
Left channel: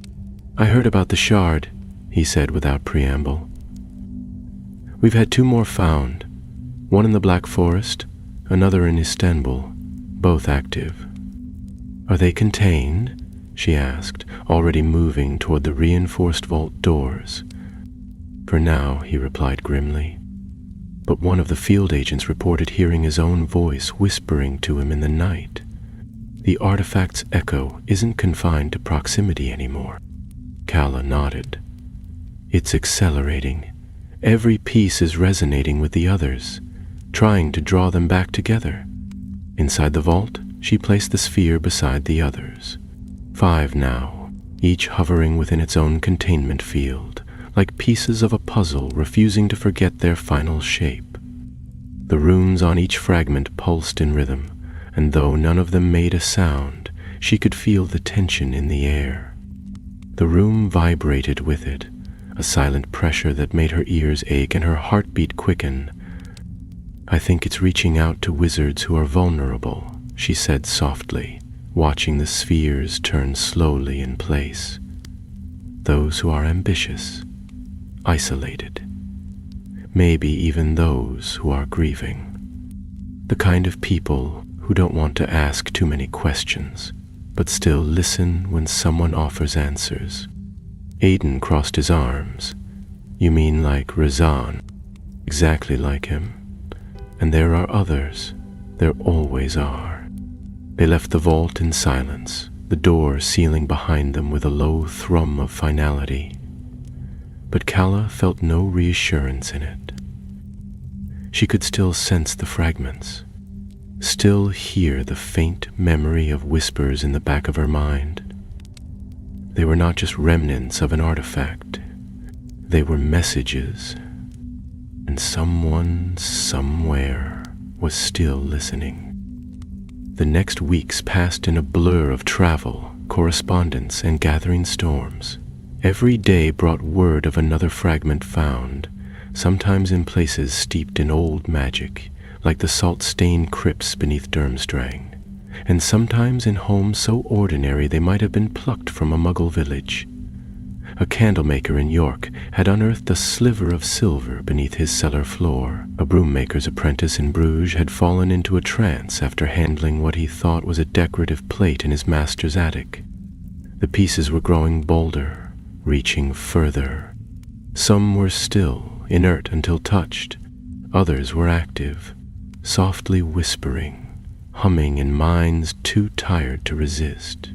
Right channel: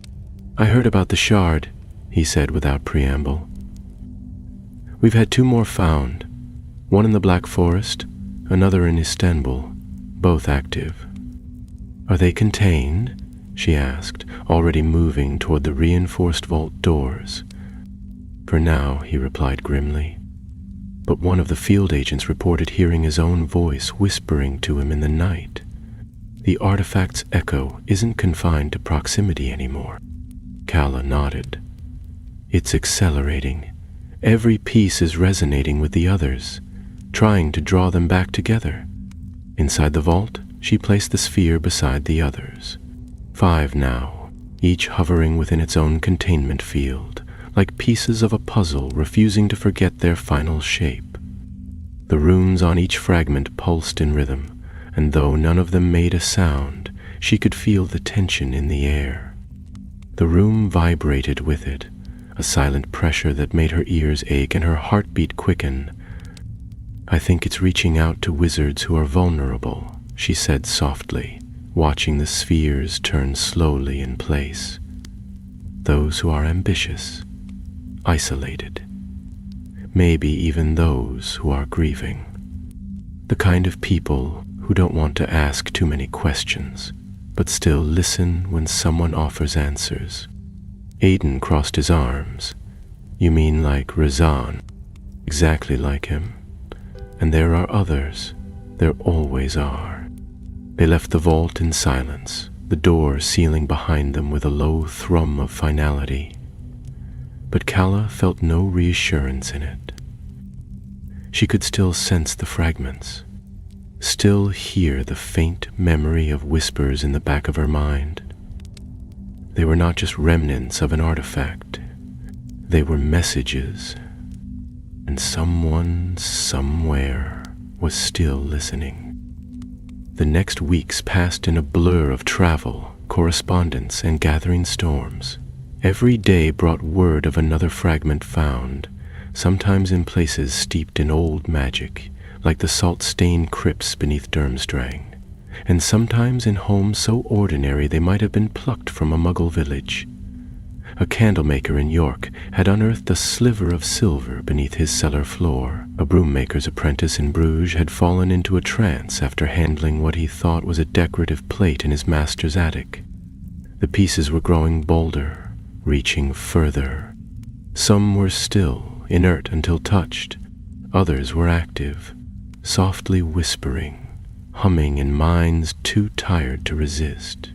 "I heard about the shard," he said without preamble. "We've had 2 more found, one in the Black Forest, another in Istanbul, both active." "Are they contained?" she asked, already moving toward the reinforced vault doors. "For now," he replied grimly. But one of the field agents reported hearing his own voice whispering to him in the night. "The artifact's echo isn't confined to proximity anymore." Calla nodded. "It's accelerating. Every piece is resonating with the others, trying to draw them back together." Inside the vault, she placed the sphere beside the others. 5 now, each hovering within its own containment field, like pieces of a puzzle refusing to forget their final shape. The runes on each fragment pulsed in rhythm, and though none of them made a sound, she could feel the tension in the air. The room vibrated with it, a silent pressure that made her ears ache and her heartbeat quicken. "I think it's reaching out to wizards who are vulnerable," she said softly, watching the spheres turn slowly in place. "Those who are ambitious, isolated, maybe even those who are grieving. The kind of people who don't want to ask too many questions, but still listen when someone offers answers." Aidan crossed his arms. "You mean like Razan?" "Exactly like him. And there are others. There always are." They left the vault in silence, the door sealing behind them with a low thrum of finality. But Calla felt no reassurance in it. She could still sense the fragments, still hear the faint memory of whispers in the back of her mind. They were not just remnants of an artifact. They were messages, and someone, somewhere, was still listening. The next weeks passed in a blur of travel, correspondence, and gathering storms. Every day brought word of another fragment found, sometimes in places steeped in old magic, like the salt-stained crypts beneath Durmstrang, and sometimes in homes so ordinary they might have been plucked from a Muggle village. A candlemaker in York had unearthed a sliver of silver beneath his cellar floor. A broom-maker's apprentice in Bruges had fallen into a trance after handling what he thought was a decorative plate in his master's attic. The pieces were growing bolder, reaching further. Some were still, inert until touched. Others were active, softly whispering, humming in minds too tired to resist.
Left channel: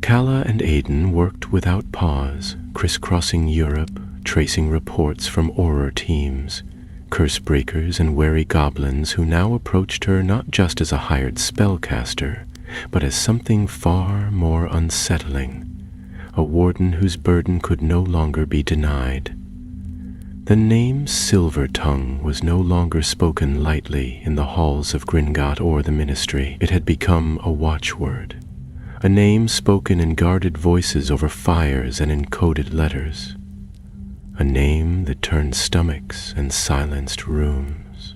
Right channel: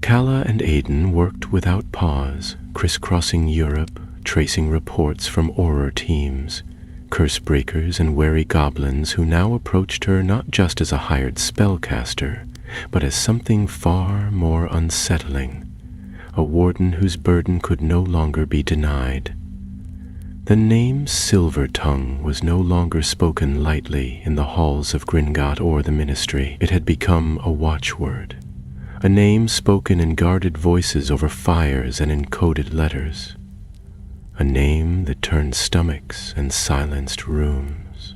Calla and Aidan worked without pause, crisscrossing Europe, tracing reports from Auror teams, curse-breakers and wary goblins who now approached her not just as a hired spellcaster, but as something far more unsettling, a warden whose burden could no longer be denied. The name Silvertongue was no longer spoken lightly in the halls of Gringotts or the Ministry. It had become a watchword, a name spoken in guarded voices over fires and in coded letters, a name that turned stomachs and silenced rooms.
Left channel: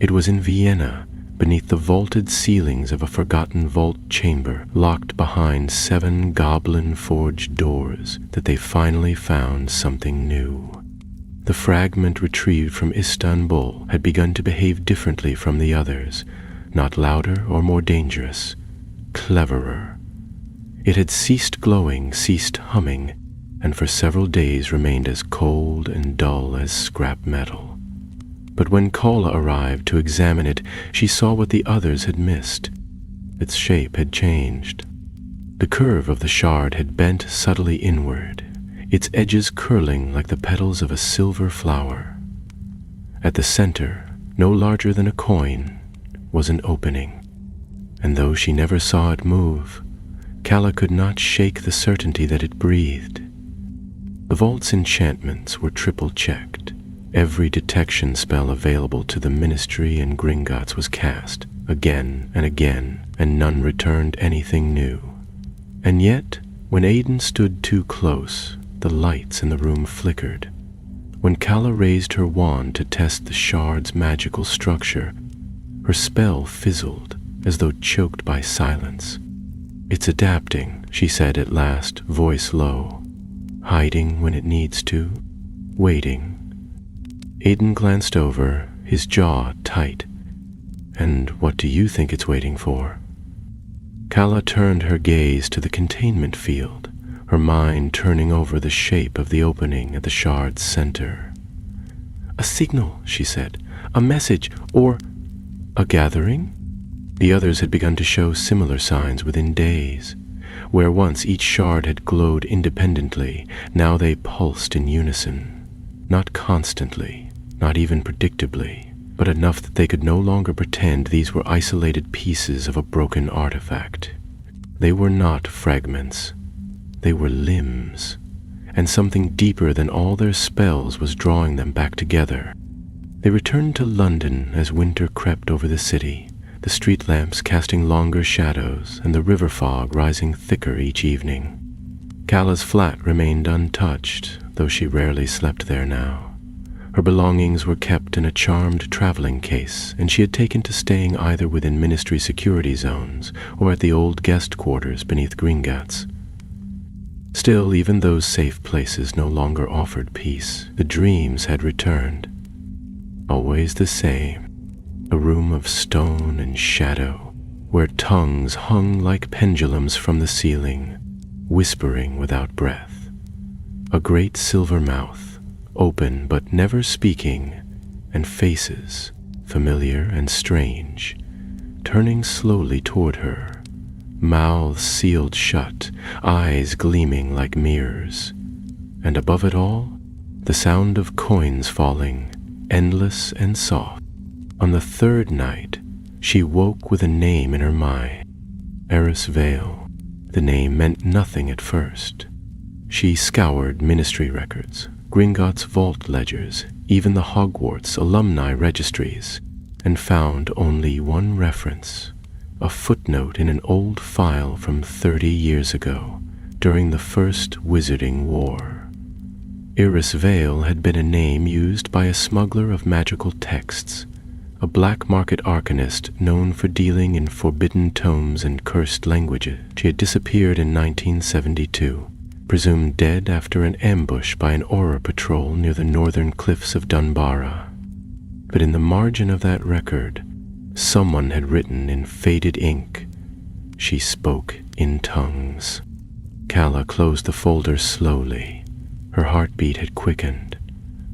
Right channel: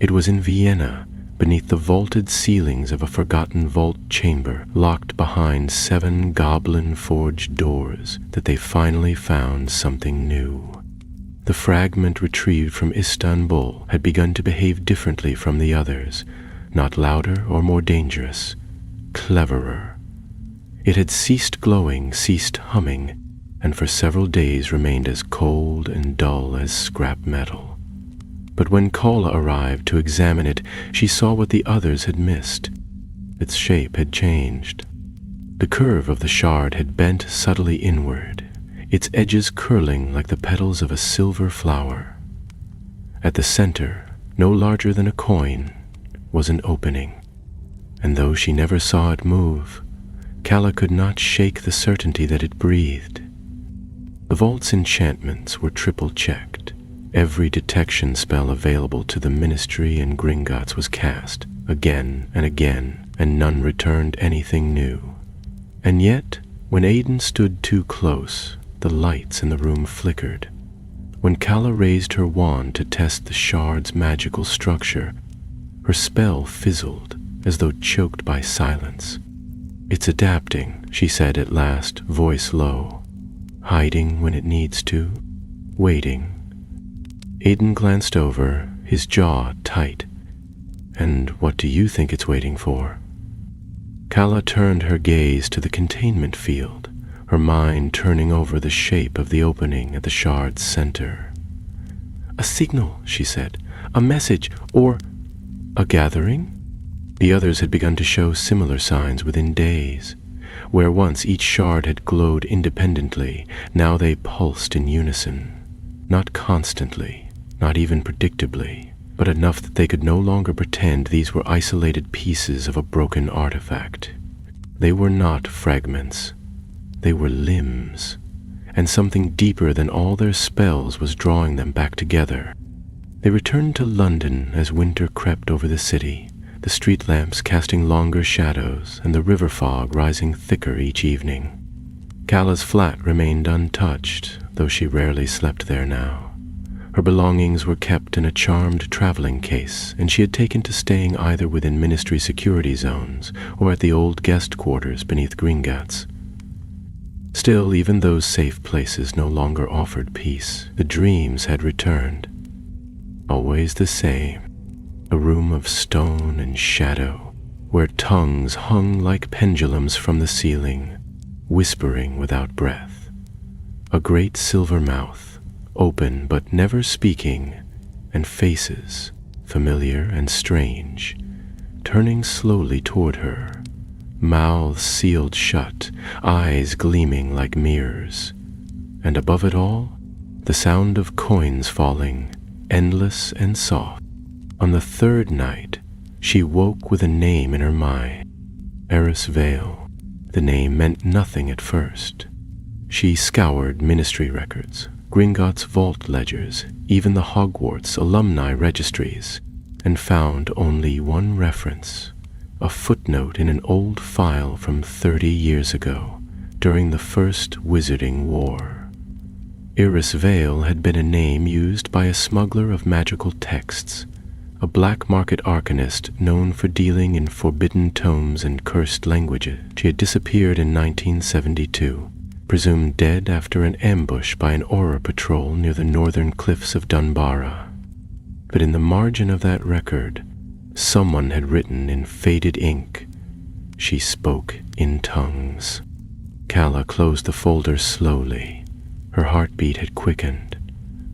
It was in Vienna, beneath the vaulted ceilings of a forgotten vault chamber locked behind 7 goblin-forged doors, that they finally found something new. The fragment retrieved from Istanbul had begun to behave differently from the others, not louder or more dangerous, cleverer. It had ceased glowing, ceased humming, and for several days remained as cold and dull as scrap metal. But when Calla arrived to examine it, she saw what the others had missed. Its shape had changed. The curve of the shard had bent subtly inward, its edges curling like the petals of a silver flower. At the center, no larger than a coin, was an opening, and though she never saw it move, Calla could not shake the certainty that it breathed. The vault's enchantments were triple-checked. Every detection spell available to the Ministry and Gringotts was cast, again and again, and none returned anything new. And yet, when Aidan stood too close, the lights in the room flickered. When Calla raised her wand to test the shard's magical structure, her spell fizzled, as though choked by silence. "It's adapting," she said at last, voice low. "Hiding when it needs to, waiting." Aidan glanced over, his jaw tight. "And what do you think it's waiting for?" Calla turned her gaze to the containment field, her mind turning over the shape of the opening at the shard's center. "A signal," she said. "A message, or a gathering?" The others had begun to show similar signs within days. Where once each shard had glowed independently, now they pulsed in unison. Not constantly, not even predictably, but enough that they could no longer pretend these were isolated pieces of a broken artifact. They were not fragments. They were limbs, and something deeper than all their spells was drawing them back together. They returned to London as winter crept over the city, the street lamps casting longer shadows and the river fog rising thicker each evening. Calla's flat remained untouched, though she rarely slept there now. Her belongings were kept in a charmed traveling case, and she had taken to staying either within Ministry security zones or at the old guest quarters beneath Gringotts. Still, even those safe places no longer offered peace. The dreams had returned. Always the same, a room of stone and shadow, where tongues hung like pendulums from the ceiling, whispering without breath. A great silver mouth, open but never speaking, and faces, familiar and strange, turning slowly toward her, mouths sealed shut, eyes gleaming like mirrors, and above it all, the sound of coins falling, endless and soft. On the third night, she woke with a name in her mind, Eris Vale. The name meant nothing at first. She scoured Ministry records, Gringotts vault ledgers, even the HOGWARTS alumni registries, and found only one reference, a footnote in an old file from 30 years ago, during the First Wizarding War. Eris Vale had been a name used by a smuggler of magical texts, a black market arcanist known for dealing in forbidden tomes and cursed languages. She had disappeared in 1972. Presumed dead after an ambush by an aura patrol near the northern cliffs of Dunbarra. But in the margin of that record, someone had written in faded ink, "She spoke in tongues." Calla closed the folder slowly. Her heartbeat had quickened.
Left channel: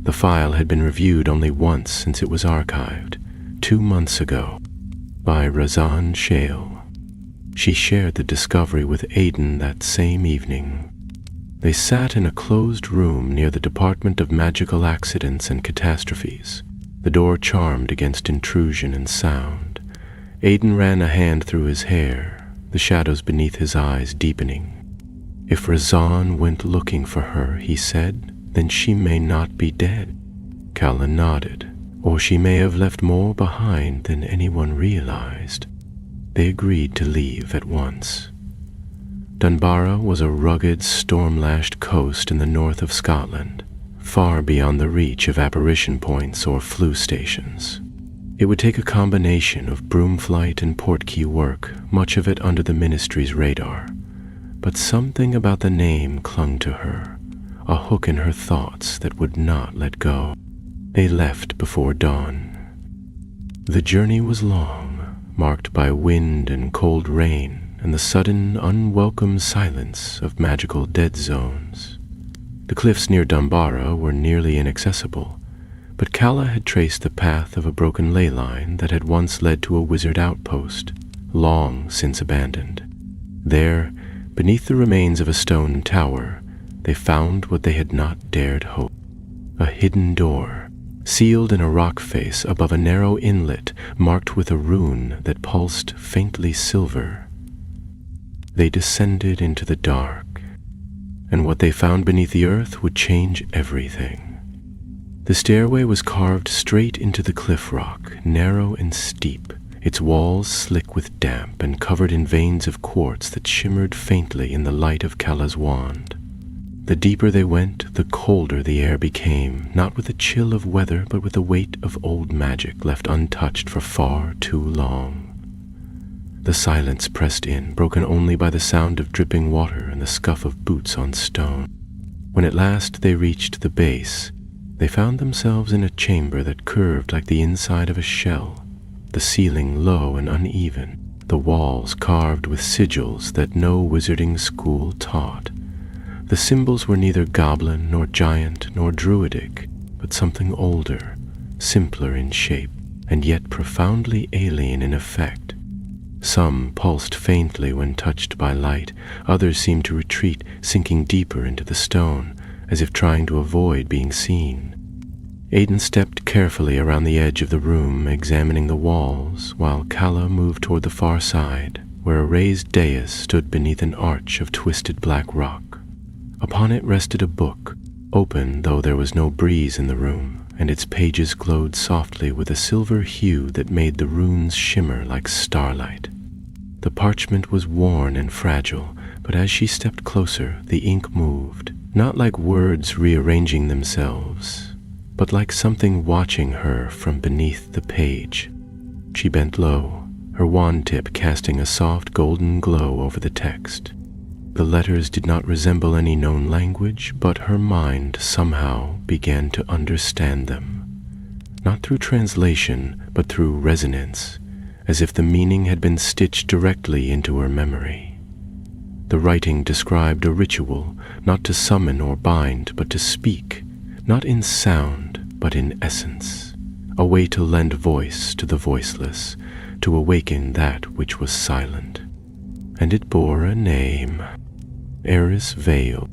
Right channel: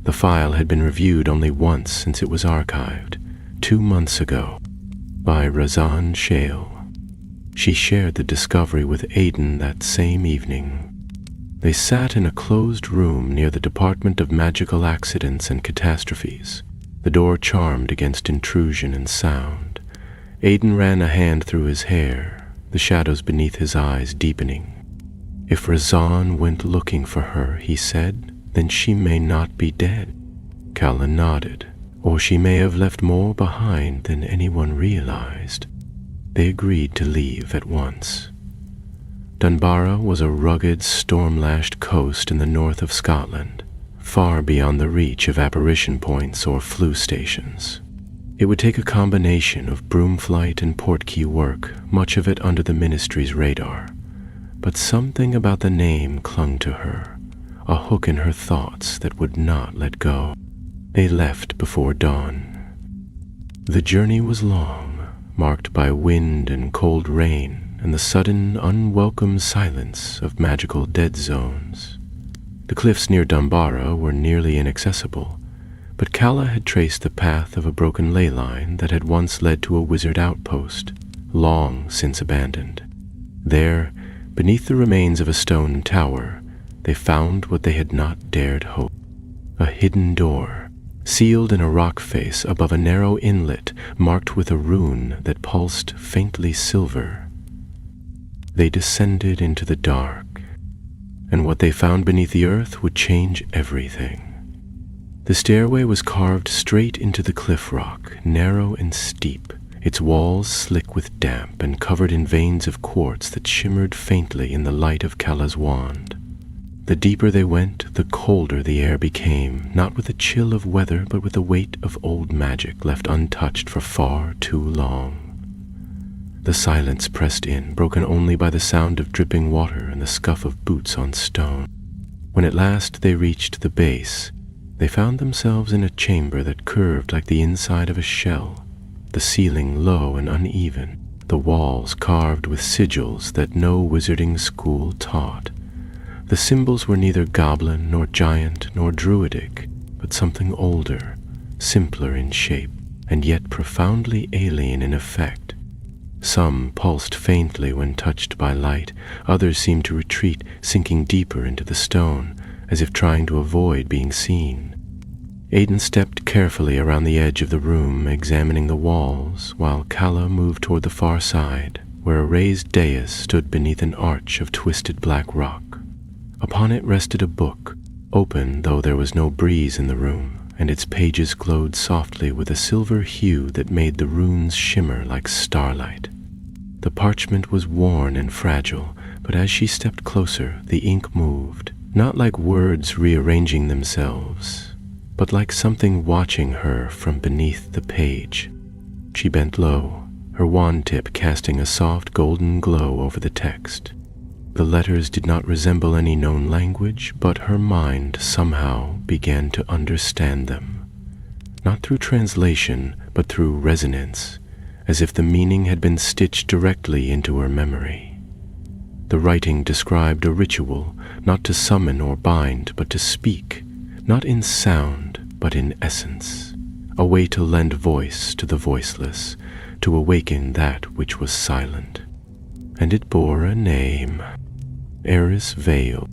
The file had been reviewed only once since it was archived, 2 months ago, by Razan Shale. She shared the discovery with Aidan that same evening. They sat in a closed room near the Department of Magical Accidents and Catastrophes, the door charmed against intrusion and sound. Aidan ran a hand through his hair, the shadows beneath his eyes deepening. "If Razan went looking for her," he said, "then she may not be dead." Calla nodded. "Or she may have left more behind than anyone realized." They agreed to leave at once. Dunbarra was a rugged, storm-lashed coast in the north of Scotland, far beyond the reach of apparition points or flu stations. It would take a combination of broomflight and portkey work, much of it under the Ministry's radar. But something about the name clung to her, a hook in her thoughts that would not let go. They left before dawn. The journey was long, marked by wind and cold rain, and the sudden, unwelcome silence of magical dead zones. The cliffs near Dunbarra were nearly inaccessible, but Calla had traced the path of a broken ley line that had once led to a wizard outpost, long since abandoned. There, beneath the remains of a stone tower, they found what they had not dared hope. A hidden door, sealed in a rock face above a narrow inlet marked with a rune that pulsed faintly silver. They descended into the dark, and what they found beneath the earth would change everything. The stairway was carved straight into the cliff rock, narrow and steep, its walls slick with damp and covered in veins of quartz that shimmered faintly in the light of Kala's wand. The deeper they went, the colder the air became, not with a chill of weather, but with the weight of old magic left untouched for far too long. The silence pressed in, broken only by the sound of dripping water and the scuff of boots on stone. When at last they reached the base, they found themselves in a chamber that curved like the inside of a shell, the ceiling low and uneven, the walls carved with sigils that no wizarding school taught. The symbols were neither goblin nor giant nor druidic, but something older, simpler in shape, and yet profoundly alien in effect. Some pulsed faintly when touched by light, others seemed to retreat, sinking deeper into the stone, as if trying to avoid being seen. Aiden stepped carefully around the edge of the room, examining the walls, while Kala moved toward the far side, where a raised dais stood beneath an arch of twisted black rock. Upon it rested a book, open though there was no breeze in the room, and its pages glowed softly with a silver hue that made the runes shimmer like starlight. The parchment was worn and fragile, but as she stepped closer, the ink moved, not like words rearranging themselves, but like something watching her from beneath the page. She bent low, her wand tip casting a soft golden glow over the text. The letters did not resemble any known language, but her mind somehow began to understand them. Not through translation, but through resonance, as if the meaning had been stitched directly into her memory. The writing described a ritual, not to summon or bind, but to speak, not in sound, but in essence, a way to lend voice to the voiceless, to awaken that which was silent. And it bore a name. Eris Vale.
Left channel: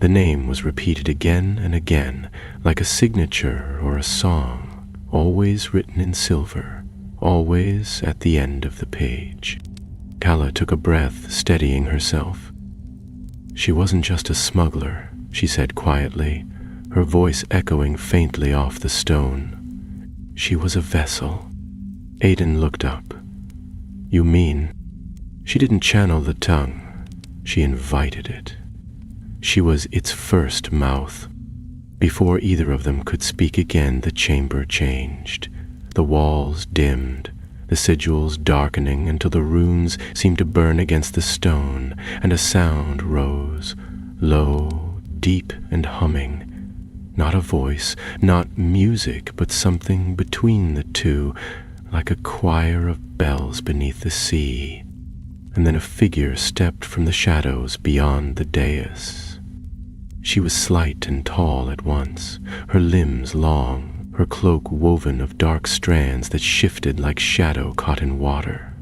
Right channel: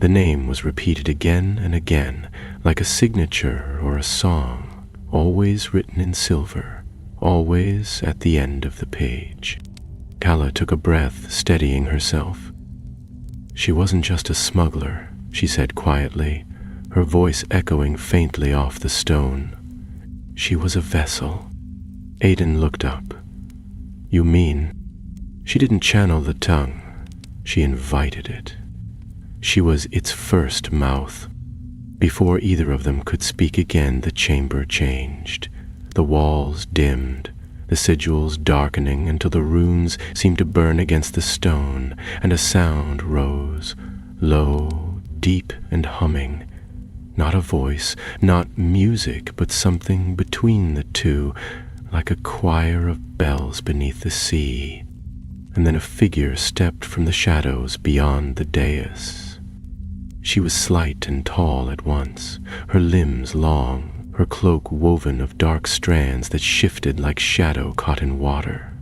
The name was repeated again and again, like a signature or a song, always written in silver, always at the end of the page. Kala took a breath, steadying herself. She wasn't just a smuggler, she said quietly, her voice echoing faintly off the stone. She was a vessel. Aiden looked up. You mean? She didn't channel the tongue. She invited it. She was its first mouth. Before either of them could speak again, the chamber changed. The walls dimmed, the sigils darkening until the runes seemed to burn against the stone, and a sound rose, low, deep, and humming. Not a voice, not music, but something between the two, like a choir of bells beneath the sea. And then a figure stepped from the shadows beyond the dais. She was slight and tall at once, her limbs long, her cloak woven of dark strands that shifted like shadow caught in water.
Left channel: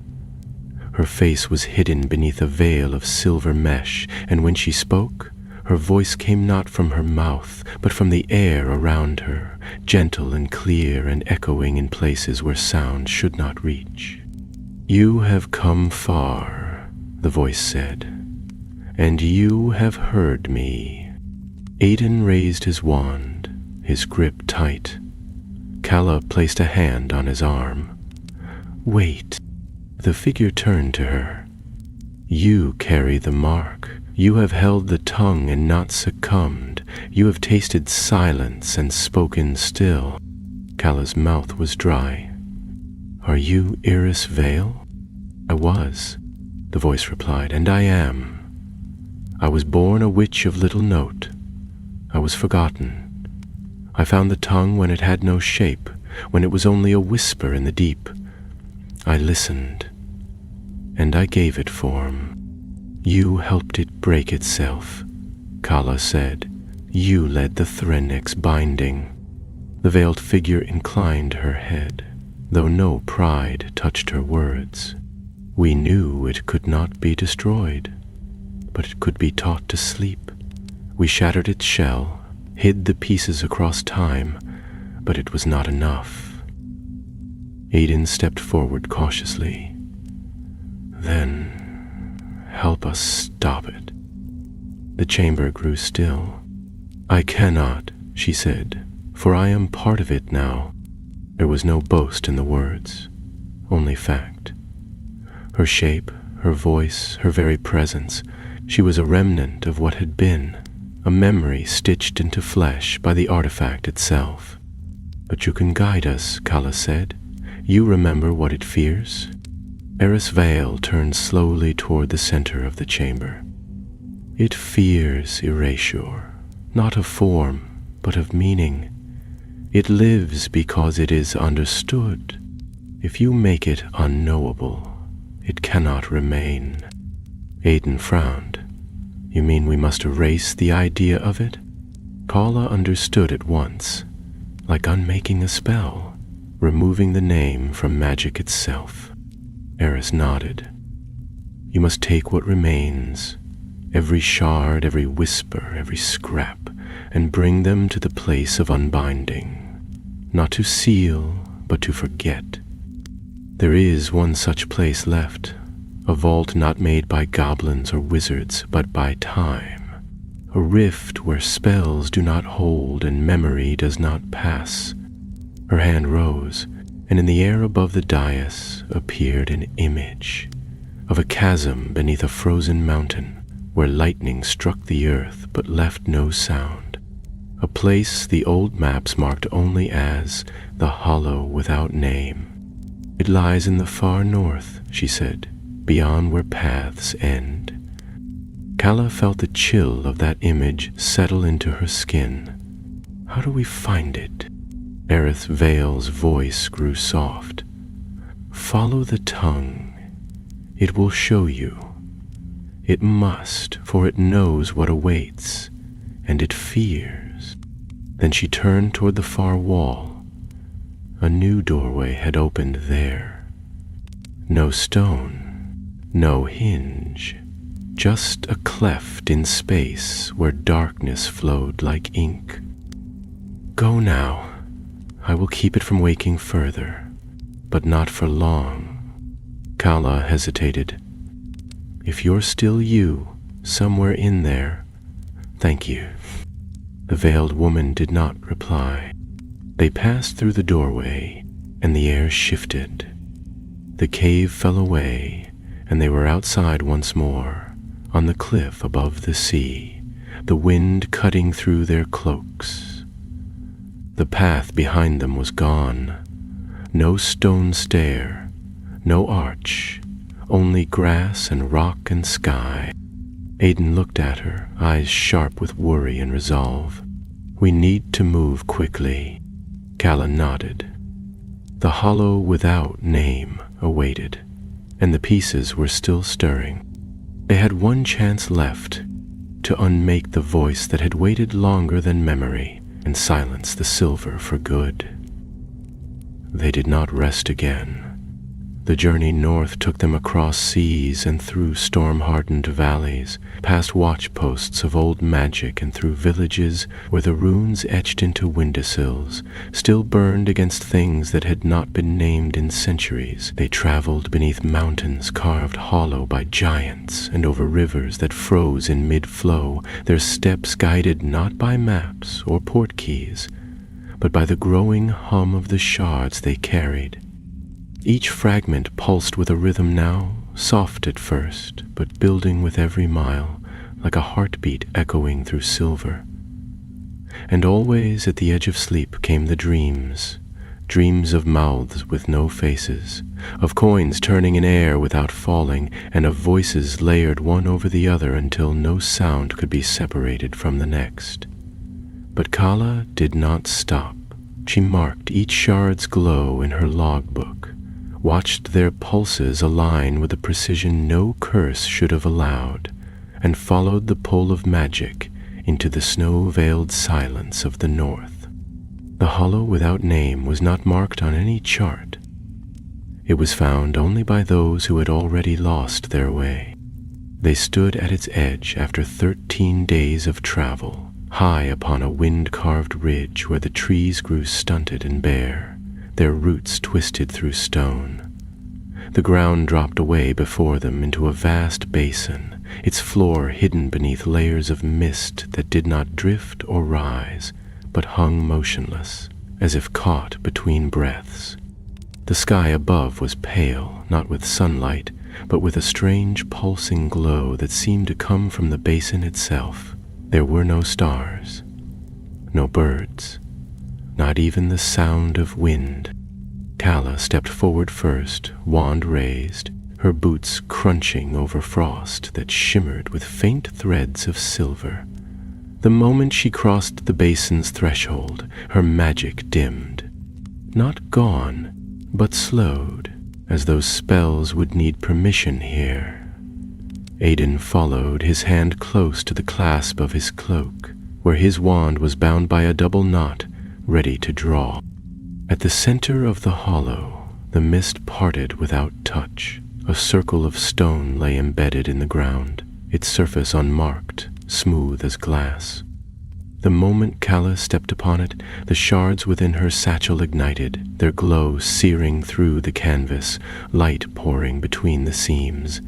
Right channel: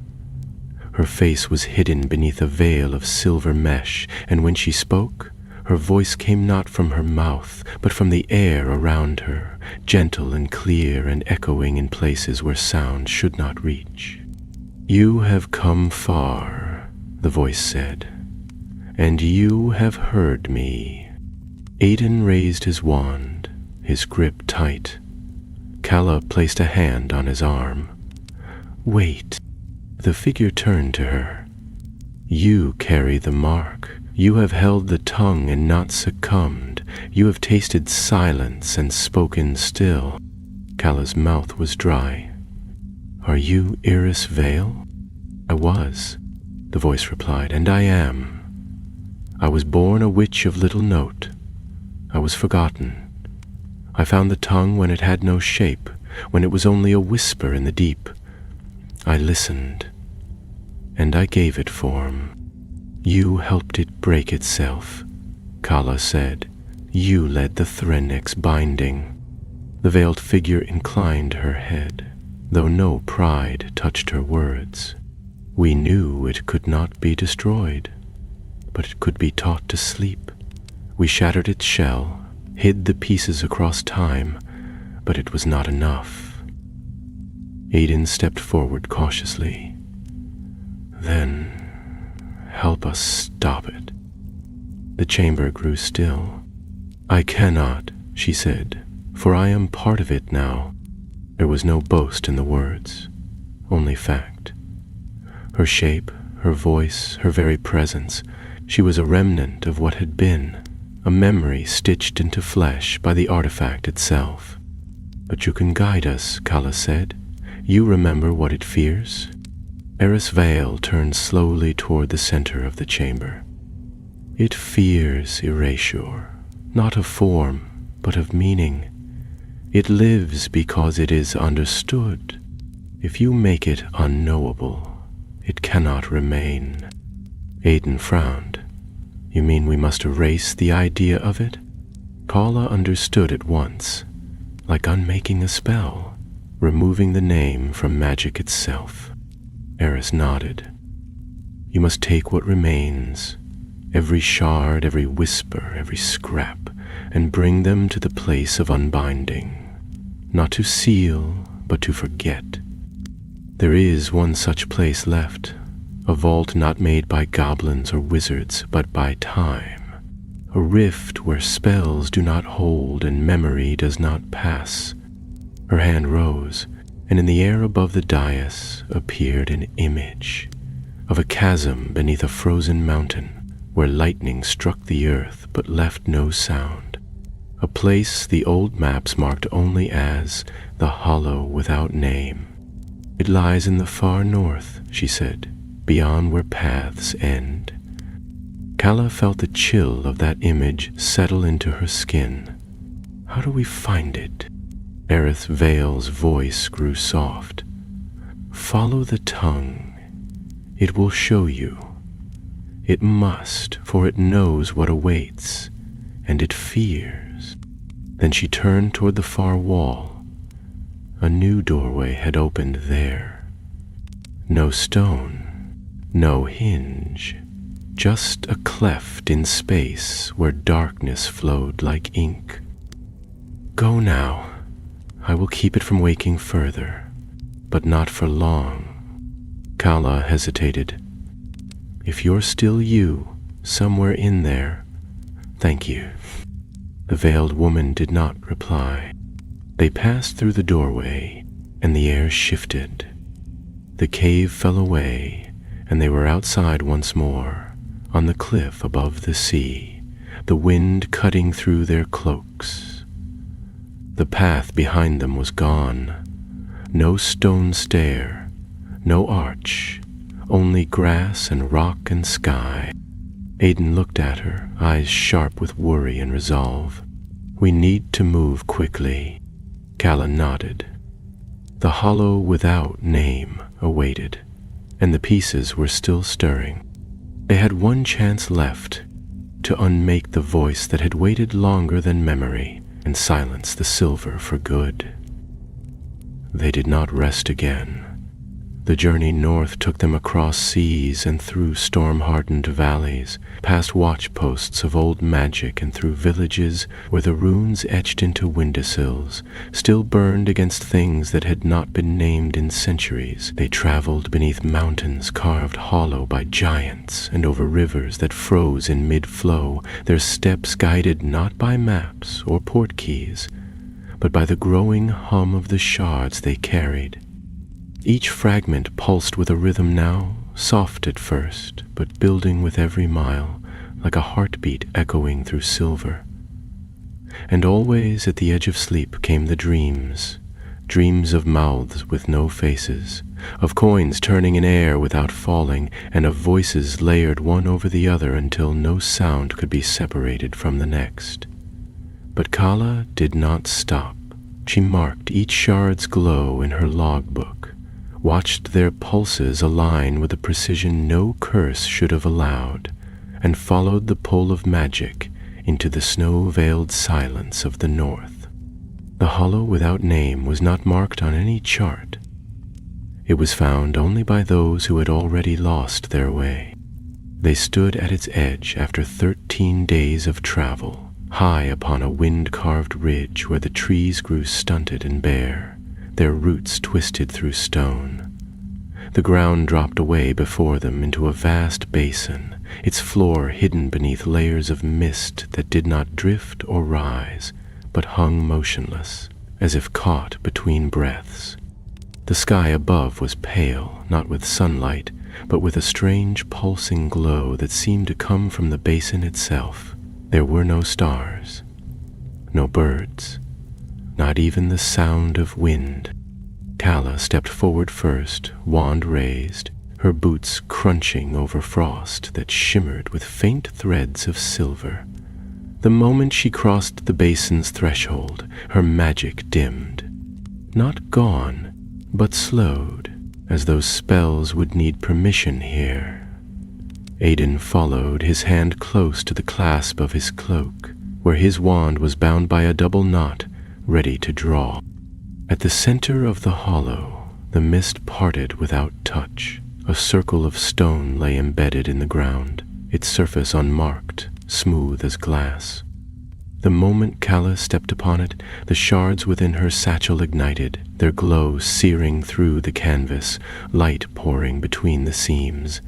Her face was hidden beneath a veil of silver mesh, and when she spoke, her voice came not from her mouth, but from the air around her, gentle and clear and echoing in places where sound should not reach. You have come far, the voice said, and you have heard me. Aiden raised his wand, his grip tight. Kala placed a hand on his arm. Wait. The figure turned to her. You carry the mark. You have held the tongue and not succumbed. You have tasted silence and spoken still. Kala's mouth was dry. Are you Eris Vale? I was, the voice replied, and I am. I was born a witch of little note. I was forgotten. I found the tongue when it had no shape, when it was only a whisper in the deep. I listened, and I gave it form. You helped it break itself, Kala said. You led the Thrennick's binding. The veiled figure inclined her head, though no pride touched her words. We knew it could not be destroyed, but it could be taught to sleep. We shattered its shell, hid the pieces across time, but it was not enough. Aiden stepped forward cautiously. Then, help us stop it. The chamber grew still. I cannot, she said, for I am part of it now. There was no boast in the words, only fact. Her shape, her voice, her very presence, she was a remnant of what had been, a memory stitched into flesh by the artifact itself. But you can guide us, Kala said. You remember what it fears? Eris Vale turned slowly toward the center of the chamber. It fears erasure, not of form, but of meaning. It lives because it is understood. If you make it unknowable, it cannot remain. Aiden frowned. You mean we must erase the idea of it? Kala understood at once, like unmaking a spell, removing the name from magic itself. Eris nodded. You must take what remains, every shard, every whisper, every scrap, and bring them to the place of unbinding. Not to seal, but to forget. There is one such place left, a vault not made by goblins or wizards, but by time. A rift where spells do not hold and memory does not pass. Her hand rose, and in the air above the dais appeared an image of a chasm beneath a frozen mountain where lightning struck the earth but left no sound. A place the old maps marked only as the Hollow Without Name. It lies in the far north, she said, beyond where paths end. Kala felt the chill of that image settle into her skin. How do we find it? Eris Vale's voice grew soft. Follow the tongue. It will show you. It must, for it knows what awaits, and it fears. Then she turned toward the far wall. A new doorway had opened there. No stone, no hinge, just a cleft in space where darkness flowed like ink. Go now. I will keep it from waking further, but not for long. Kala hesitated. If you're still you, somewhere in there, thank you. The veiled woman did not reply. They passed through the doorway, and the air shifted. The cave fell away, and they were outside once more, on the cliff above the sea, the wind cutting through their cloaks. The path behind them was gone. No stone stair, no arch, only grass and rock and sky. Aiden looked at her, eyes sharp with worry and resolve. We need to move quickly. Kala nodded. The Hollow Without Name awaited, and the pieces were still stirring. They had one chance left, to unmake the voice that had waited longer than memory and silence the silver for good. They did not rest again. The journey north took them across seas and through storm-hardened valleys, past watch-posts of old magic and through villages where the runes etched into windowsills still burned against things that had not been named in centuries. They traveled beneath mountains carved hollow by giants and over rivers that froze in mid-flow, their steps guided not by maps or port keys, but by the growing hum of the shards they carried. Each fragment pulsed with a rhythm now, soft at first, but building with every mile, like a heartbeat echoing through silver. And always at the edge of sleep came the dreams, dreams of mouths with no faces, of coins turning in air without falling, and of voices layered one over the other until no sound could be separated from the next. But Kala did not stop. She marked each shard's glow in her logbook, watched their pulses align with a precision no curse should have allowed, and followed the pull of magic into the snow-veiled silence of the north. The Hollow Without Name was not marked on any chart. It was found only by those who had already lost their way. They stood at its edge after 13 days of travel, high upon a wind-carved ridge where the trees grew stunted and bare, their roots twisted through stone. The ground dropped away before them into a vast basin, its floor hidden beneath layers of mist that did not drift or rise, but hung motionless, as if caught between breaths. The sky above was pale, not with sunlight, but with a strange pulsing glow that seemed to come from the basin itself. There were no stars, no birds, not even the sound of wind. Calla stepped forward first, wand raised, her boots crunching over frost that shimmered with faint threads of silver. The moment she crossed the basin's threshold, her magic dimmed. Not gone, but slowed, as those spells would need permission here. Aiden followed, his hand close to the clasp of his cloak, where his wand was bound by a double knot, ready to draw. At the center of the hollow, the mist parted without touch. A circle of stone lay embedded in the ground, its surface unmarked, smooth as glass. The moment Calla stepped upon it, the shards within her satchel ignited, their glow searing through the canvas, light pouring between the seams.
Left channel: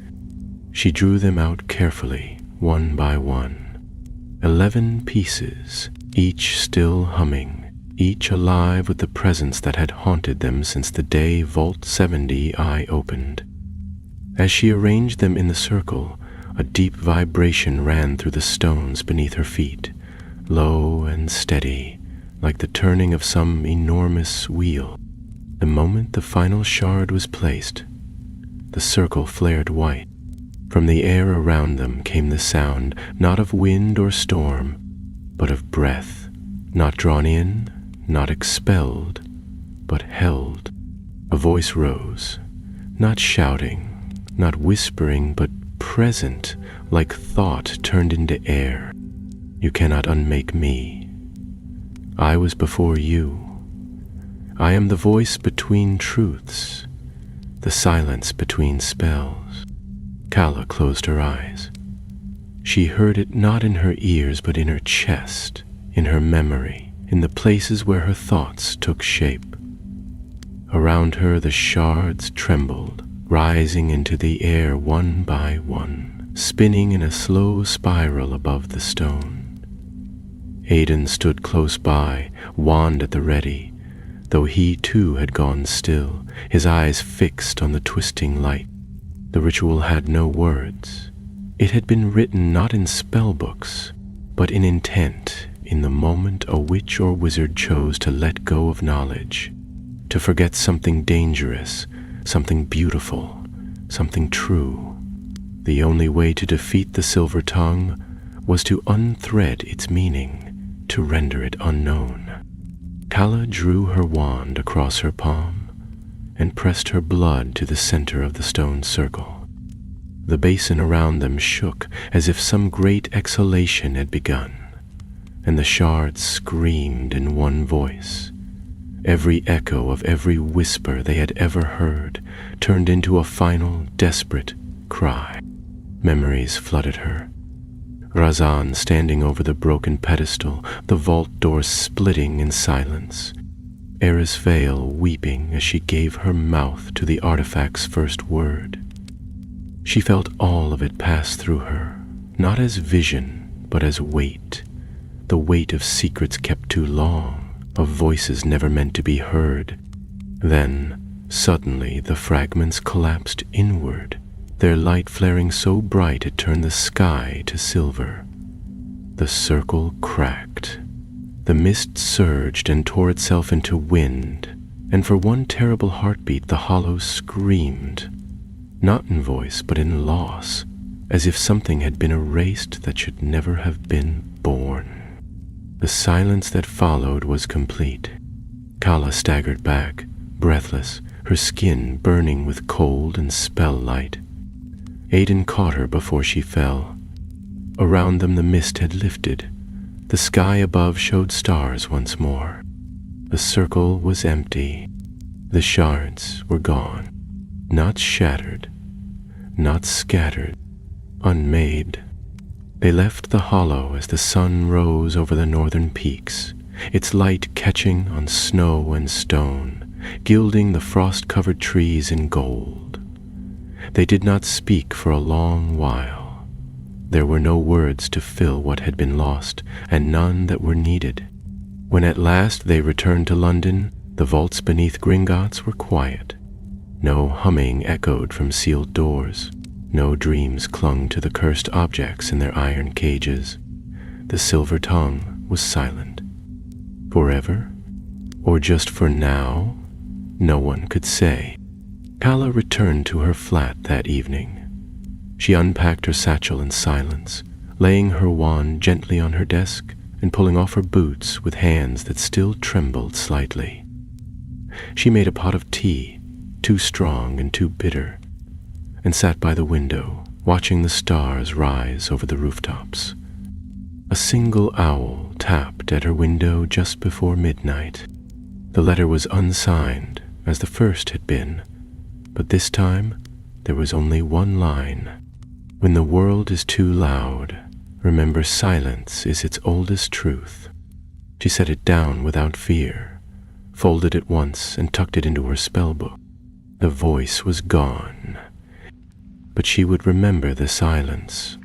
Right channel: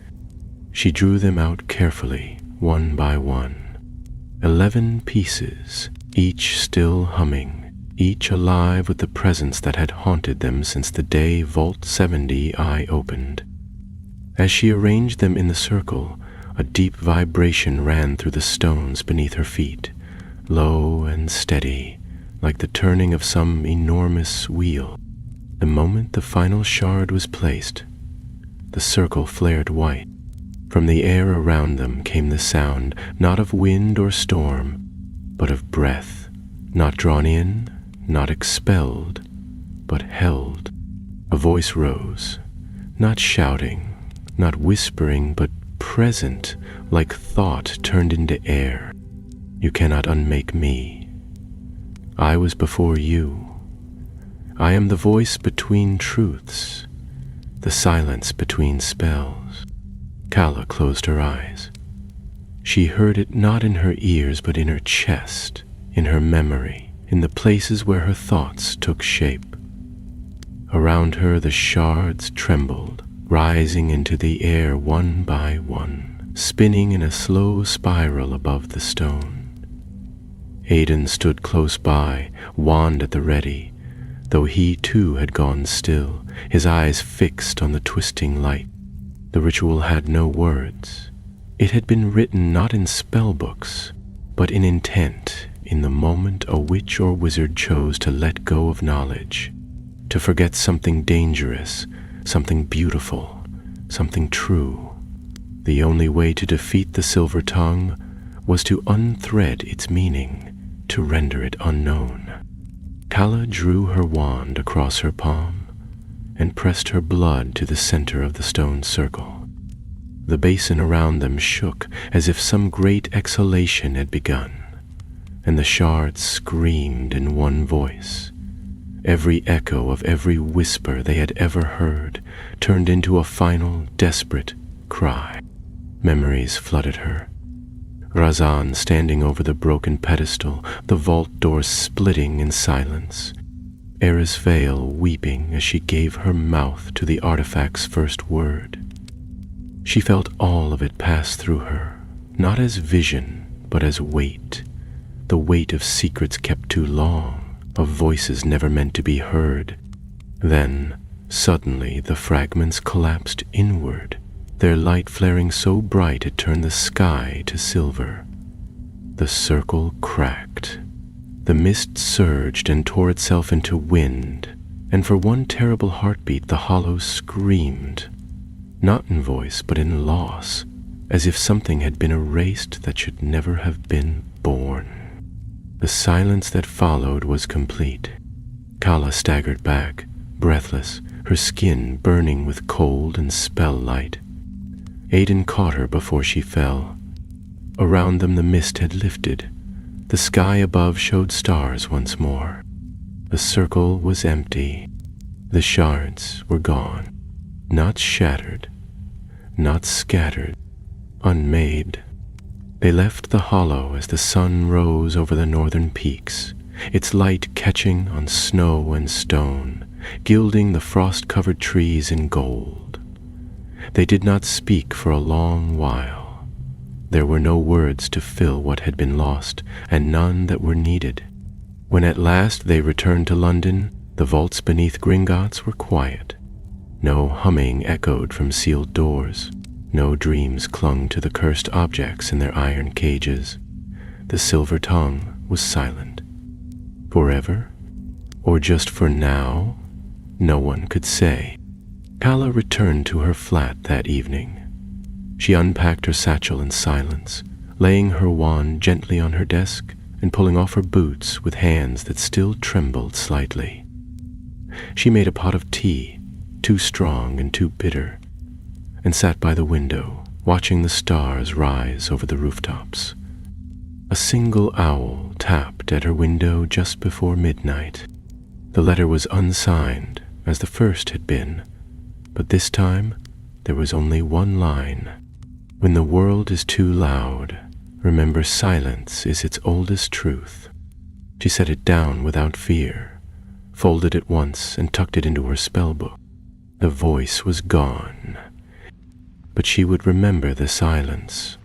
She drew them out carefully, one by one. 11 pieces, each still humming, each alive with the presence that had haunted them since the day Vault 70 eye opened. As she arranged them in the circle, a deep vibration ran through the stones beneath her feet, low and steady, like the turning of some enormous wheel. The moment the final shard was placed, the circle flared white. From the air around them came the sound, not of wind or storm, but of breath, not drawn in, not expelled, but held. A voice rose, not shouting, not whispering, but present, like thought turned into air. You cannot unmake me. I was before you. I am the voice between truths, the silence between spells. Calla closed her eyes. She heard it not in her ears, but in her chest, in her memory, in the places where her thoughts took shape. Around her the shards trembled, rising into the air one by one, spinning in a slow spiral above the stone. Aiden stood close by, wand at the ready, though he too had gone still, his eyes fixed on the twisting light. The ritual had no words. It had been written not in spellbooks, but in intent, in the moment a witch or wizard chose to let go of knowledge, to forget something dangerous, something beautiful, something true. The only way to defeat the silver tongue was to unthread its meaning, to render it unknown. Calla drew her wand across her palm and pressed her blood to the center of the stone circle. The basin around them shook as if some great exhalation had begun, and the shards screamed in one voice. Every echo of every whisper they had ever heard turned into a final, desperate cry. Memories flooded her. Razan standing over the broken pedestal, the vault doors splitting in silence. Erisvale weeping as she gave her mouth to the artifact's first word. She felt all of it pass through her, not as vision, but as weight. The weight of secrets kept too long, of voices never meant to be heard. Then, suddenly, the fragments collapsed inward, their light flaring so bright it turned the sky to silver. The circle cracked. The mist surged and tore itself into wind, and for one terrible heartbeat the hollow screamed, not in voice but in loss, as if something had been erased that should never have been born. The silence that followed was complete. Calla staggered back, breathless, her skin burning with cold and spell light. Aiden caught her before she fell. Around them the mist had lifted. The sky above showed stars once more. The circle was empty. The shards were gone. not shattered, not scattered, unmade. They left the hollow as the sun rose over the northern peaks, its light catching on snow and stone, gilding the frost-covered trees in gold. They did not speak for a long while. There were no words to fill what had been lost, and none that were needed. When at last they returned to London, the vaults beneath Gringotts were quiet. No humming echoed from sealed doors. No dreams clung to the cursed objects in their iron cages. The silver tongue was silent. Forever? Or just for now? No one could say. Calla returned to her flat that evening. She unpacked her satchel in silence, laying her wand gently on her desk and pulling off her boots with hands that still trembled slightly. She made a pot of tea, too strong and too bitter, and sat by the window, watching the stars rise over the rooftops. A single owl tapped at her window just before midnight. The letter was unsigned, as the first had been, but this time there was only one line. When the world is too loud, remember silence is its oldest truth. She set it down without fear, folded it once and tucked it into her spellbook. The voice was gone, but she would remember the silence.